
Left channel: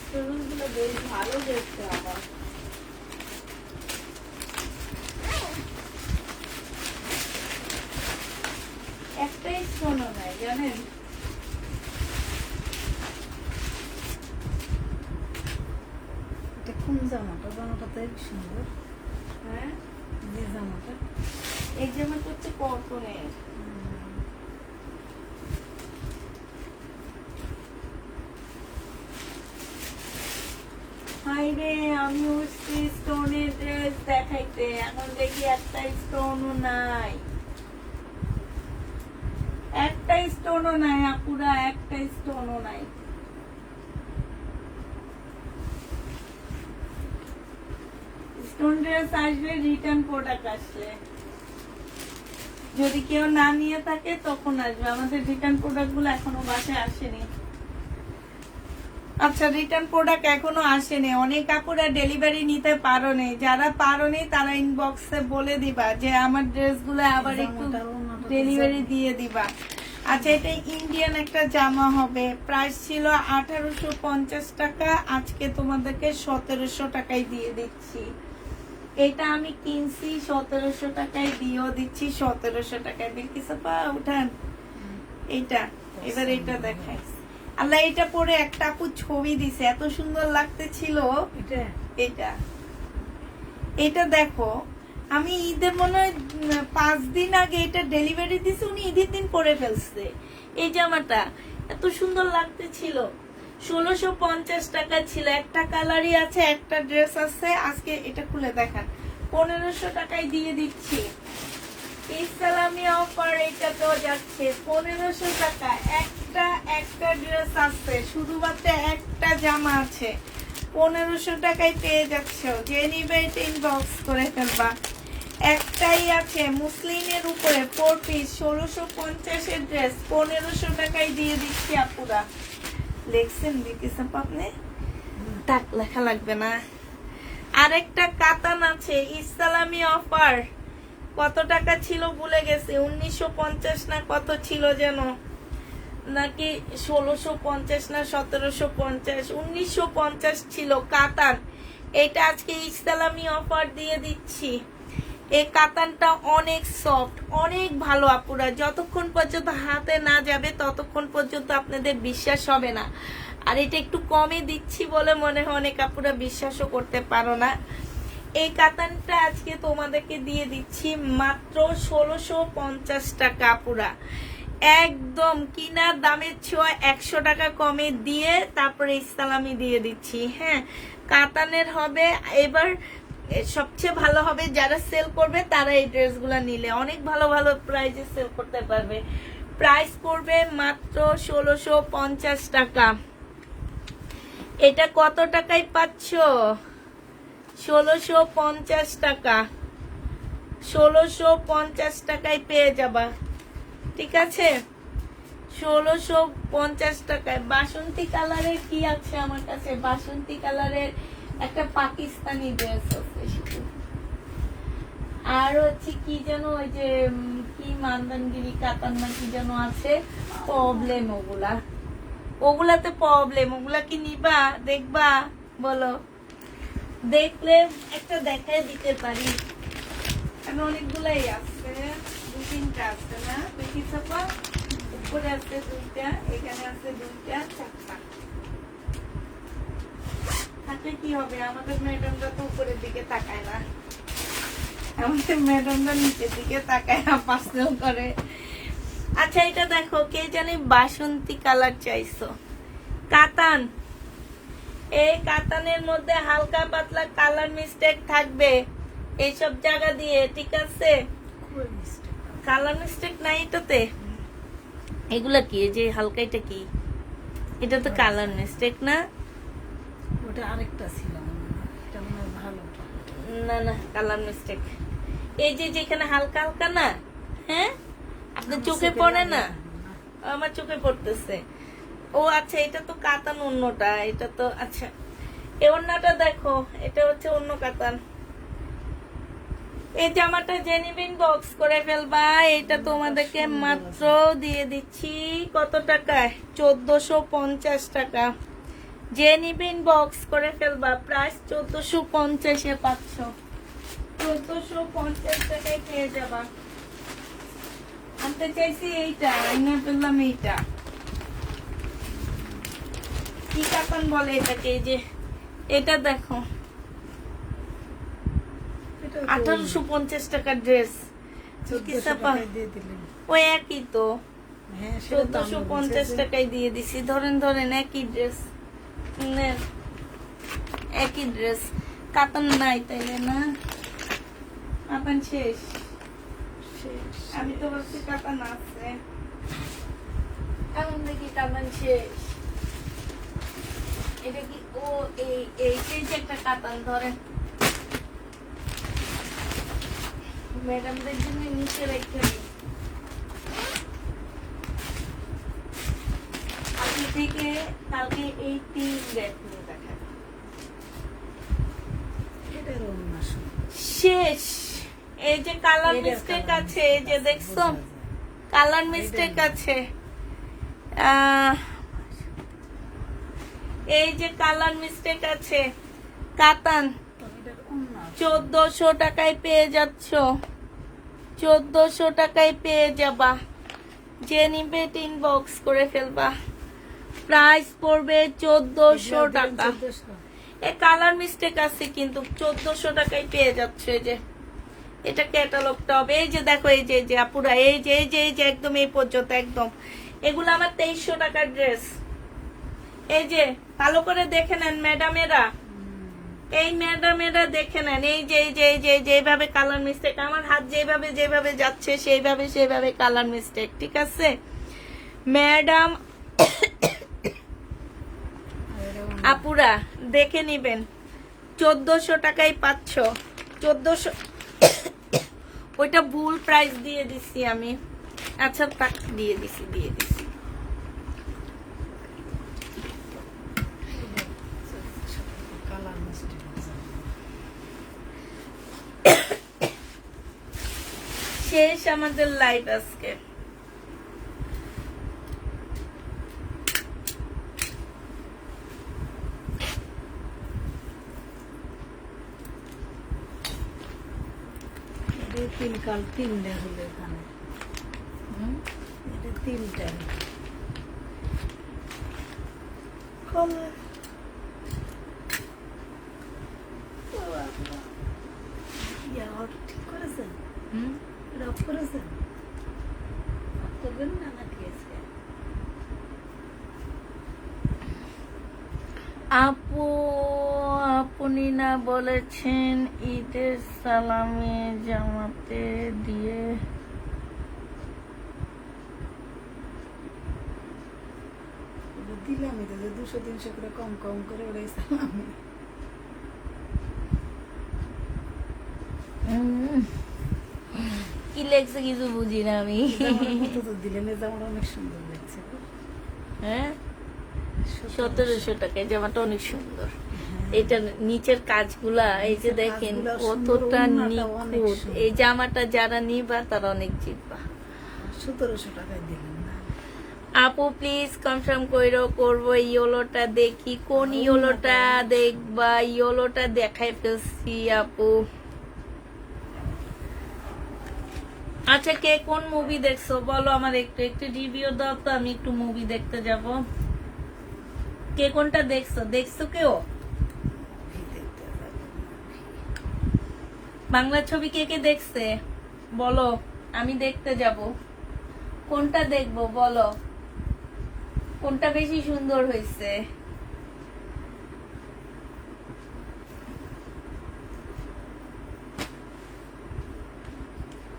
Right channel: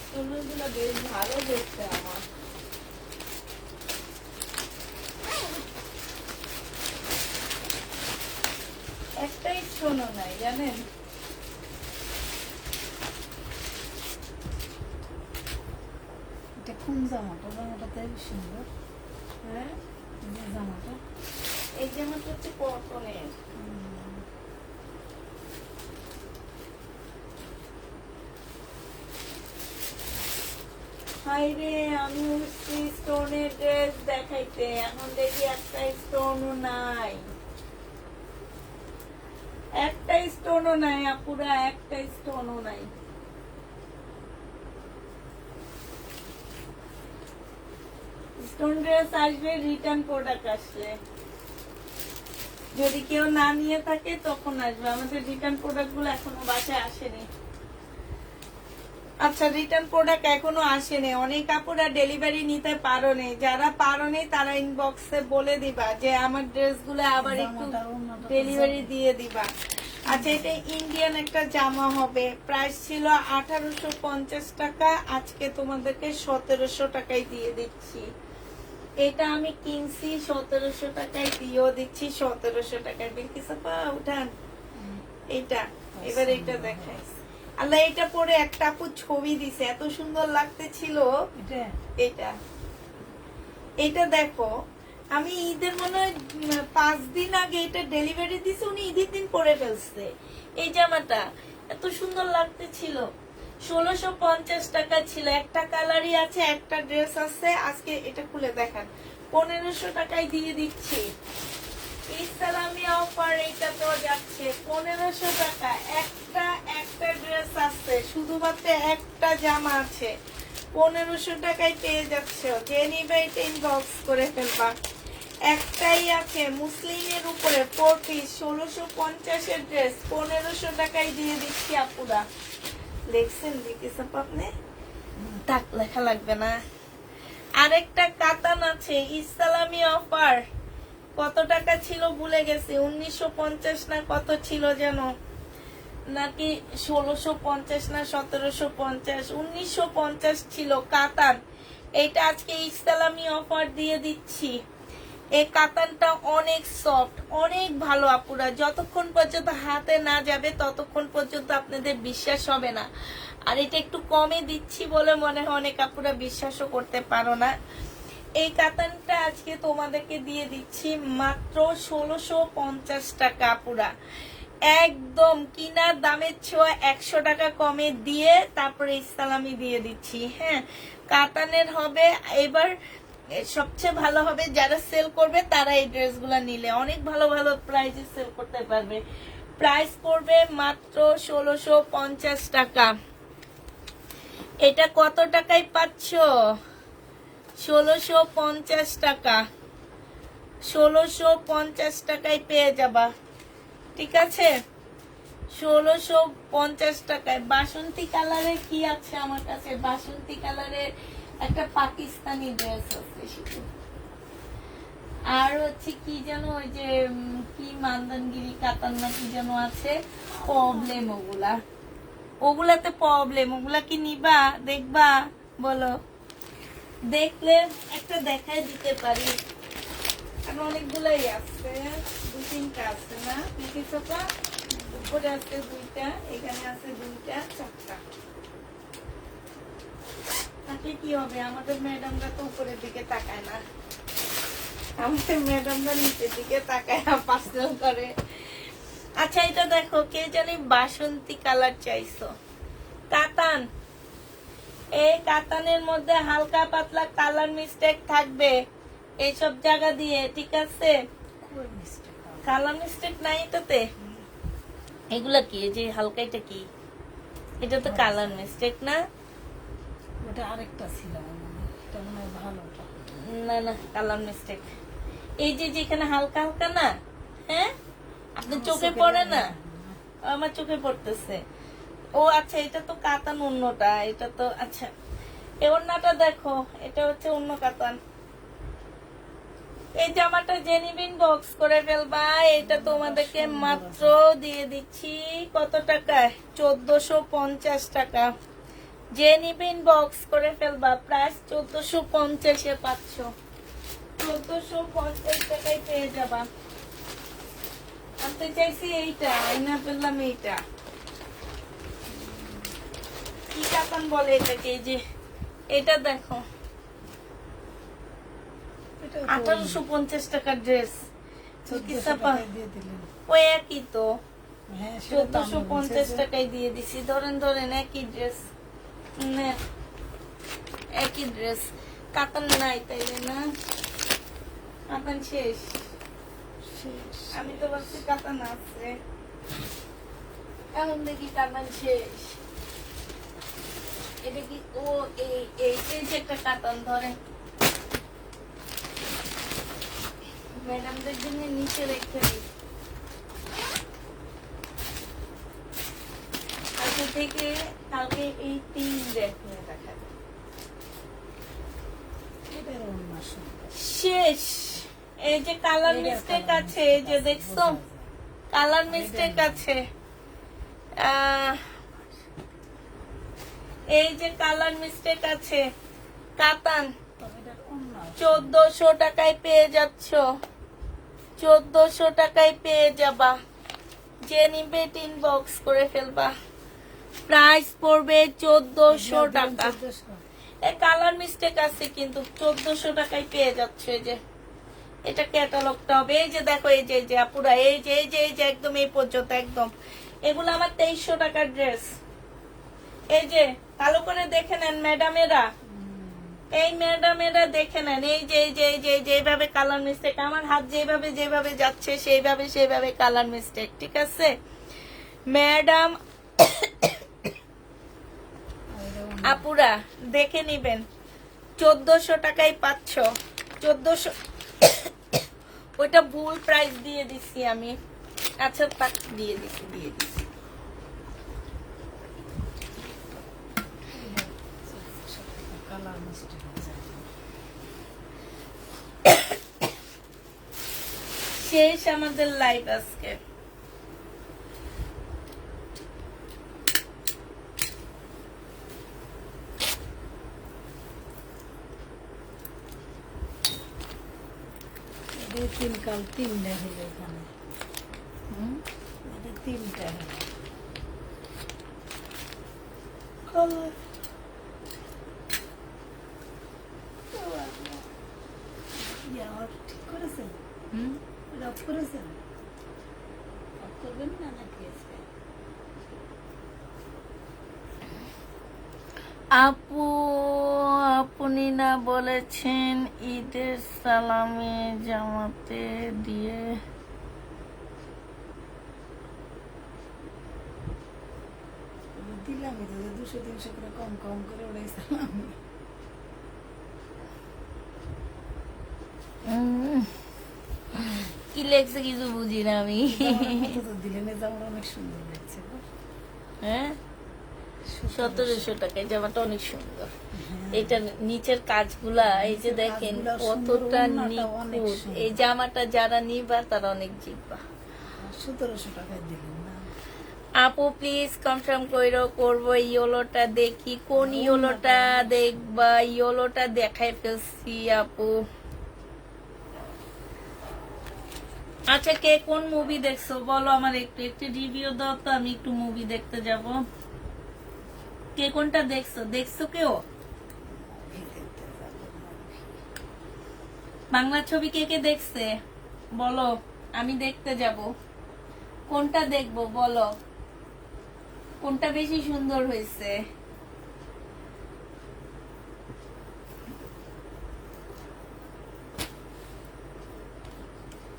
স্টোন গুলো বেশ ভালো দেখতে আমার। একটাই স্টোনও নাই জানেন। এটা কোন জামাটা? জামাটা তো হেবি সুন্দর। হ্যাঁ, যে জামাটা এই জামাটা হচ্ছে কটনের। হাইরে, আমি উঠছি স্টোনের ড্রেস দেখাইতে, এখন দেখি একটা স্টোনও নাই, একটা স্টোনও নাই আপুরা, একটা স্টোনও নাই। স্টোন ড্রেস আসবে রিটার্ন প্রোডাক্ট আসলে, যদি কেউ না নিয়ে থাকে তখন আসবে। আমাদের রিটার্ন প্রোডাক্ট গুলো এখনো বাসায় আসেনি। আচ্ছা, রিটার্ন প্রোডাক্ট এখনো আসেনি, অনেক কাপড়ে ডেলিভারি নিতে পারো নি, যারা পারো নি তারা ইনবক্সে বলে দিবা যে আমার ড্রেস গুলো আবার একটু জামাটার অন্যটা তো ডেলিভারি জামা। দিয়ে দিবা। আচ্ছা, এটা ইন্ডিয়ান একটা জামা হবে, প্রাইস ছিল 1850 টাকা, আজকে তোমাদেরকে 1700 টাকায় দিয়ে দিচ্ছি। এটা আমি কিনছি 1700 টাকায়, দিয়েও দিচ্ছি 1700 টাকায়। বিলকিস আপা উঠান এটা, এবার এটা দেখাই। আল্লাহ, এটা পরে একটা আপু ছবি দিছে, এত সুন্দর লাগতেছিল এটা এটা। এটা দেখো, আমি ঈদের মনে হয় 5 দিন আগে এটা ডেলিভারি দিছে, উনি ঈদের দিন পরে ফেলছে। এই জামাটা এত সুন্দর লাগতেছিল, 1650 টাকা ছিল। একটা কালারই আছে, একটা ড্রেস আছে। আজকে এটা খুলে দেখান, 1500 টাকায় দিয়ে দিচ্ছি। ইসলামী অফার, এটা তো যাচ্ছে 1500 টাকা। একটা ড্রেস আছে, শুধুমাত্র একটা জামা আছে, 1500 টাকায় পেয়ে যাচ্ছ। যে নিবে এটা ইনবক্স করে ফেলবা। একটাই আছে মুসলিমের উপরে 4 পিস, 1650 এর ড্রেস 1500 টাকায় দিয়ে দিচ্ছি আপুরা। লেখছেন দিতেছ আপনি, টাক লেখা লাগবে না। আরেকটা কাতান আছে, ইসলামী অফার, কত টাকা ছিল ভুলে গেছি, 1950 না কত ছিল যেন, নাকি 1650 না 1750, 1950 ছিল কাতান। এটা আজকে ইসলামী অফার দিয়ে দিচ্ছি। এই কাতানটা অনেক সফট, অনেক ভালো আপুরা, যতক্ষণ পর্যন্ত হাতে না যাবে ততক্ষণ পর্যন্ত আপনাদের বিশ্বাস হবে না। আর এটা একটু কমে দিচ্ছি বলে মনে হয় অনেক আপুরা বিশ্বাসও করতে পারো না। এই কাতানটা আজকে তোমাদেরকে দিয়ে দিচ্ছি মাত্র 1650 টাকা আপুরা, একদম কিনার দামের ছোঁয়া 100 টাকা কমে দিয়ে তারপরে ইসলামি দিয়ে দিচ্ছি। হ্যাঁ, কাতানের হবে। এবার সবচেয়ে ভালো হবে যারা সেল করবে তারা এই ড্রেসগুলো নিলে অনেক ভালো ভালো প্রাইসে সেল করতে পারবে। প্রাইস পড়বে মাত্র 1650 টাকা। এটা কত টাকায় পাচ্ছ? 1650 টাকা, 1650 টাকায় পেয়ে যাবা। ঠিক আছে, 1650 টাকায়। বাসন্তী কালারের কি আছে আমার কাছে? বাসন্তী কালারের একটা পাকিস্তানি ড্রেস আছে শুধু। আর হচ্ছে কি যেন, ওই যে কি মান্দানগিরি কাতান না কি যেন আছে, প্রবলেম ওগুলাতে প্রবলেম। ওগুলা কি নিবা? দেখবা? বলো, দেখলে একটা দেখায় দিতে পারি, কারণ অনেকগুলাই আছে, 2-3টা আছে না পিঠি চাপা, উপরে আছে 2টা, এখানে আছে 2টা, 4টা। হাতে কি হবে? আমাদের ম্যাডামরা তো উপরের দিকে তাকায় না, আমাদের ম্যাডামরা নিচের দিকে তাকায় না, পার্সেল করে। আচ্ছা, এটা দেখো, কে জানি বাসন্তী কালার চাইছো, কাতান। এই কাতানের মধ্যে হালকা পাতলা কালার মিস্টেক থাকবে এইসব জায়গা দিয়ে, ঠিক আছে? খুবই মিস্টেক। কালার মিস্টেক নাই এটাতে। এগুলা কি? এই যে হালকা, এটা কি? এটা তো কালার মিস্টেক না? ওটা আরেকটা ছিল মনে হয়। এটা মনে হয় ভালো। না না, কালার মিস্টেক। এই যে যেখানে হালকা হালকা না, হ্যাঁ, আপনার চোখে পড়ে না? আমার চোখে পড়তেছে। ও আচ্ছা, এটা তো কাতান অন্যটা, এটা তো আচ্ছা। এই ওড়নাটা দেখো, এটা হচ্ছে অন্য কাতান। এই জামাটা জেনিবিন বক্স করে ফেলবা, এটা তোমাদেরকে মাত্র দিয়ে দিচ্ছি কত টাকায়? 1450 টাকা। জেনিবিন বক্স করে ফেলবা, প্রাইস 1450-এ পাচ্ছ। 1450 টাকায় পেয়ে যাবা। আনতে চাইছি এইটা, আইনা পেলাম এইটা। কি কাতান বলে এটাকে? এই যে এটা দেখো, এটা 1850 টাকার ড্রেস। 1400 টাকায় দিয়ে দিলেন। ওই একই তো, হ্যাঁ, সেটা তো আমি 1450 বলছি। টাকায় দিয়ে দিছি। ধরেন ধরেন একই ড্রেস, একই ড্রেস। কাতান নাই তাইলে না? কাতান শেষ। আমি তো ভাবছি কাতান আছে, এখন নাকি কাতান শেষ। এটা কি? ও এই যে একটা কাতান, ধরেন ম্যাডামদের জন্য নিচে রেখে দিই। আজকে থেকে কালকে এই 3 দেখুন দেখা এটার অন্য সুন্দর। শেষ। এই যে কালার এটার মিস্টেক colour আছে, এই যে mistake দেখছো বোঝা যায়। কালার মিস্টেক আছে। এই যে কালার মিস্টেক আছে। কাতান এটার অন্য 1400 টাকায় পেয়ে যাচ্ছ, 1400 টাকায় পেয়ে যাবা। যে নিবে ইনবক্স করে ফেলবা, প্রাইস পড়বে 1400 টাকা। 1400 এ কালার মিস্টেক আছে কিন্তু 1400 টাকায় পেয়ে যাচ্ছে। এই যে এটা ক্যাটালগটা হবে। এই যে দেখো, এই যে আপুরা, এই যে একদম এই পর্যন্ত একদম। এগুলো আমার 2300 টাকার ড্রেস। এই যে ভালো করে দেখে নেন ম্যাডামেরা, এই ম্যাডামেরা দেখে নেন। এই যে এইভাবে কালার মিস্টেক, আমার হাত যেভাবে যাচ্ছে সেইভাবে কালার মিস্টেক। ঠিক আছে ম্যাডাম, আপুরা দেখে নিবেন। 1400 টাকায় পাচ্ছ। 1400 ওইটা ভুল প্রাইস দিয়ে দিছি আমি। আচ্ছা থাক, দিয়ে দিছি। কালার মিস্টেক আছে। শেষ আমাদের লাইভ আজকে। এটা তিন কাল 3 হলো এখানে। এটা 3টা কালার ঠিক করেছেন? রফ করেছেন? রফ করবেন না নাকি আজকে? আপনি না বলেছেন ঈদের সালামে জামাতে দিয়ে দিলামই তো, 200-300 করে কম করে ওড়াইছিলাম। কি লেখছে কিছু বুঝি না আমি। তো দিলেন, এই জামাটা অনেক সুন্দর লাগছে গো। হ্যাঁ 1700 টাকায় জামাটা অনেক সুন্দর। এটা নিচের কাজগুলা এই যে দেখেন কাজগুলা সুন্দর, কতটা ওড়নাটাও অনেক নিখুঁত। সুন্দর। এই জামাটা যারা নিবা তারা অনেক জিতবা। 1700 টাকায় দিলেন না? আপু প্লিজ কনফার্ম কইরো, করবো ইয়োলোটা দেখি। কোন ইয়োলোটা দেখবা? ইয়োলোটা দেখাই ফেলছি আপু। আচ্ছা কে কোন মুভি দেখছো বলো আমার, একটু রিভিউ দাও তো, আমি একটু মুভি দেখতে যাব। কে কোনটা দেখছো কেউ? বাংলা ছবি কে কে দেখছে বলো, আমি দেখতে যাব। কোনটা দেখবো বলো, কোনটা বেশি সুন্দর হয়েছে?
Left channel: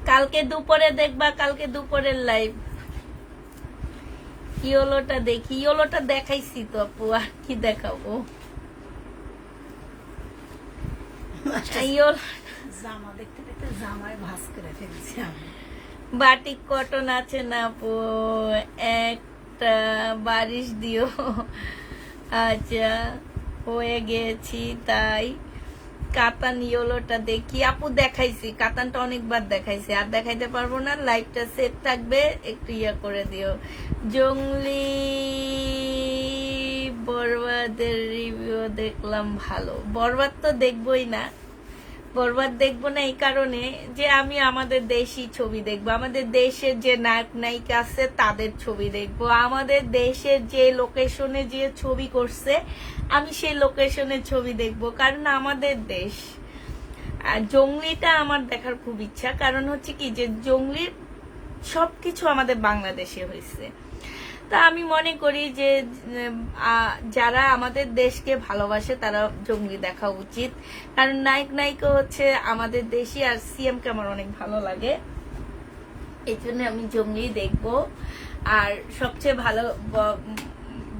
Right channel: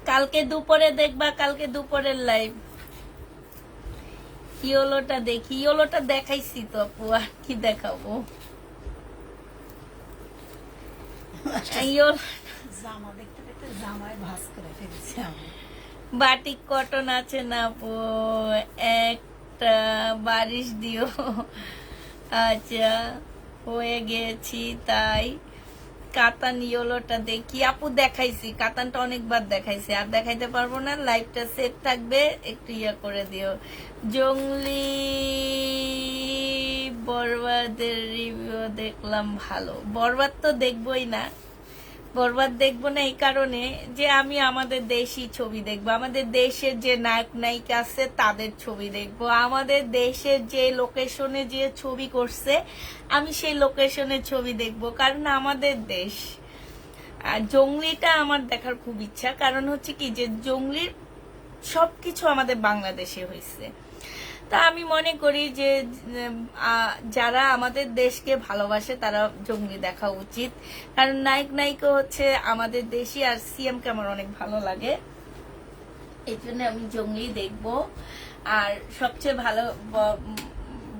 কালকে দুপুরে দেখবা, কালকে দুপুরের লাইভ। ইয়োলোটা দেখি, ইয়োলোটা দেখাইছি তো আপু, আর কি দেখাবো? জামা দেখতে দেখতে জামায় ভাঁজ করে ফেলছি আমি। বাটিক কটন আছে না আপু? একটা বারিশ দিও। আচ্ছা হয়ে গেছি, তাই কাতান ইয়েলোটা দেখি। আপু দেখাইছি, কাতানটা অনেকবার দেখাইছি, আর দেখাইতে পারবো না। লাইটটা সেট থাকবে, একটু ইয়া করে দিও। জংলি বরবাদের রিভিউ দেখলাম ভালো। বরবাদ তো দেখবোই না, বরবাদ দেখবো না এই কারণে যে আমি আমাদের দেশি ছবি দেখবো, আমাদের দেশের যে নায়ক নায়িকা আছে তাদের ছবি দেখবো, আমাদের দেশের যে লোকেশনে যে ছবি করছে আমি সেই লোকেশনের ছবি দেখবো, কারণ আমাদের দেশ। আর জংলিটা আমার দেখার খুব ইচ্ছা, কারণ হচ্ছে কি যে জংলির সবকিছু আমাদের বাংলাদেশে হয়েছে। তা আমি মনে করি যে যারা আমাদের দেশকে ভালোবাসে তারা জঙ্গলি দেখা উচিত, কারণ নায়ক নায়িকা হচ্ছে আমাদের দেশি, আর সিএম কে আমার অনেক ভালো লাগে, এই জন্য আমি জঙ্গলি দেখব। আর সবচেয়ে ভালো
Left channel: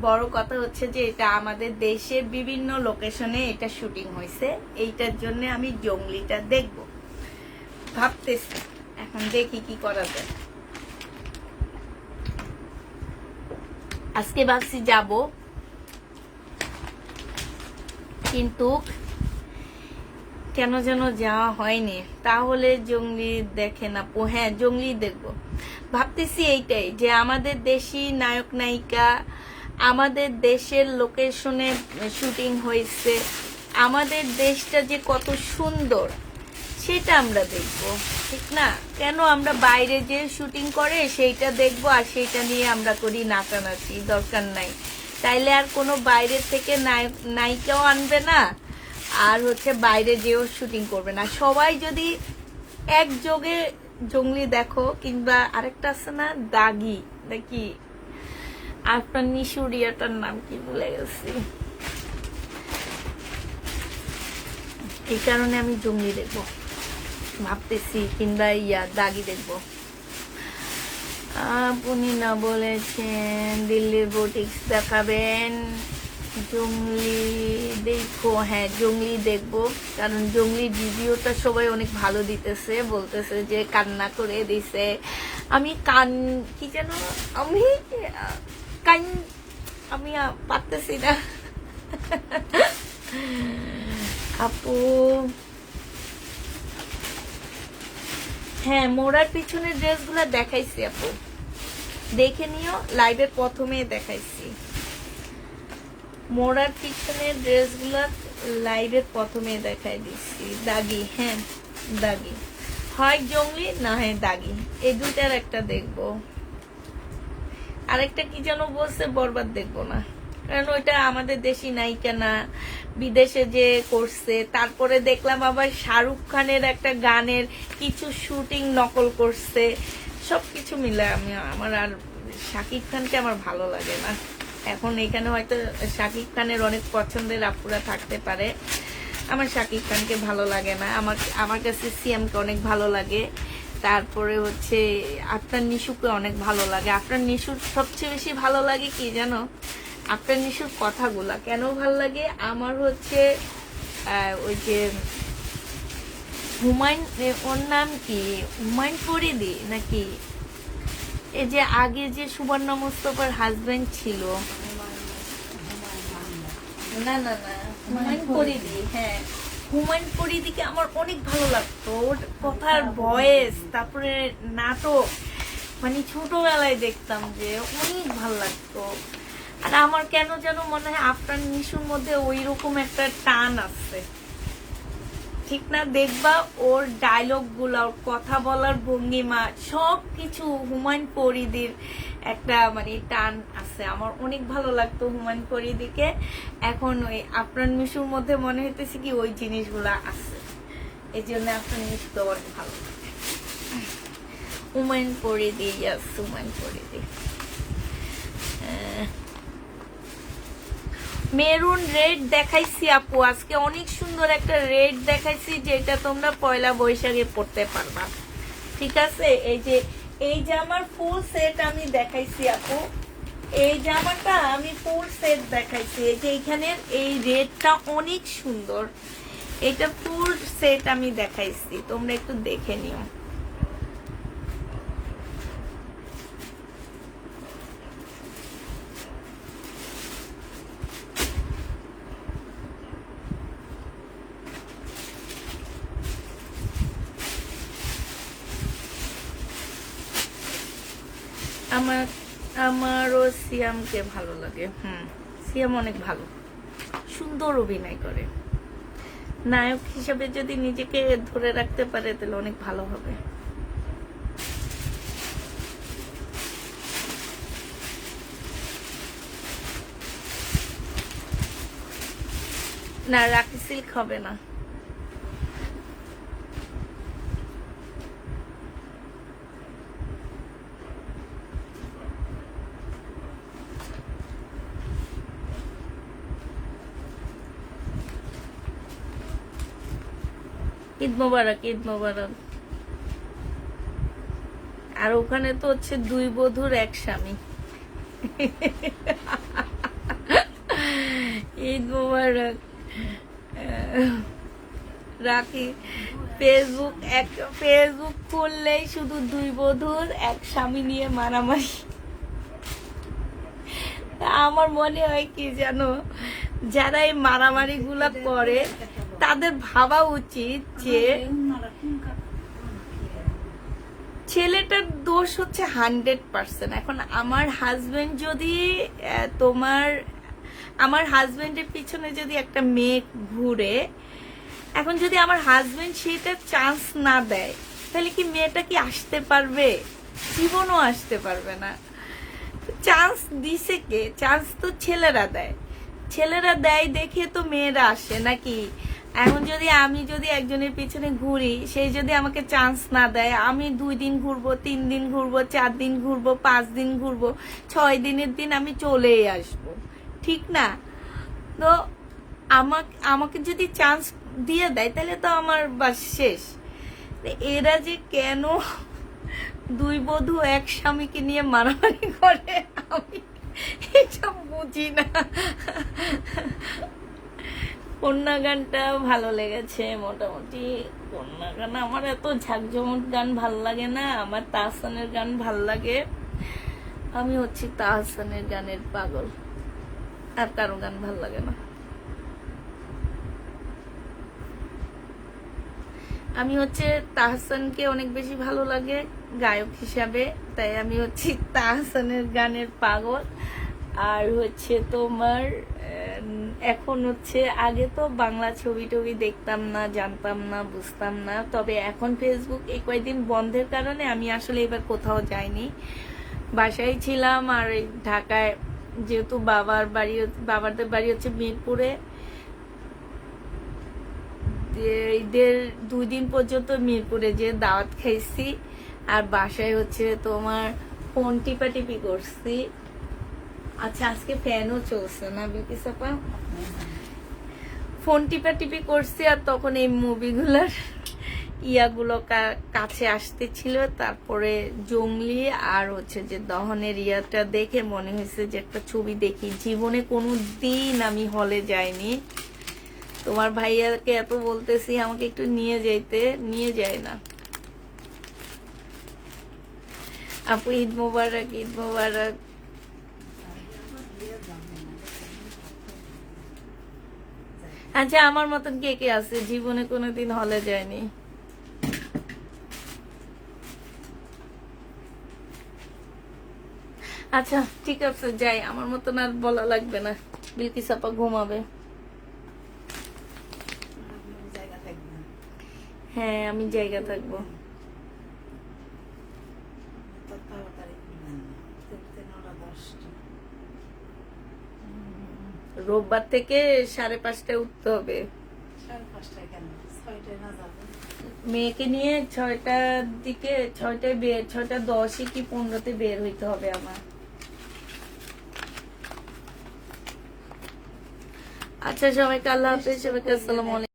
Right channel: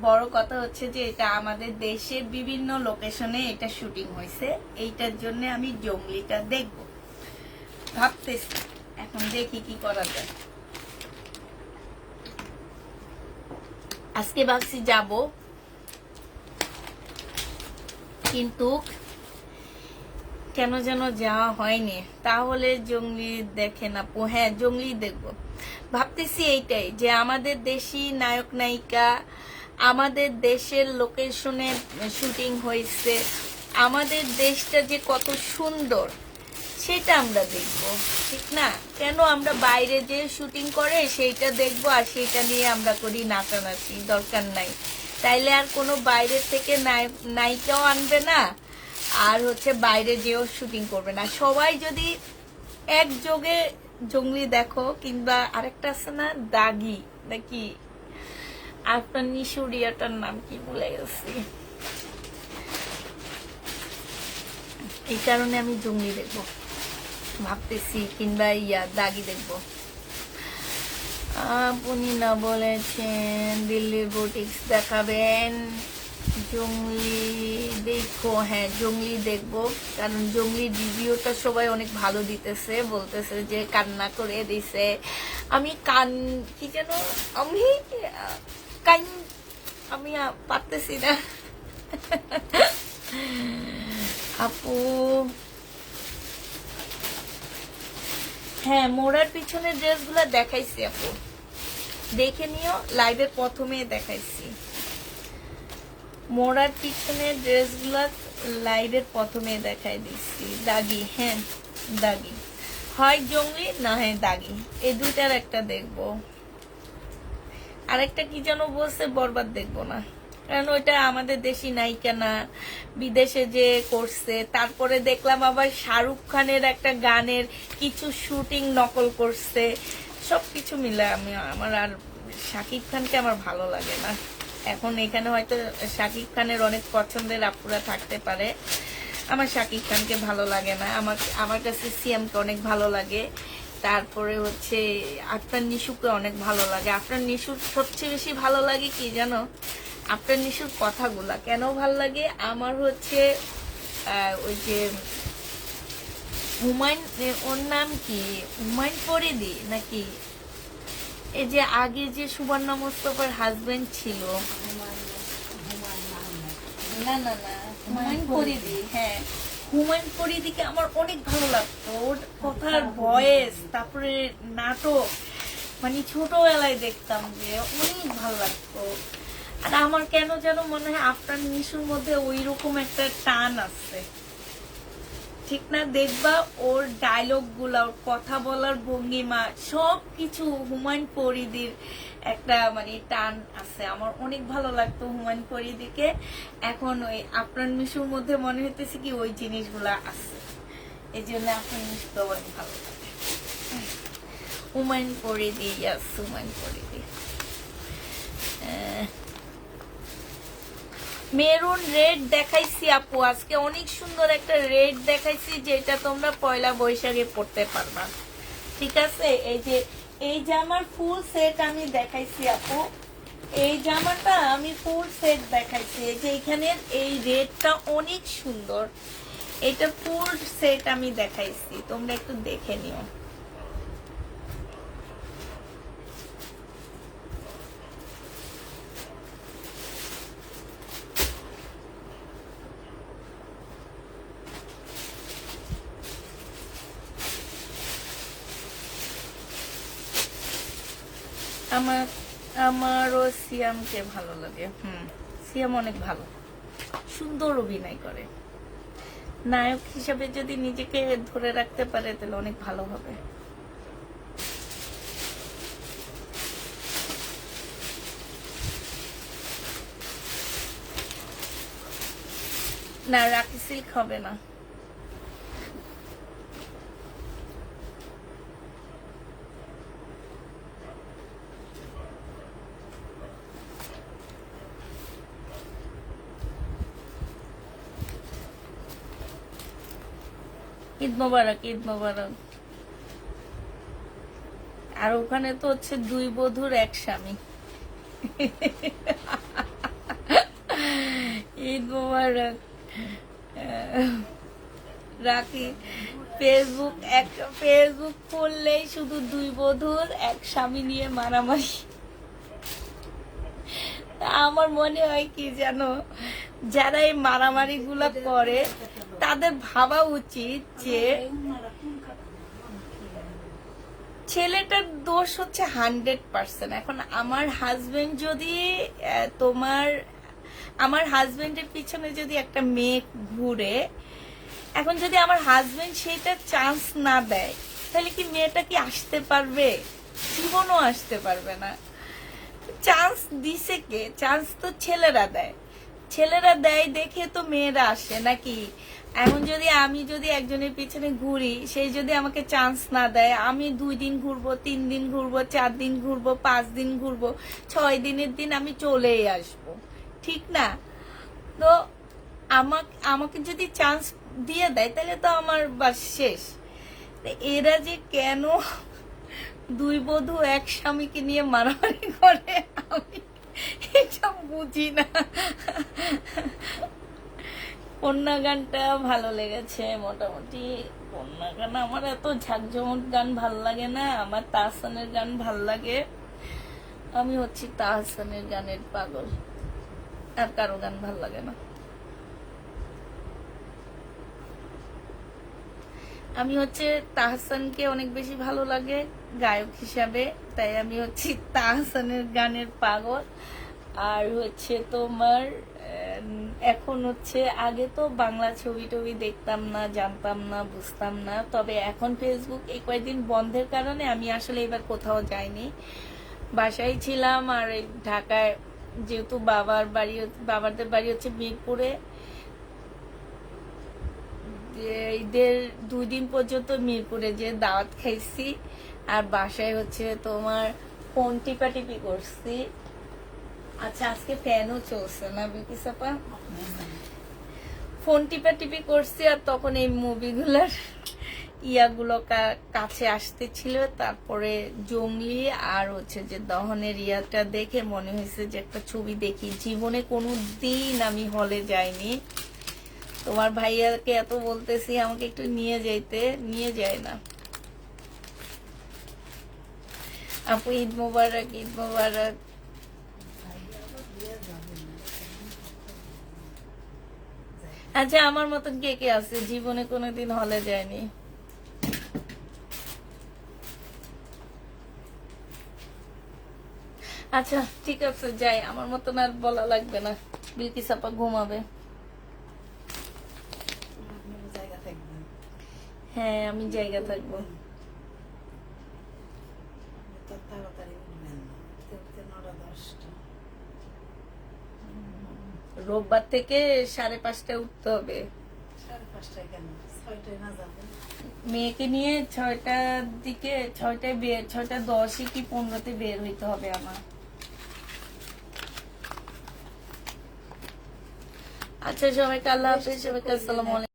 বড় কথা হচ্ছে যে এটা আমাদের দেশের বিভিন্ন লোকেশনে এটা শুটিং হয়েছে, এইটার জন্য আমি জঙ্গলিটা দেখব ভাবতেছি। এখন দেখি কি করা যায়। আজকে ভাবছি যাব, কিন্তু কেন যেন যাওয়া হয়নি। তাহলে জঙ্গলি দেখে না, হ্যাঁ জঙ্গলি দেখবো ভাবতেছি। এইটাই যে আমাদের দেশি নায়ক নায়িকা, আমাদের দেশের লোকেশনে শুটিং হয়েছে, আমাদের দেশটা যে কত সুন্দর সেটা আমরা দেখব, ঠিক না? কেন আমরা বাইরে যে শুটিং করে সেইটা দেখবো, আর সেইটা নিয়ে আমরা করি নাচানাচি, দরকার নাই। তাইলে আর কোনো বাইরে থেকে নায়িকাও আনবে না, আর হচ্ছে বাইরে যেও শুটিং করবে না। সবাই যদি একযোগে জঙ্গলি দেখো, কিংবা আরেকটা আছে না দাগি নাকি, আপনার নিশুরিয়াটার নাম কি ভুলে গেছি, এই কারণে আমি জঙ্গলি দেখবো ভাবতেছি, কিংবা দাগি দেখবো। আপনি না বলেছেন দিল্লির বুটিক্স দেখাবেন, জঙ্গলি দেখো। হ্যাঁ জঙ্গলি দেখবো, কারণ জঙ্গলির রিভিউটা সবাই অনেক ভালো দিতেছে, বলতেছে যে কান্না করে দিছে। আমি কি যেন আমি পারতেছি না আপু। হ্যাঁ মোড়ার পিছনের ড্রেসগুলো দেখাইছি আপু, দেখে নিও, লাইভের প্রথমেই দেখাইছি। মোড়ার পিছনের ড্রেসগুলো লাইভের প্রথমে দেখাই দিচ্ছি। দাগি, হ্যাঁ দাগি, হয় জঙ্গলি না হয় দাগি, এই দুইটার একটা দেখবো। আরেকটা কি যেন বলছে, বরবাদ দেখবো না, কারণ ওইটা আমাদের দেশি নায়িকা না, বিদেশে যে করছে। তারপরে দেখলাম আবার শাহরুখ খানের একটা গানের কিছু শুটিং নকল করছে, সবকিছু মিলে আমার আর শাকিব খানকে আমার ভালো লাগে না। এখন এখানে হয়তো শাকিব খানের অনেক পছন্দের আপুরা থাকতে পারে, আমার শাকিব খানকে ভালো লাগে না। আমার কাছে সিএমকে অনেক ভালো লাগে, তারপরে হচ্ছে আপনার নিশুকে অনেক ভালো লাগে। আপনার নিশুর সবচেয়ে বেশি ভালো লাগে কি জানো, আপনার নিশুর কথাগুলা কেন ভালো লাগে আমার হচ্ছে ওই যে হুমায়ুন, ওর নাম কি হুমায়ুন ফরিদি নাকি, এই যে আগে যে সুবর্ণা মোস্তফার হাজবেন্ড ছিল, না না না হুমায়ুন ফরিদি, হ্যাঁ হুমায়ুন ফরিদিকে আমার অনেক ভালো লাগতো, ওর কথার ভয়েস, তারপরে নাটক, মানে ছোটবেলায় দেখতাম যে অনেক ভালো লাগতো। আর আমার কেন যেন মনে হয় আপনার নিশুর মধ্যে ওই রকম একটা টান আছে, ঠিক না? দেখবা ওর ডায়লগ গুলা, ওর কথা বলার ভঙ্গিমা, সবকিছু হুমায়ুন ফরিদির একটা মানে টান আছে। আমার অনেক ভালো লাগতো হুমায়ুন ফরিদিকে, এখন ওই আপনার নিশুর মধ্যে মনে হইতেছে কি ওই জিনিসগুলা আছে, এই জন্য আপনার নিশুকে আমার ভালো লাগে। হুমায়ুন ফরিদি, হুমায়ুন ফরিদি। মেরুন রেড দেখাইছি আপু, আজকে অনেক সুন্দর একটা রেড দেখাইছি, যেটা তোমরা পয়লা বৈশাখে পড়তে পারবা, ঠিক আছে? এই যে এই জামার ফুল সেট আমি দেখাইছি আপু, এই জামাটা আমি ফুল সেট দেখাইছি। এই যে এখানের এই রেডটা অনেক সুন্দর, এটা ফুল সেট আমি দেখাইছি, তোমরা একটু দেখে নিও। আমারও সিয়ামকে ভালো লাগে। সিয়াম অনেক ভালো, সুন্দর অভিনয় করে। নায়ক হিসেবে যদি নিজেকে ধরে রাখতে পারে তাহলে অনেক ভালো হবে। না, রাখি সিল্ক হবে না। ঈদ মোবারক, ঈদ মোবারক। আর ওখানে তো হচ্ছে 2 বধূর 1 স্বামী। ঈদ মোবারক। রাখি ফেসবুক খুললেই শুধু 2 বধূর 1 স্বামী নিয়ে মারামারি। আমার মনে হয় কি জানো, যারা এই মারামারি গুলা করে তাদের ভাবা উচিত যে ছেলেটার দোষ হচ্ছে 100%। এখন আমার হাজবেন্ড যদি আমার হাজবেন্ডের পিছনে যদি একটা মেয়ে ঘুরে, এখন যদি আমার হাজবেন্ড সেটা চান্স না দেয় তাহলে কি মেয়েটা কি আসতে পারবে? জীবনও আসতে পারবে না। চান্স দিছে কে? চান্স তো ছেলেরা দেয়। ছেলেরা দেয় দেখে তো মেয়েরা আসে নাকি? এখন আমি যদি একজনের পিছনে ঘুরি, সেই যদি আমাকে চান্স না দেয়, আমি 2 দিন ঘুরবো, 3 দিন ঘুরবো, 4 দিন ঘুরবো, 5 দিন ঘুরবো, 6 দিনের দিন আমি চলেই আসবো, ঠিক না? তো আমাকে যদি চান্স দিয়ে দেয় তাহলে তো আমার বাস শেষ। এরা যে কেন 2 বধূ 1 স্বামীকে নিয়ে মারামারি করে আমি এসব বুঝি না। কন্যা গানটা ভালো লেগেছে মোটামুটি। কন্যা গান আমার এত ঝাঁকঝমক গান ভাল লাগে না, আমার তাহসানের গান ভাল লাগে। আমি হচ্ছে তাহসানের গানের পাগল, আর কারো গান ভাল লাগে না। আমি হচ্ছে তাহসানকে অনেক বেশি ভালো লাগে গায়ক হিসাবে, তাই আমি হচ্ছে তাহসানের গানের পাগল। আর হচ্ছে তোমার এখন হচ্ছে, আগে তো বাংলা ছবি টবি দেখতাম না, জানতাম না, বুঝতাম না। তবে এখন ফেসবুক এই কয়েকদিন বন্ধের কারণে আমি আসলে এবার কোথাও যাইনি, বাসায় ছিলাম। আর ঢাকায় যেহেতু বাবাদের বাড়ি হচ্ছে মিরপুরে, ঈদের 2 দিন পর্যন্ত মিরপুরে যে দাওয়াত খাইছি। আর বাসায় হচ্ছে তোমার ফোন টিপাটিপি করছি। আচ্ছা, আজকে ফ্যানও চলছে না বিকি সাপা? ফোন টিপাটিপি করছি, আর তখন এই মুভিগুলোর ইয়াগুলো কাছে আসতেছিল। তারপরে জঙ্গলি আর হচ্ছে যে দহনের ইয়াটা দেখে মনে হয়েছে যে একটা ছবি দেখি। জীবনে কোনো দিন আমি হলে যাইনি। তোমার ভাইয়াকে এত বলতেছি আমাকে একটু নিয়ে যেতে, নিয়ে যায় না। আপু ঈদ মোবারক, ঈদ মোবারক। আচ্ছা, আমার মতন কে কে আছে জীবনে কোনোদিন হলে যায়নি? আচ্ছা ঠিক আছে, যাই। আমার মতন আর বলা লাগবে না, বিলকিস আপা ঘুমাবে। হ্যাঁ, আমি জায়গা থাকবো। রোববার থেকে 5:30টায় উঠতে হবে। 5:30 কেন? 6টায় না যাবে? মেয়েকে নিয়ে 6টার দিকে, 6:10 কি 15 বের হইতে হবে আমার। আচ্ছা, সবাইকে আল্লাহ হাফেজ, সবাইকে আসসালামু আলাইকুম।